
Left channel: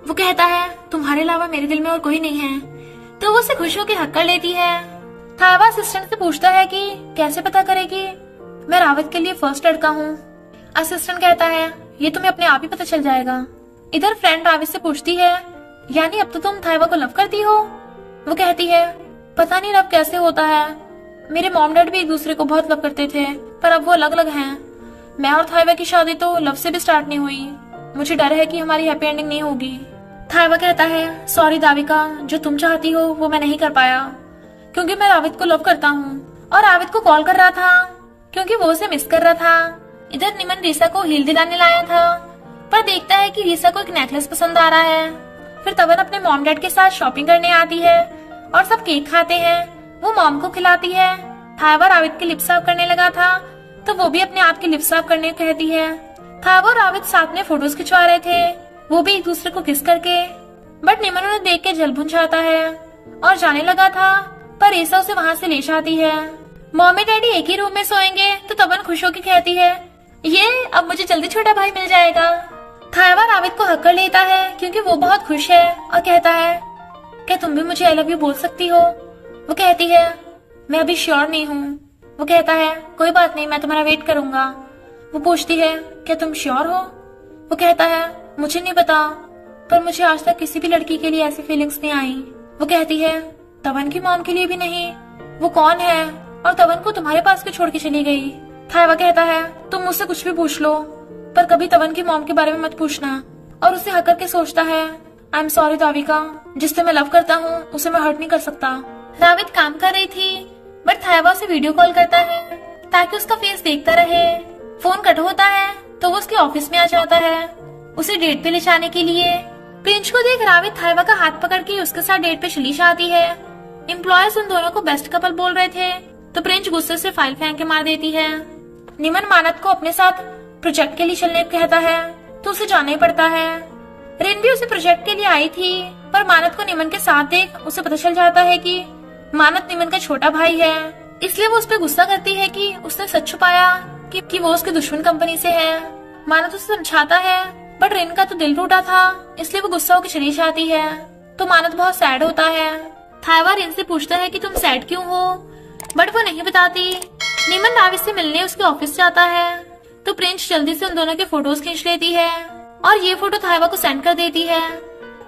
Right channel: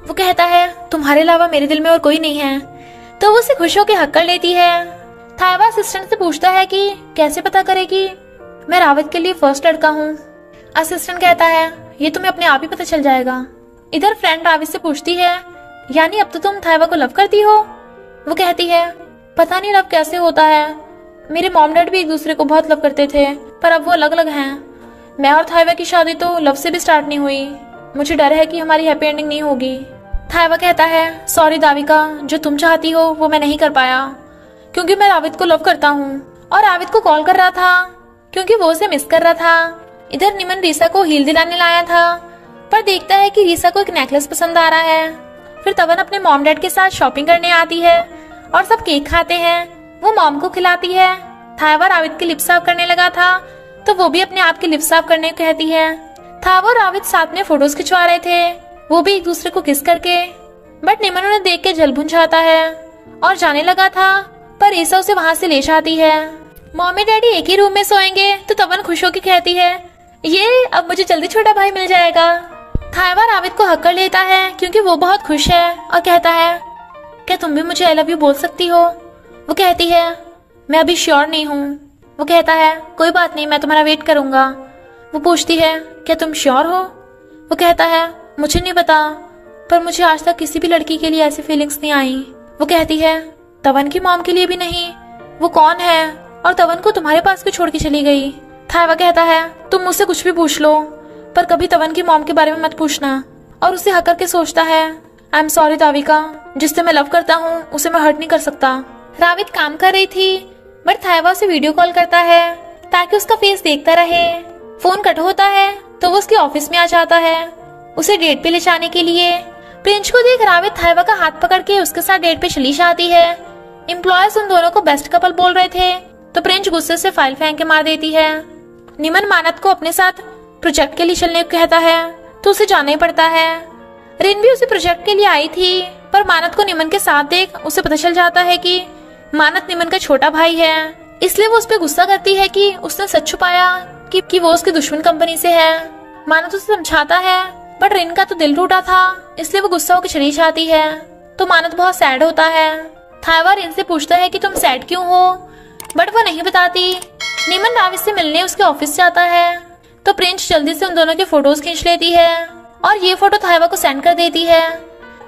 वो कहता है तुम्हारे अलावा मेरे दिल में और कोई नहीं है। तो वो उसे खुश होकर हक कर लेती है। थाइवा असिस्टेंट से पूछता है कि कैसे पता करेगी मैं रावित के लिए फर्स्ट लड़का हूँ। असिस्टेंट कहता है ये तुम्हें अपने आप ही पता चल जाएगा। इधर फ्रेंड रावित से पूछती है यानी अब तो तुम थाइवा को लव करती हो। वो कहती है पता नहीं लव कैसे होता है, मेरे मॉम डैड भी एक दूसरे को बहुत लव करते थे पर अब वो अलग अलग हैं। मैं और थाइवा की शादी तो लव से भी स्टार्ट नहीं हुई, मुझे डर है कि हमारी हैप्पी एंडिंग नहीं होगी। थाइवा कहता है सॉरी दाविका, जो तुम चाहती हो वो मैं नहीं कर पाया क्योंकि मैं रावित को लव करता हूँ। और रावित को कॉल कर रहा था क्योंकि वो उसे मिस कर रहा था। इधर निमन रीसा को हील दिलाने लाया था पर देखता है कि रीसा को एक नेकलेस पसंद आ रहा है। फिर तवन अपने मॉम डैड के साथ शॉपिंग करने आती है और सब केक खाते हैं। वो मॉम को खिलाती है। थाइवा रावित की लिप साफ करने लगा था तो वो भी अपने आप की लिप साफ करने को कहती है। थाइवा और रावित साथ में फोटोज खिंचवा रहे थे, वो भी एक दूसरे को किस करके। बट निमन उन्हें देख के जल भुन जाता है और जाने लगा था पर रीसा उसे वहाँ से ले जाती है। मम्मी डैडी एक ही रूम में सोएंगे तो तवन खुश होकर कहती है ये अब मुझे जल्दी छोटा भाई मिल जाएगा। थाइवा रावित को हक कर लेता है क्योंकि वो बहुत खुश है और कहता है क्या तुम भी मुझे आई लव यू बोल सकती हो। वो कहती है मैं अभी श्योर नहीं हूँ। वो कहता है कोई बात नहीं, मैं तुम्हारा वेट करूंगा। वो पूछती है क्या तुम श्योर हो। वो कहता है मुझे नहीं पता पर मुझे आज तक किसी भी लड़की के लिए ऐसी फीलिंग्स नहीं आई। वो कहती है तवन की मॉम के लिए भी नहीं। वो कौन है और तवन को तुम्हारे पास भी छोड़ के चली गई। थाइवा कहता है तुम मुझसे कुछ भी पूछ लो पर कभी तवन की मॉम के बारे में मत पूछना। और उसे हक करके सोचता है आई एम सॉरी दाविका, जिससे मैं लव करता हूँ उसे मैं हर्ट नहीं कर सकता। रावित काम कर रही थी बट थाइवा उसे वीडियो कॉल करता है ताकि उसका फेस देखता रहे। फोन कट होता है तो वो उसके ऑफिस में आ जाता है उसे डेट पे ले जाने के लिए। प्रिंस को देख रावित थाइवा का हाथ पकड़ के उसके साथ डेट पे चली जाती है। एम्प्लॉयर्स उन दोनों को बेस्ट कपल बोल रहे थे तो प्रिंस गुस्से से फाइल फेंक के मार देती है। निमन मानत को अपने साथ प्रोजेक्ट के लिए चलने को कहता है तो उसे जाना ही पड़ता है। रिन भी उसे प्रोजेक्ट के लिए आई थी पर मानत को निमन के साथ देख उसे पता चल जाता है कि मानत निमन का छोटा भाई है। इसलिए वो उस पर गुस्सा करती है कि उसने सच छुपाया कि वो उसकी दुश्मन कंपनी से है। मानत उसे समझाता है बट रिन का तो दिल टूटा था इसलिए वो गुस्सा होकर चली जाती है। तो मानत बहुत सैड होता है। थाइवा रिन से पूछता है कि तुम सैड क्यों हो बट वो नहीं बताती। निमन रावित से मिलने उसके ऑफिस से आता है तो प्रिंस जल्दी से उन दोनों के फोटोज खींच लेती है और ये फोटो थाइवा को सेंड कर देती है।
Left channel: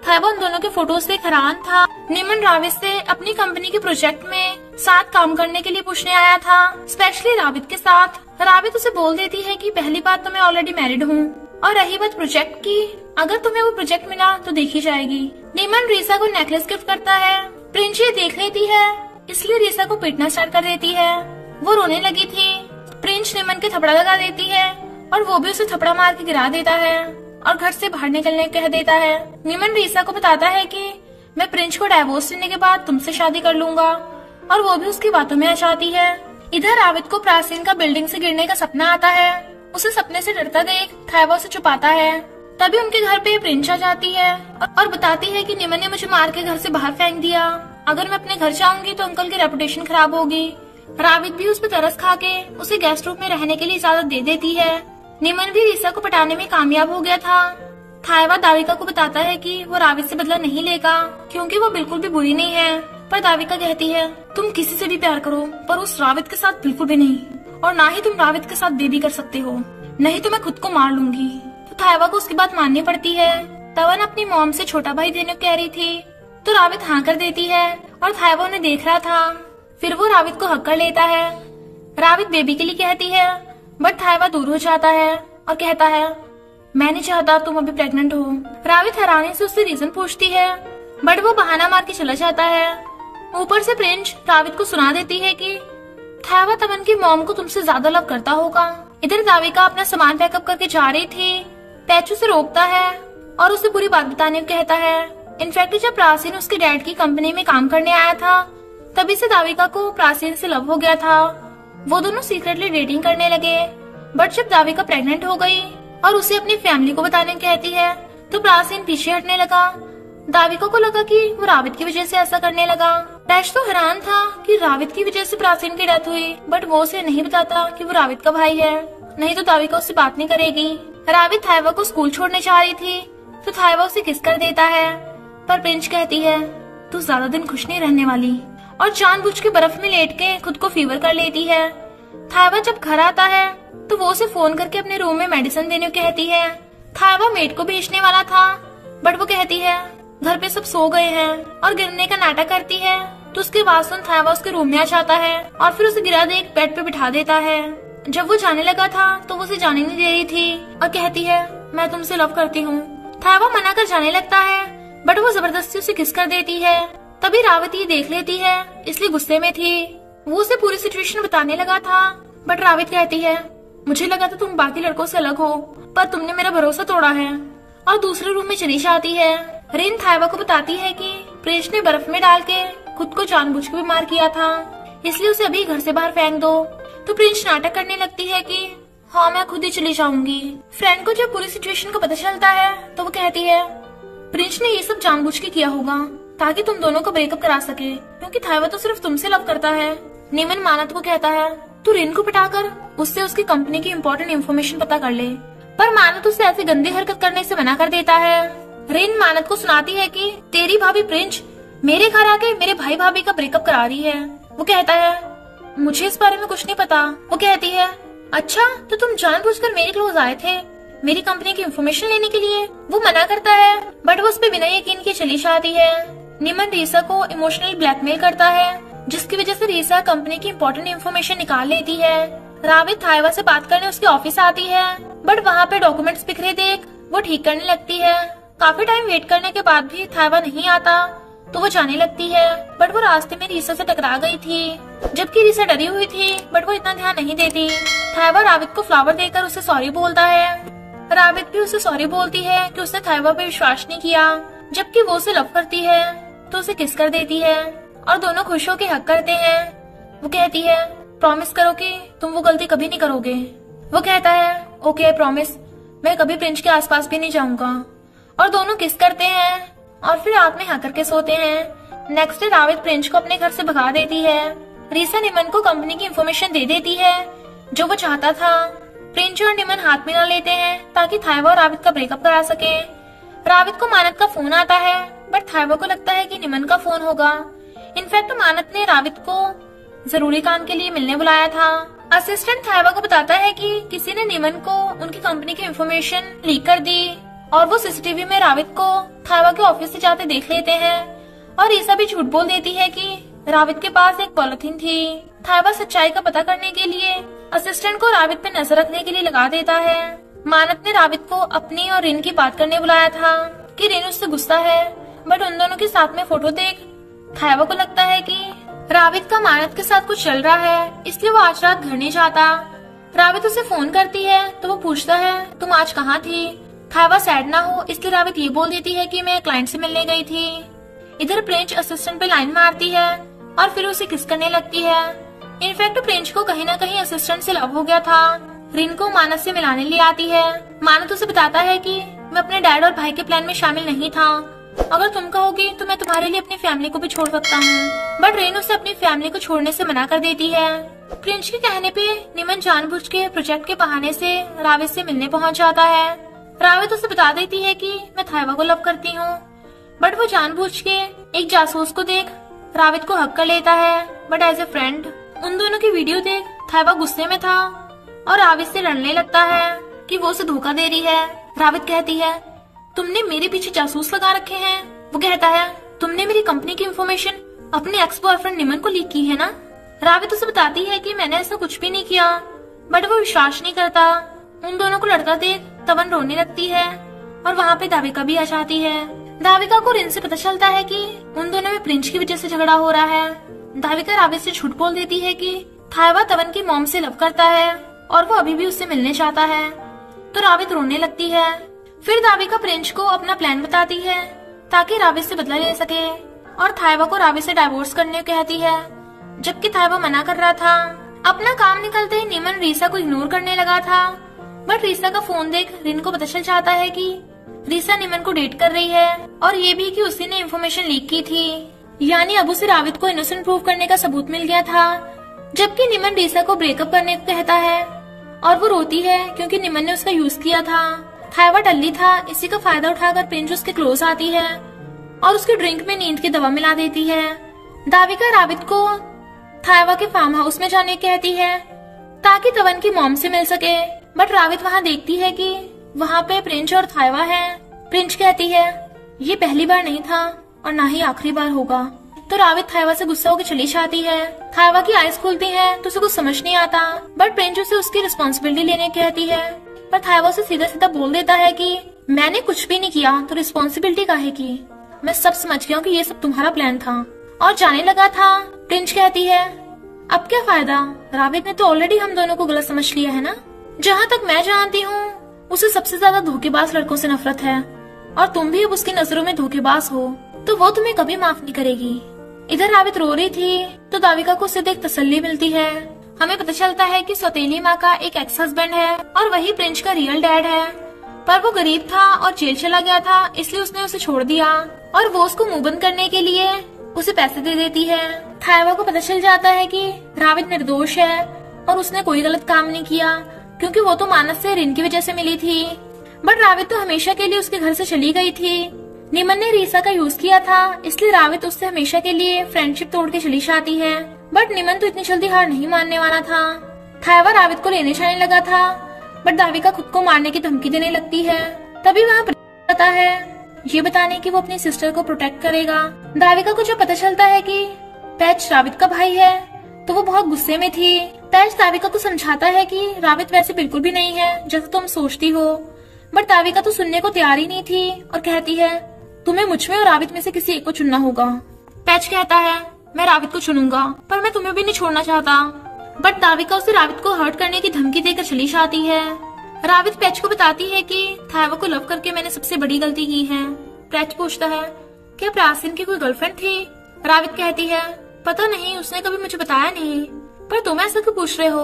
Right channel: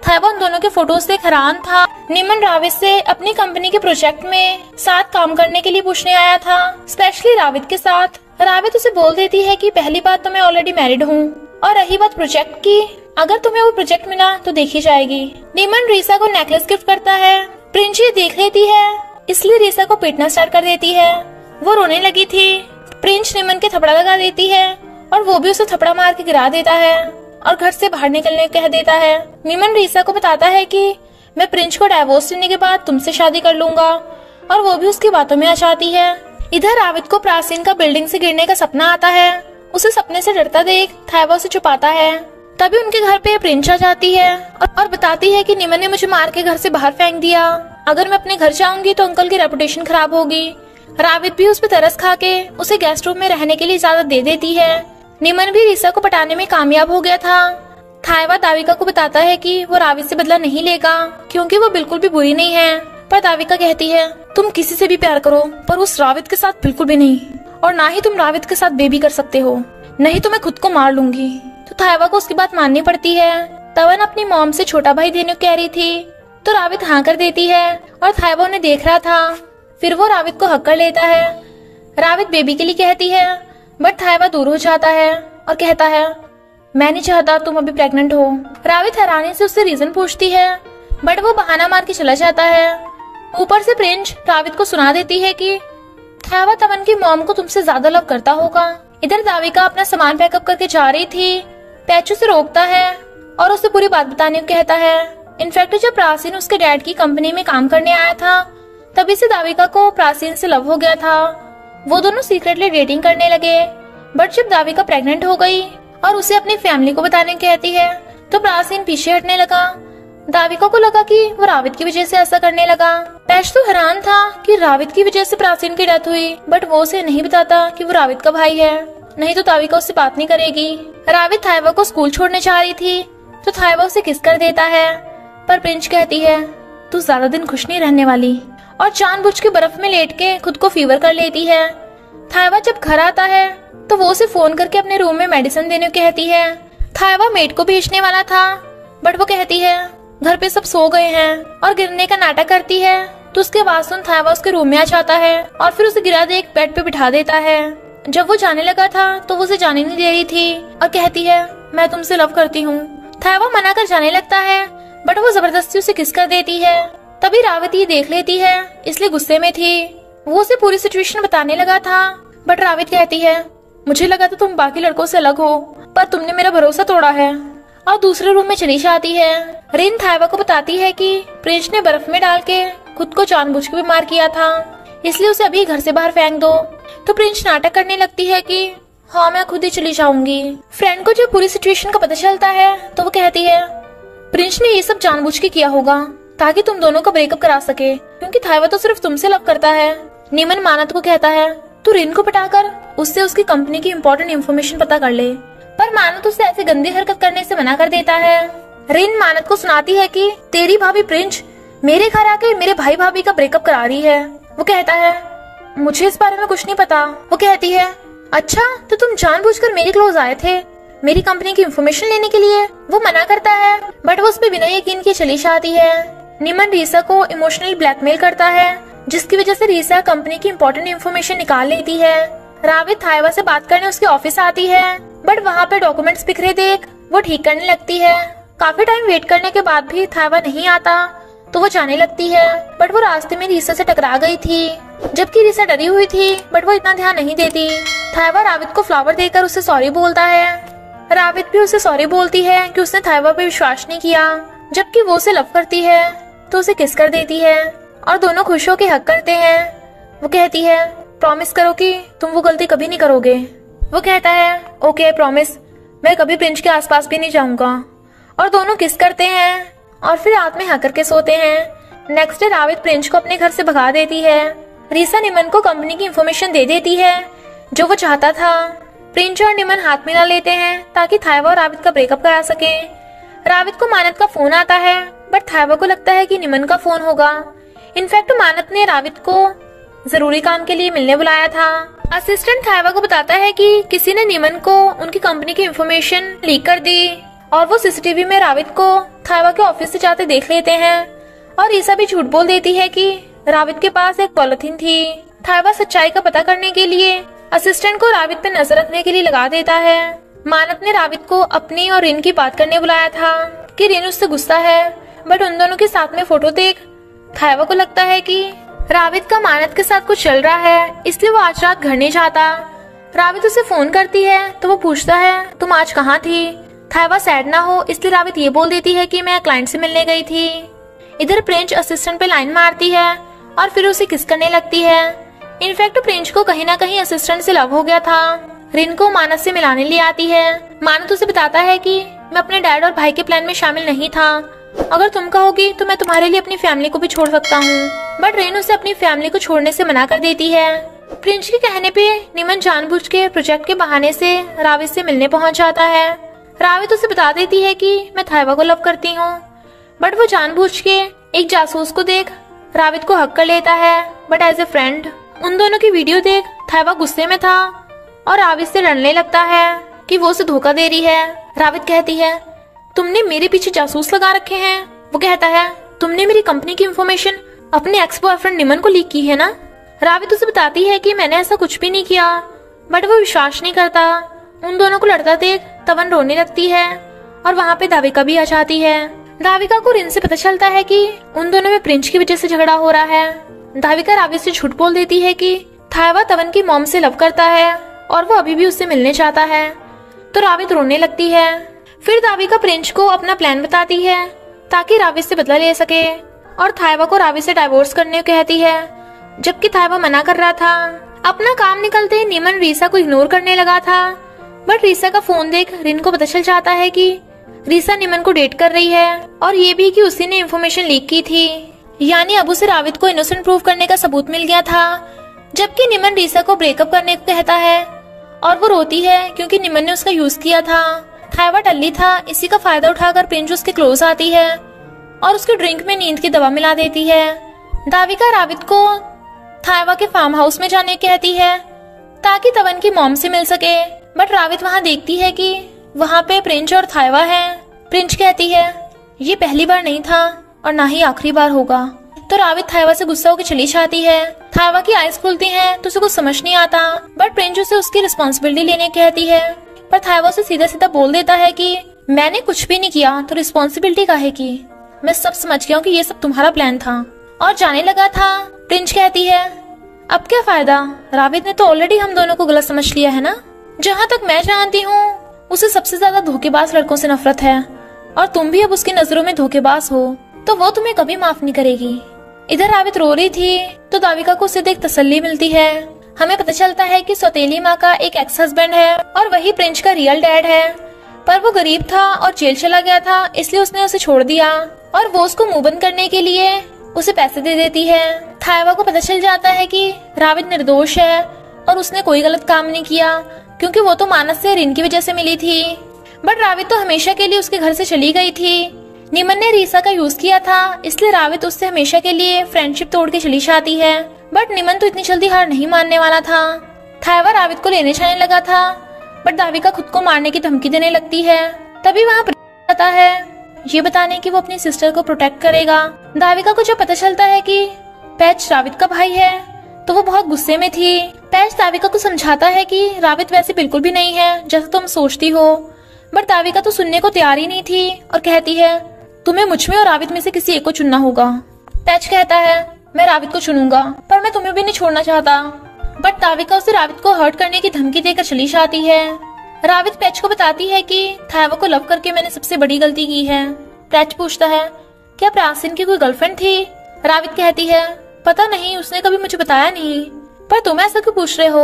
थाइवा उन दोनों के फोटोज से हैरान था। निमन रावित से अपनी कंपनी के प्रोजेक्ट में साथ काम करने के लिए पूछने आया था, स्पेशली रावित के साथ। रावित उसे बोल देती है कि पहली बात तो मैं ऑलरेडी मैरिड हूँ और रही बात प्रोजेक्ट की, अगर तुम्हें वो प्रोजेक्ट मिला तो देखी जाएगी। निमन रीसा को नेकलेस गिफ्ट करता है। प्रिंस ये देख लेती है इसलिए रीसा को पीटना स्टार्ट कर देती है। वो रोने लगी थी। प्रिंस निमन के थपड़ा लगा देती है और वो भी उसे थपड़ा मार के गिरा देता है और घर से बाहर निकलने कह देता है। निमन रीसा को बताता है कि मैं प्रिंस को डाइवोर्स लेने के बाद तुमसे शादी कर लूंगा और वो भी उसकी बातों में आ जाती है। इधर रावित को प्राचीन का बिल्डिंग से गिरने का सपना आता है। उसे सपने से डरता देख थाइवा उसे छुपाता है। तभी उनके घर पे प्रिंस आ जाती है और बताती है कि निमन ने मुझे मार के घर से बाहर फेंक दिया। अगर मैं अपने घर जाऊंगी तो अंकल की रेपुटेशन खराब होगी। रावित भी उस पर तरस खा के उसे गेस्ट रूम में रहने के लिए इजाजत दे देती है। निमन भी रीसा को पटाने में कामयाब हो गया था। थायवा दाविका को बताता है कि वो रावित से बदला नहीं लेगा क्योंकि वो बिल्कुल भी बुरी नहीं है। पर दाविका कहती है तुम किसी से भी प्यार करो पर उस रावित के साथ बिल्कुल भी नहीं, और ना ही तुम रावित के साथ बेबी कर सकते हो, नहीं तो मैं खुद को मार लूंगी। तो थायवा को उसकी बात माननी पड़ती है। तवन अपनी मॉम से छोटा भाई देने को कह रही थी तो रावित हाँ कर देती है और थायवा उन्हें देख रहा था। फिर वो रावित को हक कर लेता है। रावित बेबी के लिए कहती है बट थायवा दूर हो जाता है और कहता है मैं नहीं चाहता तुम अभी प्रेग्नेंट हो। रावित हैरानी से उससे रीजन पूछती है बट वो बहाना मार के चला जाता है। ऊपर से प्रिंस रावित को सुना देती है कि थायवा तमन की मॉम को तुमसे ज्यादा लव करता होगा। इधर दाविका अपना सामान पैकअप करके जा रही थी। पैचू से रोकता है और उसे पूरी बात बताने को कहता है। इनफैक्ट जब प्राचीन उसके डैड की कंपनी में काम करने आया था तभी से दाविका को प्राचीन से लव हो गया था। वो दोनों सीक्रेटली डेटिंग करने लगे। बट जब दाविका प्रेग्नेंट हो गई और उसे अपनी फैमिली को बताने कहती है तो प्राचीन पीछे हटने लगा। दाविका को लगा कि वो रावित की वजह से ऐसा करने लगा। पैच तो हैरान था कि रावित की वजह से प्राचीन की डेथ हुई बट वो उसे नहीं बताता कि वो रावित का भाई है, नहीं तो दाविका उससे बात नहीं करेगी। रावित थायवा को स्कूल छोड़ने जा रही थी तो थायवा उसे किस कर देता है पर प्रिंस कहती है तू ज्यादा दिन खुश नहीं रहने वाली और जानबूझ के बर्फ में लेट के खुद को फीवर कर लेती है। थायवा जब घर आता है तो वो उसे फोन करके अपने रूम में मेडिसिन देने को कहती है। थायवा मेड को भेजने वाला था बट वो कहती है घर पे सब सो गए हैं और गिरने का नाटक करती है तो उसके बाद सुन थायवा उसके रूम में आ जाता है और फिर उसे गिरा दे एक बेड पे बिठा देता है। जब वो जाने लगा था तो वो उसे जाने नहीं दे रही थी और कहती है मैं तुमसे लव करती हूँ। थायवा मना कर जाने लगता है बट वो जबरदस्ती उसे किस कर देती है। तभी रावित ये देख लेती है इसलिए गुस्से में थी। वो उसे पूरी सिचुएशन बताने लगा था बट रावित कहती है मुझे लगा था तुम बाकी लड़कों से अलग हो पर तुमने मेरा भरोसा तोड़ा है, और दूसरे रूम में चली जाती है। रिन थायवा को बताती है कि प्रिंस ने बर्फ में डाल के खुद को जानबूझ के बीमार किया था इसलिए उसे अभी घर से बाहर फेंक दो। तो प्रिंस नाटक करने लगती है कि हाँ मैं खुद ही चली जाऊंगी। फ्रेंड को जब पूरी सिचुएशन का पता चलता है तो वो कहती है प्रिंस ने ये सब जानबूझ के किया होगा ताकि तुम दोनों का ब्रेकअप करा सके क्योंकि थायवा तो सिर्फ तुमसे लव करता है। निमन मानत को कहता है तू रिन को पटाकर उससे उसकी कंपनी की इम्पोर्टेंट इन्फॉर्मेशन पता कर ले, पर मानत उसे ऐसी गंदी हरकत करने से मना कर देता है। रिन मानत को सुनाती है कि तेरी भाभी प्रिंस मेरे घर आके मेरे भाई भाभी का ब्रेकअप करा रही है। वो कहता है मुझे इस बारे में कुछ नहीं पता। वो कहती है अच्छा तो तुम जानबूझकर मेरे क्लोज आए थे मेरी कंपनी की इन्फॉर्मेशन लेने के लिए। वो मना करता है बट वो उस पर बिना यकीन के चली जाती है। निमन रीसा को इमोशनली ब्लैकमेल करता है जिसकी वजह से रीसा कंपनी की इम्पोर्टेंट इन्फॉर्मेशन निकाल लेती है। रावित थायवा से बात करने उसके ऑफिस आती है बट वहाँ पे डॉक्यूमेंट्स बिखरे देख वो ठीक करने लगती है। काफी टाइम वेट करने के बाद भी थायवा नहीं आता तो वो जाने लगती है बट वो रास्ते में रीसा से टकरा गई थी जबकि रीसा डरी हुई थी बट वो इतना ध्यान नहीं देती। थायवा रावित को फ्लावर देकर उसे सॉरी बोलता है। रावित भी उसे सॉरी बोलती है कि उसने थायवा पे विश्वास नहीं किया, जबकि वो उसे लव करती है तो उसे किस कर देती है और दोनों खुश होकर हक करते हैं। वो कहती है प्रॉमिस करो कि तुम वो गलती कभी नहीं करोगे। वो कहता है ओके प्रॉमिस, मैं कभी प्रिंस के आसपास भी नहीं जाऊंगा। और दोनों किस करते हैं और फिर रात में हक करके सोते हैं। नेक्स्ट डे रावित प्रिंस को अपने घर से भगा देती है। रीसा निमन को कंपनी की इन्फॉर्मेशन दे देती है जो वो चाहता था। प्रिंस और निमन हाथ मिला लेते हैं ताकि थायवा और रावित का ब्रेकअप करा सके। रावित को मानत का फोन आता है बट थायवा को लगता है कि निमन का फोन होगा। इनफैक्ट मानत ने रावित को जरूरी काम के लिए मिलने बुलाया था। असिस्टेंट थायवा को बताता है कि किसी ने निमन को उनकी कंपनी की इन्फॉर्मेशन लीक कर दी और वो सीसीटीवी में रावित को थायवा के ऑफिस से जाते देख लेते हैं। और रीसा भी झूठ बोल देती है कि रावित के पास एक पॉलिथीन थी। थायवा सच्चाई का पता करने के लिए असिस्टेंट को रावित पे नजर रखने के लिए लगा देता है। मानत ने रावित को अपनी और रिन की बात करने बुलाया था कि रिन उससे गुस्सा है बट उन दोनों के साथ में फोटो देख थायवा को लगता है कि रावित का मानत के साथ कुछ चल रहा है इसलिए वो आज रात घर नहीं जाता। रावित उसे फोन करती है तो वो पूछता है तुम आज कहाँ थी। थायवा सैड ना हो इसलिए रावित ये बोल देती है कि मैं क्लाइंट से मिलने गई थी। इधर प्रिंस असिस्टेंट पे लाइन मारती है और फिर उसे किस करने लगती है। इनफैक्ट प्रिंस को कहीं ना कहीं असिस्टेंट से लव हो गया था। रिन को मानत से मिलाने ले आती है। मानत उसे बताता है कि मैं अपने डैड और भाई के प्लान में शामिल नहीं था अगर तुम कहोगी तो मैं तुम्हारे लिए अपनी फैमिली को भी छोड़ सकता हूँ। बट रेन उसे अपनी फैमिली को छोड़ने से मना कर देती है। प्रिंस के कहने पे निमन जानबूझ के प्रोजेक्ट के बहाने से रावित से मिलने पहुंच जाता है। रावित उसे बता देती है कि मैं थाइवा को लव करती हूँ, बट वो जानबूझ के एक जासूस को देख रावित को हक कर लेता है। बट एज ए फ्रेंड उन दोनों की वीडियो देख थाइवा गुस्से में था और रावित से लड़ने लगता है कि वो उसे धोखा दे रही है। रावित कहती है, तुमने मेरे पीछे जासूस लगा रखे हैं। वो कहता है, तुमने मेरी कंपनी की इंफॉर्मेशन अपने एक्स बॉयफ्रेंड निमन को लीक की है ना। रावित उसे बताती है कि मैंने ऐसा कुछ भी नहीं किया, बट वो विश्वास नहीं करता। उन दोनों को लड़ता देख तवन रोने लगती है और वहाँ पे दाविका भी आ जाती है। दाविका को रिन से पता चलता है कि उन दोनों में प्रिंस की वजह से झगड़ा हो रहा है। दाविका रावित से झूठ बोल देती है कि थाइवा तवन की मॉम से लव करता है और वो अभी भी उससे मिलने चाहता है। तो रावित रोने लगती है। फिर दाविका प्रिंस को अपना प्लान बताती है ताकि रावित से बदला ले सके और थाइवा को रावित से डाइवोर्स करने को कहती है, जबकि थाइवा मना कर रहा था। अपना काम निकलते निमन रीसा को इग्नोर करने लगा था, बट रीसा का फोन देख रिन को पता चल जाता है कि रीसा निमन को डेट कर रही है और ये भी कि उसी ने इन्फॉर्मेशन लीक की थी। यानी अब उसे रावित को इनोसेंट प्रूव करने का सबूत मिल गया था। जबकि निमन रीसा को ब्रेकअप करने को कहता है और वो रोती है क्योंकि निमन ने उसका यूज किया था। थाइवा टल्ली था, इसी का फायदा उठाकर प्रिंस उसके क्लोज आती है और उसके ड्रिंक में नींद की दवा मिला देती है। दाविका रावित को थाइवा के फार्म हाउस में जाने कहती है ताकि तवन की मॉम से मिल सके, बट रावित वहाँ देखती है कि वहाँ पे प्रिंस और थाइवा है। प्रिंस कहती है, ये पहली बार नहीं था और ना ही आखिरी बार होगा। तो रावित थाइवा से गुस्सा होकर चली जाती है। थाइवा की आईज खुलती हैं तो उसे कुछ समझ नहीं आता, बट प्रिंस उसे उसकी रिस्पॉन्सिबिलिटी लेने कहती है। पर थाइवा उसे सीधा सीधा बोल देता है कि मैंने कुछ भी नहीं किया तो रिस्पॉन्सिबिलिटी काहे की, मैं सब समझ गया हूँ कि ये सब तुम्हारा प्लान था और जाने लगा था। प्रिंस कहती है, अब क्या फायदा, रावित ने तो ऑलरेडी हम दोनों को गलत समझ लिया है ना। जहाँ तक मैं जानती हूँ उसे सबसे ज्यादा धोखेबाज लड़कों से नफरत है और तुम भी अब उसकी नजरों में धोखेबाज हो, तो वो तुम्हें कभी माफ नहीं करेगी। इधर रावित रो रही थी तो दाविका को उसे देख तसल्ली मिलती है। हमें पता चलता है कि सौतेली माँ का एक एक्स हस्बैंड है और वही प्रिंस का रियल डैड है, पर वो गरीब था और जेल चला गया था, इसलिए उसने उसे छोड़ दिया और वो उसको मुंह बंद करने के लिए उसे पैसे दे देती है। थाइवा को पता चल जाता है कि रावित निर्दोष है और उसने कोई गलत काम नहीं किया क्योंकि वो तो मानस से रिन की वजह से मिली थी, बट रावित तो हमेशा के लिए उसके घर से चली गई थी। निमन ने रीसा का यूज किया था, इसलिए रावित उससे हमेशा के लिए फ्रेंडशिप तोड़ के चली जाती है, बट निमन तो इतनी जल्दी हार नहीं मानने वाला था। थाइवा रावित को लेने जाने लगा था, बट दाविका खुद को मारने की धमकी देने लगती है। तभी वहाँ आता है ये बताने कि वो अपनी सिस्टर को प्रोटेक्ट करेगा। दाविका को जब पता चलता है कि पैच रावित का भाई है तो वो बहुत गुस्से में थी। पैच दाविका को समझाता है कि रावित वैसे बिल्कुल भी नहीं है जैसा तुम सोचती हो, बट दाविका तो सुनने को तैयार ही नहीं थी और कहती है, तुम्हें मुझ में और रावित में से किसी एक को चुनना होगा। पैच कहता है, मैं रावित को चुनूंगा, पर मैं तुम्हें भी नहीं छोड़ना चाहता, बट दाविका उसे रावित को हर्ट करने की धमकी देकर चली जाती है। रावित पैच को बताती है कि थाइवा को लव करके मैंने सबसे बड़ी गलती की है। पैच पूछता है, क्या प्रासिन की कोई गर्लफ्रेंड थी? रावित कहती है, पता नहीं, उसने कभी मुझे बताया नहीं, पर तुम ऐसा क्यों पूछ रहे हो?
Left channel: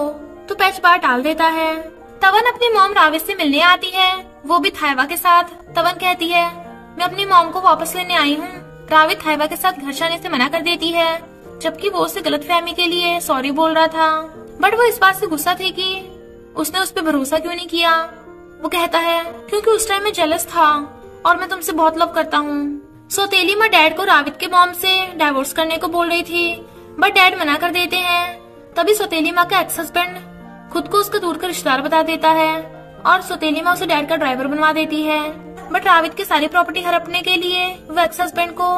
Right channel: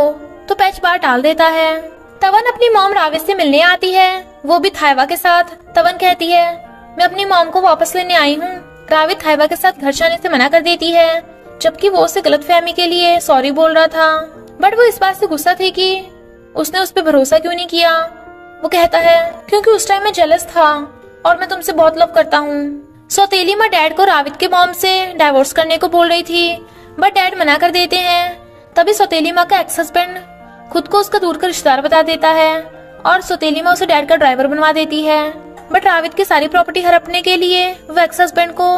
तो पैच बात टाल देता है। तवन अपनी मॉम रावित से मिलने आती है, वो भी थाइवा के साथ। तवन कहती है, मैं अपनी मॉम को वापस लेने आई हूँ। रावित थाइवा के साथ घर जाने से मना कर देती है, जबकि वो उसे गलतफहमी के लिए सॉरी बोल रहा था, बट वो इस बात से गुस्सा थी कि उसने उस पर भरोसा क्यों नहीं किया। वो कहता है, क्योंकि उस टाइम मैं जेलस था और मैं तुमसे बहुत लव करता हूँ। सौतेली माँ डैड को रावित के मॉम से डाइवोर्स करने को बोल रही थी, बट डैड मना कर देते हैं। तभी सौतेली माँ का एक्स हस्बैंड खुद को उसका दूर का रिश्तेदार बता देता है और सौतेली माँ उसे डैड का ड्राइवर बनवा देती है, बट रावित की सारी प्रॉपर्टी हड़पने के लिए वो एक्स हस्बैंड को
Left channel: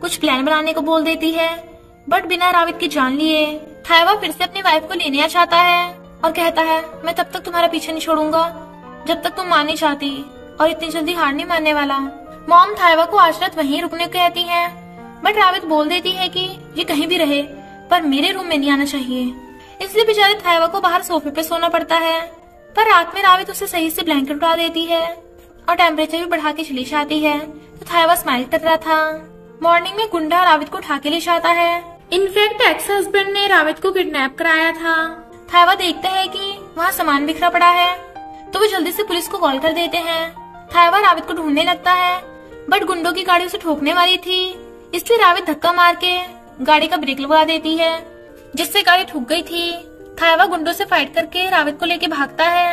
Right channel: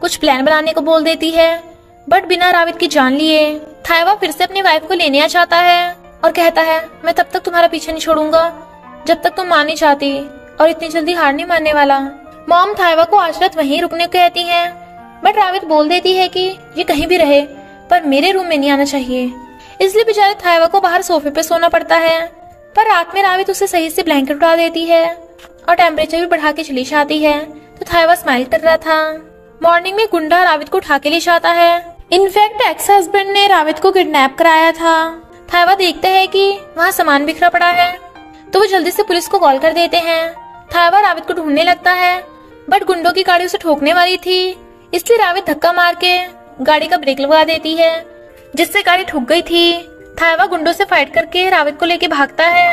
कुछ प्लान बनाने को बोल देती है, बट बिना रावित की जान लिए। थाइवा फिर से अपनी वाइफ को लेने आ जाता है और कहता है, मैं तब तक तुम्हारा पीछे नहीं छोड़ूंगा जब तक तुम मान नहीं चाहती, और इतनी जल्दी हार नहीं मानने वाला। मॉम थाइवा को आज रात वहीं रुकने को कहती है, बट रावित बोल देती है कि ये कहीं भी रहे पर मेरे रूम में नहीं आना चाहिए, इसलिए बेचारे थाइवा को बाहर सोफे पे सोना पड़ता है। पर रात में रावित उसे सही से ब्लैंकेट उड़ा देती है और टेम्परेचर भी बढ़ा के चली जाती है, तो थाइवा स्माइल कर रहा था। मॉर्निंग में गुंडा रावित को उठा के ले जाता है। इनफैक्ट एक्स हस्बैंड ने रावित को किडनैप कराया था। थाइवा देखता है कि वहाँ सामान बिखरा पड़ा है, तो वो जल्दी से पुलिस को कॉल कर देते हैं। थाइवा रावित को ढूंढने लगता है, बट गुंडों की गाड़ी उसे ठोकने वाली थी, इसलिए रावित धक्का मार के गाड़ी का ब्रेक लगवा देती है, जिससे गाड़ी ठुक गई थी। थायवा गुंडों से फाइट करके रावित को लेके भागता है।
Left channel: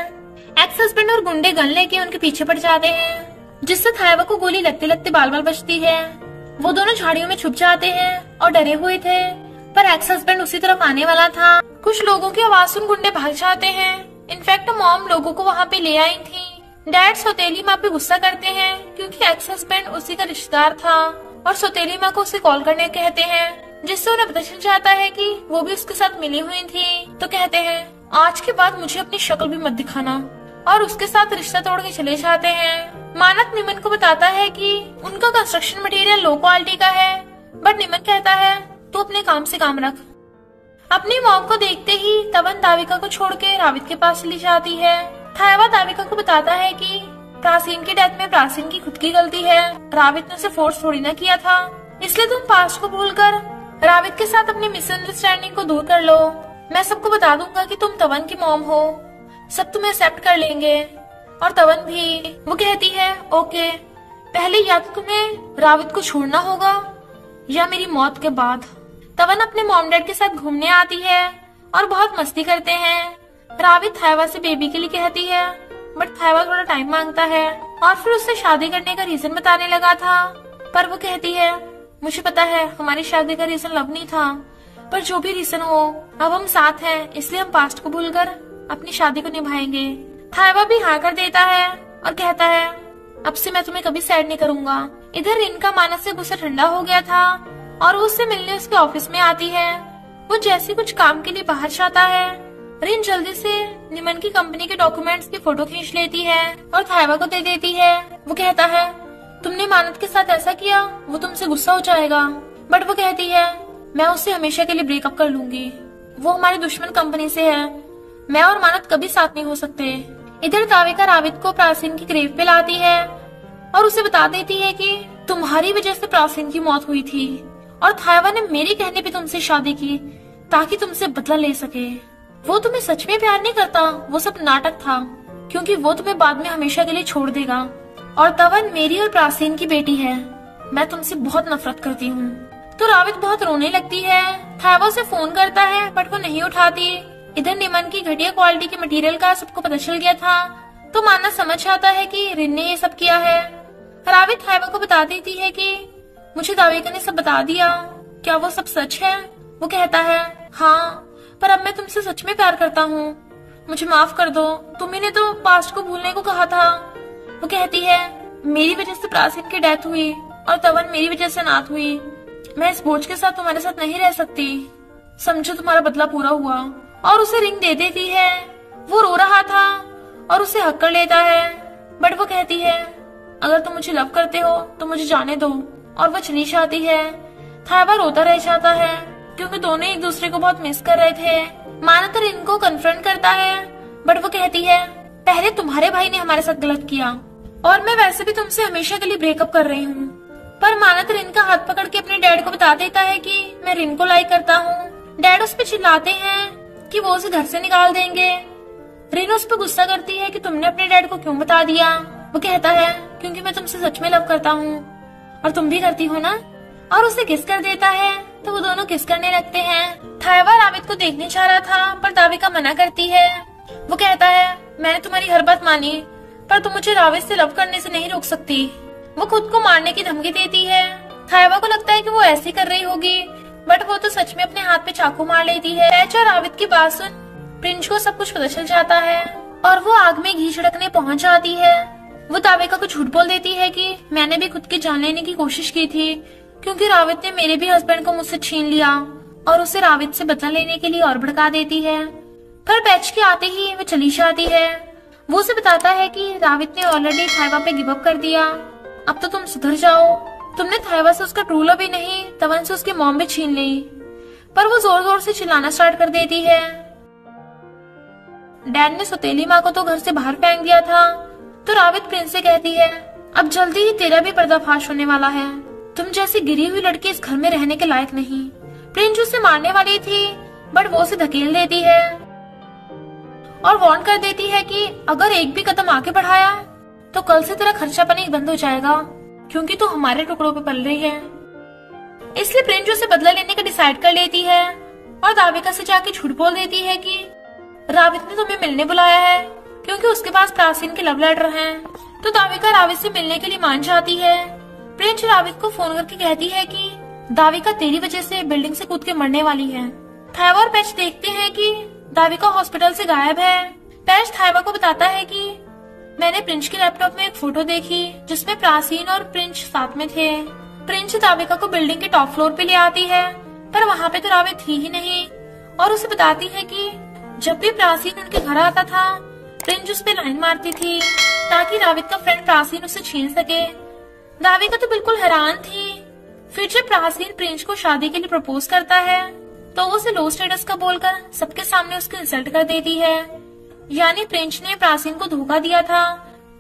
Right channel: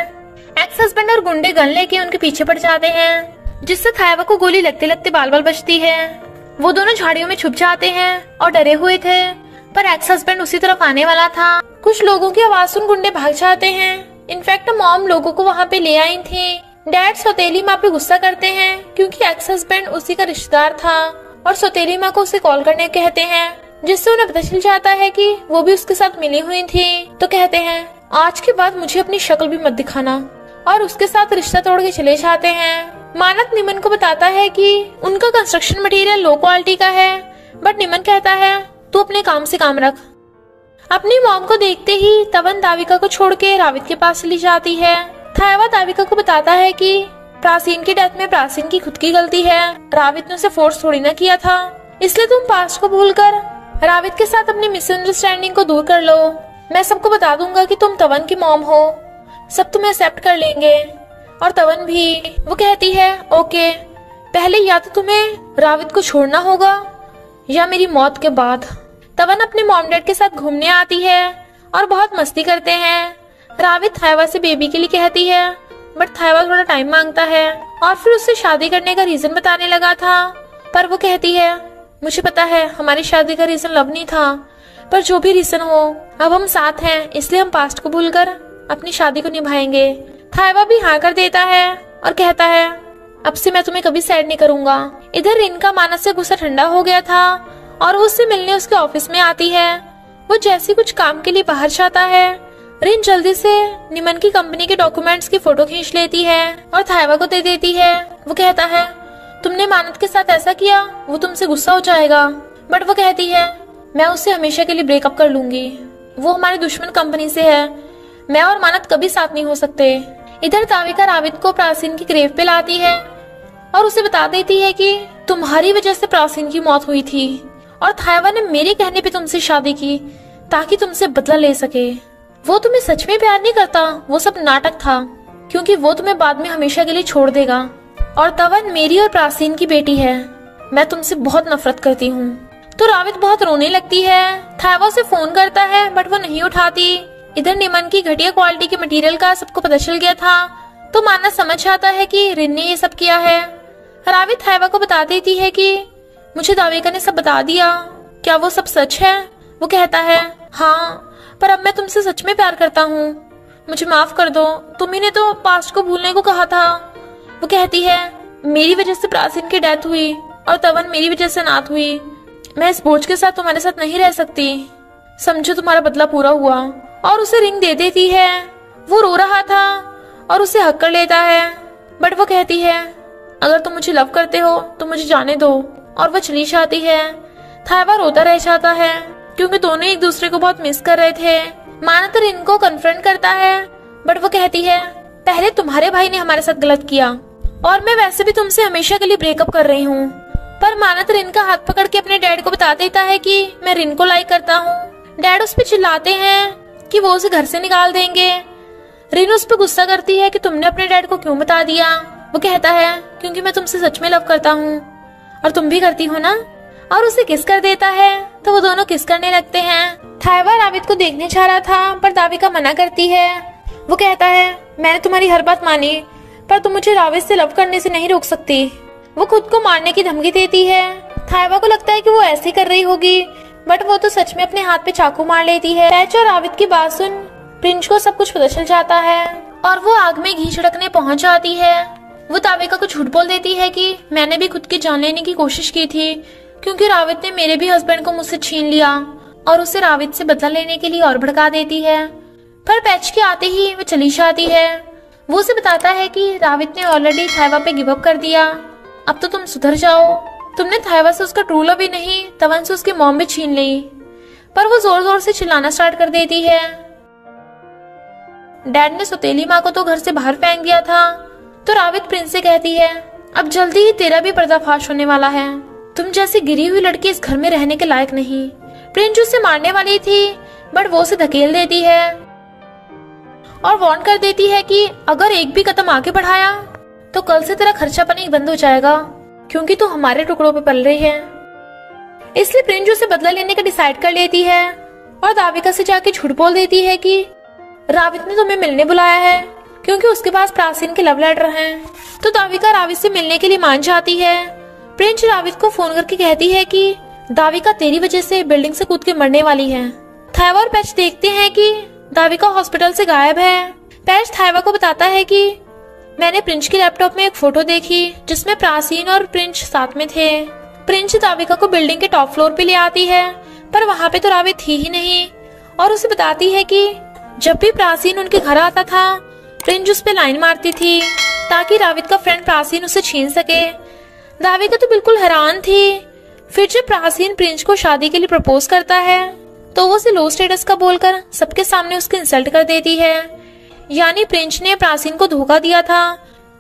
एक्स हस्बैंड और गुंडे गन लेके उनके पीछे पड़ जाते हैं, जिससे थायवा को गोली लगते लगते बाल बाल बचती है। वो दोनों झाड़ियों में छुप जाते हैं और डरे हुए थे, पर एक्स हस्बैंड उसी तरफ आने वाला था। कुछ लोगों की आवाज सुन गुंडे भाग जाते हैं। इनफैक्ट मॉम लोगों को वहाँ पे ले आई थी। डैड सौतेली माँ पे गुस्सा करते हैं क्योंकि एक्स हस्बैंड उसी का रिश्तेदार था, और सौतेली माँ को उसे कॉल करने कहते हैं, जिससे उन्हें पता चल जाता है कि वो भी उसके साथ मिली हुई थी। तो कहते हैं आज के बाद मुझे अपनी शक्ल भी मत दिखाना, और उसके साथ रिश्ता तोड़ के चले जाते हैं। मानत निमन को बताता है कि उनका कंस्ट्रक्शन मटेरियल लो क्वालिटी का है, बट निमन कहता है तू अपने काम से काम रख। अपनी मॉम को देखते ही तवन दाविका को छोड़ के रावित के पास चली जाती है। थायवा दाविका को बताता है कि प्राचीन की डेथ में प्राचीन की खुद की गलती है, रावित ने उसे फोर्स थोड़ी ना किया था, इसलिए तुम पास्ट को भूलकर रावित के साथ अपनी मिसअंडरस्टैंडिंग को दूर कर लो। मैं सबको बता दूंगा कि तुम तवन की मॉम हो, सब तुम्हें एक्सेप्ट कर लेंगे, और तवन भी। वो कहती है ओके, पहले या तो तुम्हें रावित को छोड़ना होगा या मेरी मौत के बाद। तवन अपने मॉम डैड के साथ घूमने आती है और बहुत मस्ती करते हैं। रावित थायवा से बेबी के लिए कहती है, बट थायवा थोड़ा टाइम मांगता है और फिर उससे शादी करने का रीजन बताने लगा था, पर वो कहती है मुझे पता है हमारी शादी का रीजन लव नहीं था, पर जो भी रीजन हो अब हम साथ हैं, इसलिए हम पास्ट को भूलकर अपनी शादी को निभाएंगे। थायवा भी हाँ कर देता है और कहता है अब से मैं तुम्हें कभी सैड नहीं करूंगा। इधर रिन का मानस से गुस्सा ठंडा हो गया था और वो उससे मिलने उसके ऑफिस में आती है। वो जैसे कुछ काम के लिए बाहर जाता है, रिन जल्दी से निमन की कंपनी के डॉक्यूमेंट्स की फोटो खींच लेती है और थायवा को दे देती है। वो कहता है तुमने मानत के साथ ऐसा किया, वो तुमसे गुस्सा हो जाएगा, बट वो कहती है मैं उससे हमेशा के लिए ब्रेकअप कर लूंगी, वो हमारी दुश्मन कंपनी से है, मैं और मानत कभी साथ नहीं हो सकते। इधर दाविका रावित को प्राचीन की ग्रेव पे लाती है और उसे बता देती है कि तुम्हारी वजह से प्राचीन की मौत हुई थी और थायवा ने मेरे कहने पे तुमसे शादी की ताकि तुमसे बदला ले सके। वो तुम्हें सच में प्यार नहीं करता, वो सब नाटक था, क्योंकि वो तुम्हें बाद में हमेशा के लिए छोड़ देगा। और तवन मेरी और प्राचीन की बेटी है, मैं तुमसे बहुत नफरत करती हूँ। तो रावित बहुत रोने लगती है। थायवा से फोन करता है बट वो नहीं उठाती। इधर निमन की घटिया क्वालिटी के मटेरियल का सबको पता चल गया था, तो मानस समझ आता है कि रिन ने ये सब किया है। रावित थायवा को बता देती है कि मुझे दाविका ने सब बता दिया, क्या वो सब सच है? वो कहता है हाँ, पर अब मैं तुमसे सच में प्यार करता हूँ, मुझे माफ कर दो, तुम्ही ने तो पास्ट को भूलने को कहा था। वो कहती है मेरी वजह से प्राचीन की डेथ हुई और तवन मेरी वजह से अनाथ हुई, मैं इस बोझ के साथ तुम्हारे साथ नहीं रह सकती, समझो तुम्हारा बदला पूरा हुआ। और उसे रिंग दे देती है। वो रो रहा था और उसे हक कर लेता है, बट वो कहती है अगर तुम मुझे लव करते हो तो मुझे जाने दो, और वो चली जाती है। थायवा रोता रह जाता है क्योंकि दोनों एक दूसरे को बहुत मिस कर रहे थे। मानत रिन को कन्फ्रंट करता है, बट वो कहती है पहले तुम्हारे भाई ने हमारे साथ गलत किया और मैं वैसे भी तुमसे हमेशा के लिए ब्रेकअप कर रही हूँ। पर मानत रिन का हाथ पकड़ के अपने डैड को बता देता है कि मैं रिन को लाइक करता हूँ। डैड उस पर चिल्लाते हैं कि वो उसे घर से निकाल देंगे। रिन उस पर गुस्सा करती है कि तुमने अपने डैड को क्यों बता दिया। वो कहता है क्योंकि मैं तुमसे सच में लव करता हूँ और तुम भी करती हो ना, और उसे किस कर देता है। तो वो दोनों किस करने लगते हैं। थायवा रावित को देखने जा रहा था पर दाविका मना करती है। वो कहता है मैंने तुम्हारी हर बात मानी, पर तुम मुझे रावित से लव करने से नहीं रोक सकती। वो खुद को मारने की धमकी देती है। थायवा को लगता है कि वो ऐसे कर रही होगी, बट वो तो सच में अपने हाथ पे चाकू मार लेती है। पैच और रावित की बात सुन प्रिंस को सब कुछ पता चल जाता है और वो आग में घी छिड़कने पहुंच जाती है। वो दाविका को झूठ बोल देती है कि मैंने भी खुद की जान लेने की कोशिश की थी, क्योंकि रावित ने मेरे भी हस्बैंड को मुझसे छीन लिया, और उसे रावित से बदला लेने के लिए और भड़का देती है। पर पैच के आते ही वो चली जाती है। वो उसे बताता है कि रावित ने ऑलरेडी थायवा पे गिव अप कर दिया, अब तो तुम सुधर जाओ। तुमने थायवा से उसका ट्रू लव ही नहीं, तवन से उसकी मॉम भी छीन ली। पर वो जोर जोर से चिल्लाना स्टार्ट कर देती है। डैड ने सौतेली माँ को तो घर से बाहर फेंक दिया था। तो रावित प्रिंस से कहती है अब जल्दी ही तेरा भी पर्दाफाश होने वाला है, तुम जैसी गिरी हुई लड़की इस घर में रहने के लायक नहीं। प्रिंस उसे मारने वाली थी, बट वो उसे धकेल देती है और वार्न कर देती है कि अगर एक भी कदम आगे बढ़ाया तो कल से तेरा खर्चा पानी बंद हो जाएगा। क्योंकि तू हमारे टुकड़ों पे पल रही है। इसलिए प्रिंस उसे बदला लेने का डिसाइड कर लेती है और दाविका से जाके झूठ बोल देती है कि रावित ने तुम्हें मिलने बुलाया है क्योंकि उसके पास प्राचीन के लव लेटर हैं। तो दाविका रावित से मिलने के लिए मान जाती है। प्रिंस रावित को फोन करके कहती है कि दाविका तेरी वजह से बिल्डिंग से कूद के मरने वाली है। थाइवा और पैच देखते हैं कि दाविका हॉस्पिटल से गायब है। पैच थाइवा को बताता है कि मैंने प्रिंस के लैपटॉप में एक फोटो देखी जिसमें प्राचीन और प्रिंस साथ में थे। प्रिंस दाविका को बिल्डिंग के टॉप फ्लोर पे ले आती है पर वहाँ पे तो रावित थी ही नहीं और उसे बताती है कि जब भी प्राचीन उनके घर आता था प्रिंस उस पे लाइन मारती थी ताकि रावित का फ्रेंड प्राचीन उसे छीन सके। दाविका तो बिल्कुल हैरान थी। फिर जब प्राचीन प्रिंस को शादी के लिए प्रपोज करता है तो वो उसे लो स्टेटस का बोलकर सबके सामने उसकी इंसल्ट कर देती है। यानी प्रिंस ने प्राचीन को धोखा दिया था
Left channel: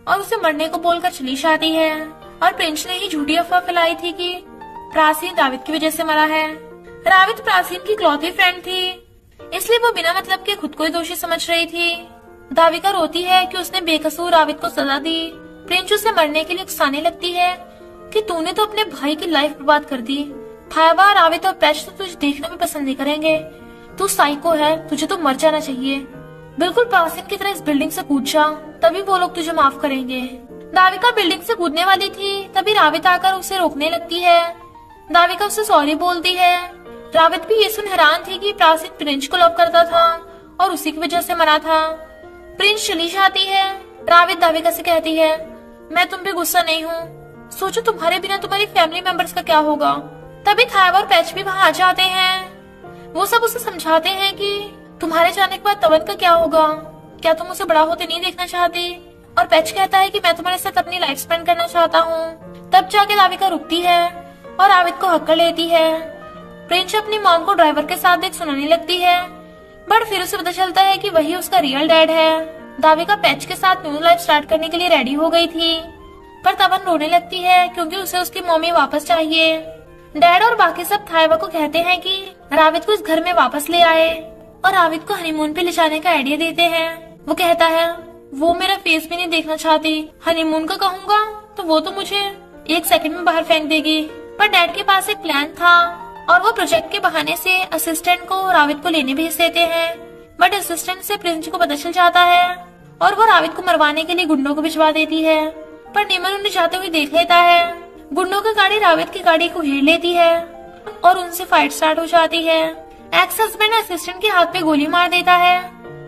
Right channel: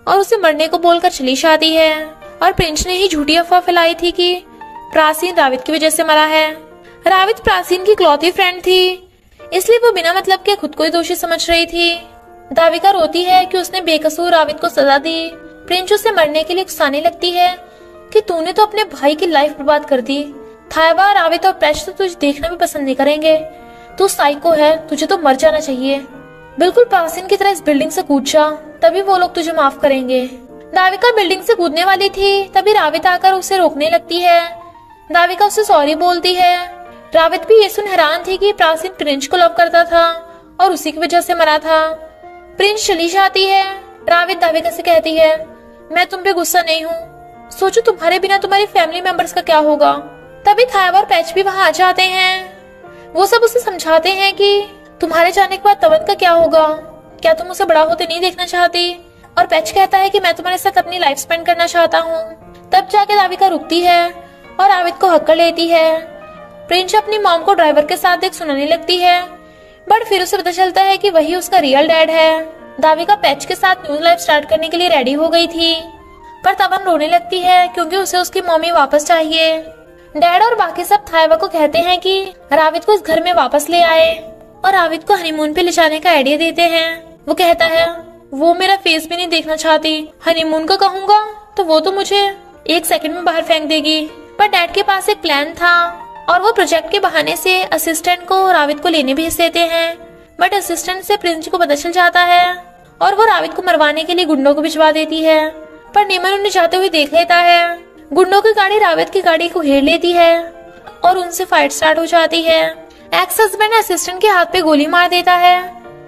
और उसे मरने को बोलकर चली जाती है और प्रिंस ने ही झूठी अफवाह फैलाई थी कि प्राचीन रावित की वजह से मरा है। रावित प्राचीन की इकलौती फ्रेंड थी इसलिए वो बिना मतलब के खुद को ही दोषी समझ रही थी। दाविका रोती है कि उसने बेकसूर रावित को सजा दी। प्रिंस उसे मरने के लिए उकसाने लगती है कि तूने तो अपने भाई की लाइफ बर्बाद कर दी। थाइवा, रावित और पैच तो तुझे देखना भी पसंद नहीं करेंगे। तू साइको है, तुझे तो मर जाना चाहिए। बिल्कुल प्राचीन की तरह इस बिल्डिंग से कूद जा, तभी वो लोग तुझे माफ करेंगे। दाविका बिल्डिंग से कूदने वाली थी तभी रावित आकर उसे रोकने लगती है। दाविका उसे सॉरी बोलती है। रावित भी ये सुन हैरान थी कि प्राचीन प्रिंस को लव करता था और उसी की वजह से मरा था। प्रिंस चली जाती है। रावित दाविका से कहती है मैं तुम पे गुस्सा नहीं हूँ, सोचो तुम्हारे बिना तुम्हारी फैमिली मेंबर्स का क्या होगा। तभी थाइवा और पैच भी वहाँ आ जाते हैं। वो सब उसे समझाते हैं कि तुम्हारे जाने के बाद तवन का क्या होगा, क्या तुम उसे बड़ा होते नहीं देखना चाहती। और पैच कहता है कि मैं तुम्हारे साथ अपनी लाइफ स्पेंड करना चाहता हूँ। तब जाके दाविका रुकती है और रावित को हक कर लेती है। प्रिंस अपनी मॉम को ड्राइवर के साथ देख सुनाने लगती है बट फिर उसे पता चलता है कि वही उसका रियल डैड है। दाविका पैच के साथ न्यू लाइफ स्टार्ट करने के लिए रेडी हो गई थी पर तवन रोने लगती है क्योंकि उसे उसकी मम्मी वापस चाहिए। डैड और बाकी सब थाइवा को कहते हैं कि रावित को इस घर में वापस ले आए और रावित को हनीमून पे ले जाने का आइडिया देते हैं। वो कहता है वो मेरा फेस भी नहीं देखना चाहती, हनीमून को कहूँगा तो वो तो मुझे 1 सेकंड में बाहर फेंक देगी। पर डैड के पास एक प्लान था और वो प्रोजेक्ट के बहाने से असिस्टेंट को रावित को लेने भेज देते हैं बट असिस्टेंट से प्रिंस को पता चल जाता है और वो रावित को मरवाने के लिए गुंडों को भिजवा देती है। पर निमन उन्हें जाते हुए देख लेता है। गुंडों की गाड़ी रावित की गाड़ी को घेर लेती है और उनसे फाइट स्टार्ट हो जाती है। एक्स हस्बैंड असिस्टेंट के हाथ पे गोली मार देता है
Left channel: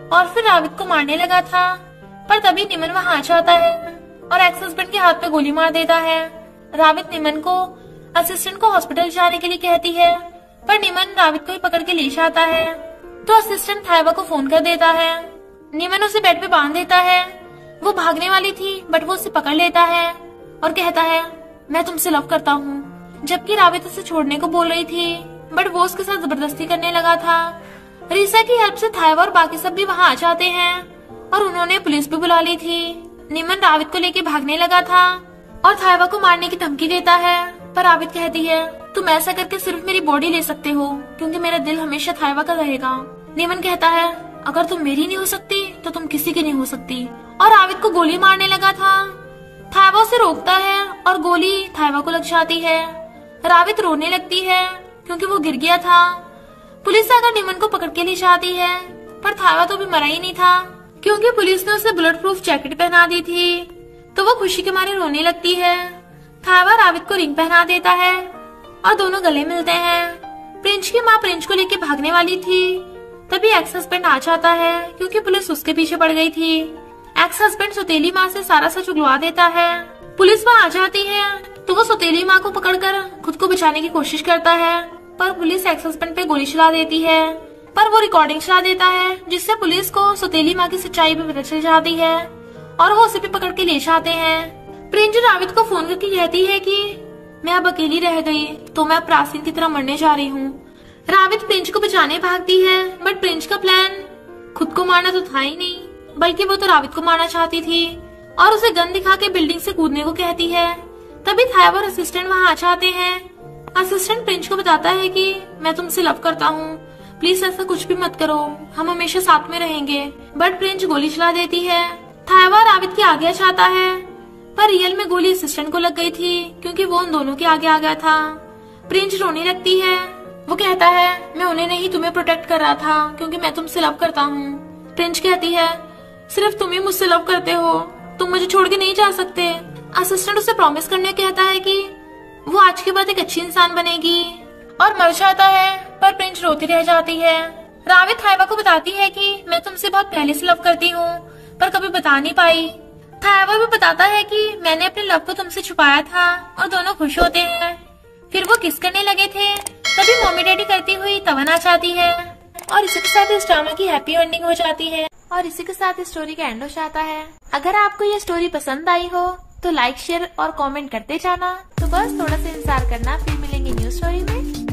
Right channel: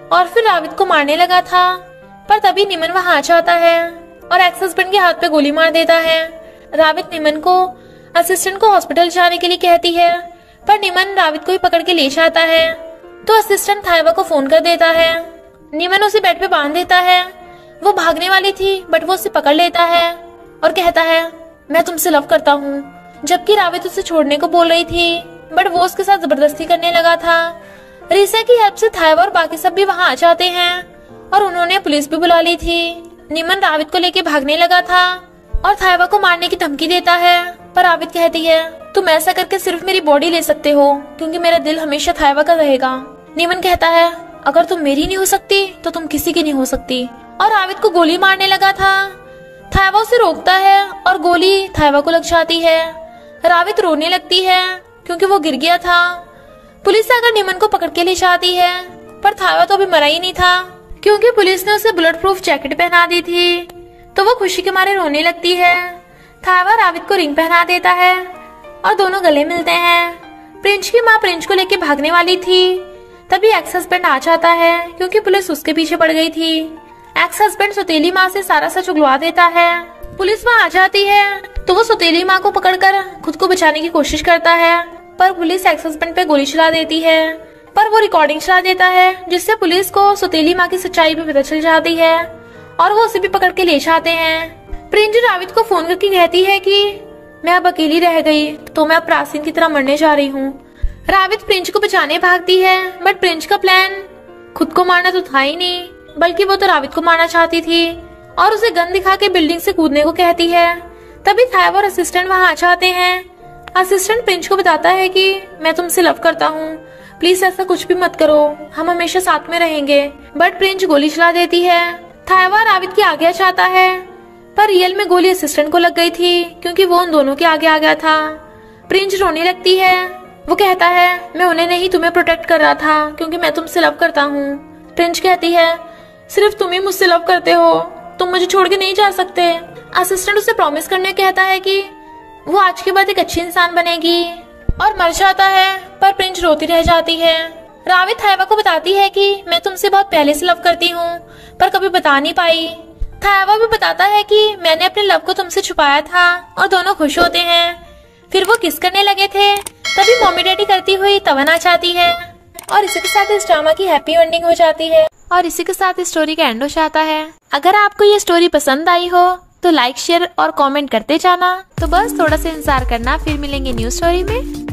और फिर रावित को मारने लगा था पर तभी निमन वहाँ आ जाता है और एक्स हस्बैंड के हाथ पे गोली मार देता है। रावित निमन को असिस्टेंट को हॉस्पिटल जाने के लिए कहती है पर निमन रावित को ही पकड़ के ले जाता है। तो असिस्टेंट थाइवा को फोन कर देता है। निमन उसे बेड पे बांध देता है। वो भागने वाली थी बट वो उसे पकड़ लेता है और कहता है मैं तुमसे लव करता हूँ, जबकि रावित उसे छोड़ने को बोल रही थी बट वो उसके साथ जबरदस्ती करने लगा था। रीसा की हेल्प से थाइवा और बाकी सब भी वहाँ आ जाते हैं और उन्होंने पुलिस भी बुला ली थी। निमन रावित को लेके भागने लगा था और थाइवा को मारने की धमकी देता है पर रावित कहती है तुम ऐसा करके सिर्फ मेरी बॉडी ले सकते हो क्योंकि मेरा दिल हमेशा थाइवा का रहेगा। निमन कहता है अगर तुम मेरी नहीं हो सकती तो तुम किसी की नहीं हो सकती और रावित को गोली मारने लगा था। थाइवा उसे रोकता है और गोली थाइवा को लग जाती है। रावित रोने लगती है क्योंकि वो गिर गया था। पुलिस आकर निमन को पकड़ के ले जाती है पर थाइवा तो अभी मरा ही नहीं था क्योंकि पुलिस ने उसे बुलेट प्रूफ जैकेट पहना दी थी। तो वो खुशी के मारे रोने लगती है। थाइवा रावित को रिंग पहना देता है और दोनों गले मिलते हैं। प्रिंस की माँ प्रिंस को लेके भागने वाली थी तभी एक्स हस्बैंड आ जाता है क्योंकि पुलिस उसके पीछे पड़ गई थी। एक्स हस्बैंड सौतेली माँ से सारा सच उगलवा देता है। पुलिस वहाँ आ जाती है तो वो सौतेली माँ को पकड़कर खुद को बचाने की कोशिश करता है पर पुलिस एक्स हस्बैंड पे गोली चला देती है पर वो रिकॉर्डिंग चला देता है जिससे पुलिस को सौतेली माँ की सच्चाई भी पता चल जाती है और वो उसे भी पकड़ के ले जाते हैं। प्रिंस रावित को फोन करके कहती है कि मैं अब अकेली रह गई तो मैं अब प्राचीन की तरह मरने जा रही हूँ। रावित प्रिंस को बचाने भागती है बट प्रिंस का प्लान खुद को मारना तो था ही नहीं बल्कि वो तो रावित को मारना चाहती थी और उसे गन दिखा के बिल्डिंग से कूदने को कहती है। तभी थाइवा और असिस्टेंट वहाँ आ जाते हैं। असिस्टेंट प्रिंस को बताता है कि मैं तुमसे लव करता हूँ, प्लीज ऐसा कुछ भी मत करो, हम हमेशा साथ में रहेंगे। बट प्रिंस गोली चला देती है। थाइवा रावित के आगे जाता है। पर रियल में गोली असिस्टेंट को लग गई थी क्योंकि वो उन दोनों के आगे आ गया था। प्रिंस रोने लगती है। वो कहता है मैं उन्हें नहीं तुम्हें प्रोटेक्ट कर रहा था क्योंकि मैं तुमसे लव करता हूँ। प्रिंस कहती है सिर्फ तुम ही मुझसे लव करते हो, तुम मुझे छोड़ के नहीं जा सकते। असिस्टेंट उसे प्रॉमिस करने कहता है कि वो आज के बाद एक अच्छी इंसान बनेगी और मर जाता है। पर प्रिंस रोती रह जाती है। रावे थाइवा को बताती है कि मैं तुमसे बहुत पहले से लव करती हूँ पर कभी बता नहीं पाई। थाइवा भी बताता है कि मैंने अपने लव को तुमसे छुपाया था और दोनों खुश होते हैं। फिर वो किस करने लगे थे तभी मम्मी डैडी करती हुई तमन्ना चाहती है और इसी के साथ इस ड्रामा की हैप्पी एंडिंग हो जाती है और इसी के साथ इस स्टोरी का एंड हो जाता है। अगर आपको ये स्टोरी पसंद आई हो तो लाइक शेयर और कमेंट करते जाना। तो बस थोड़ा सा इंतजार करना, फिर मिलेंगे न्यू स्टोरी में।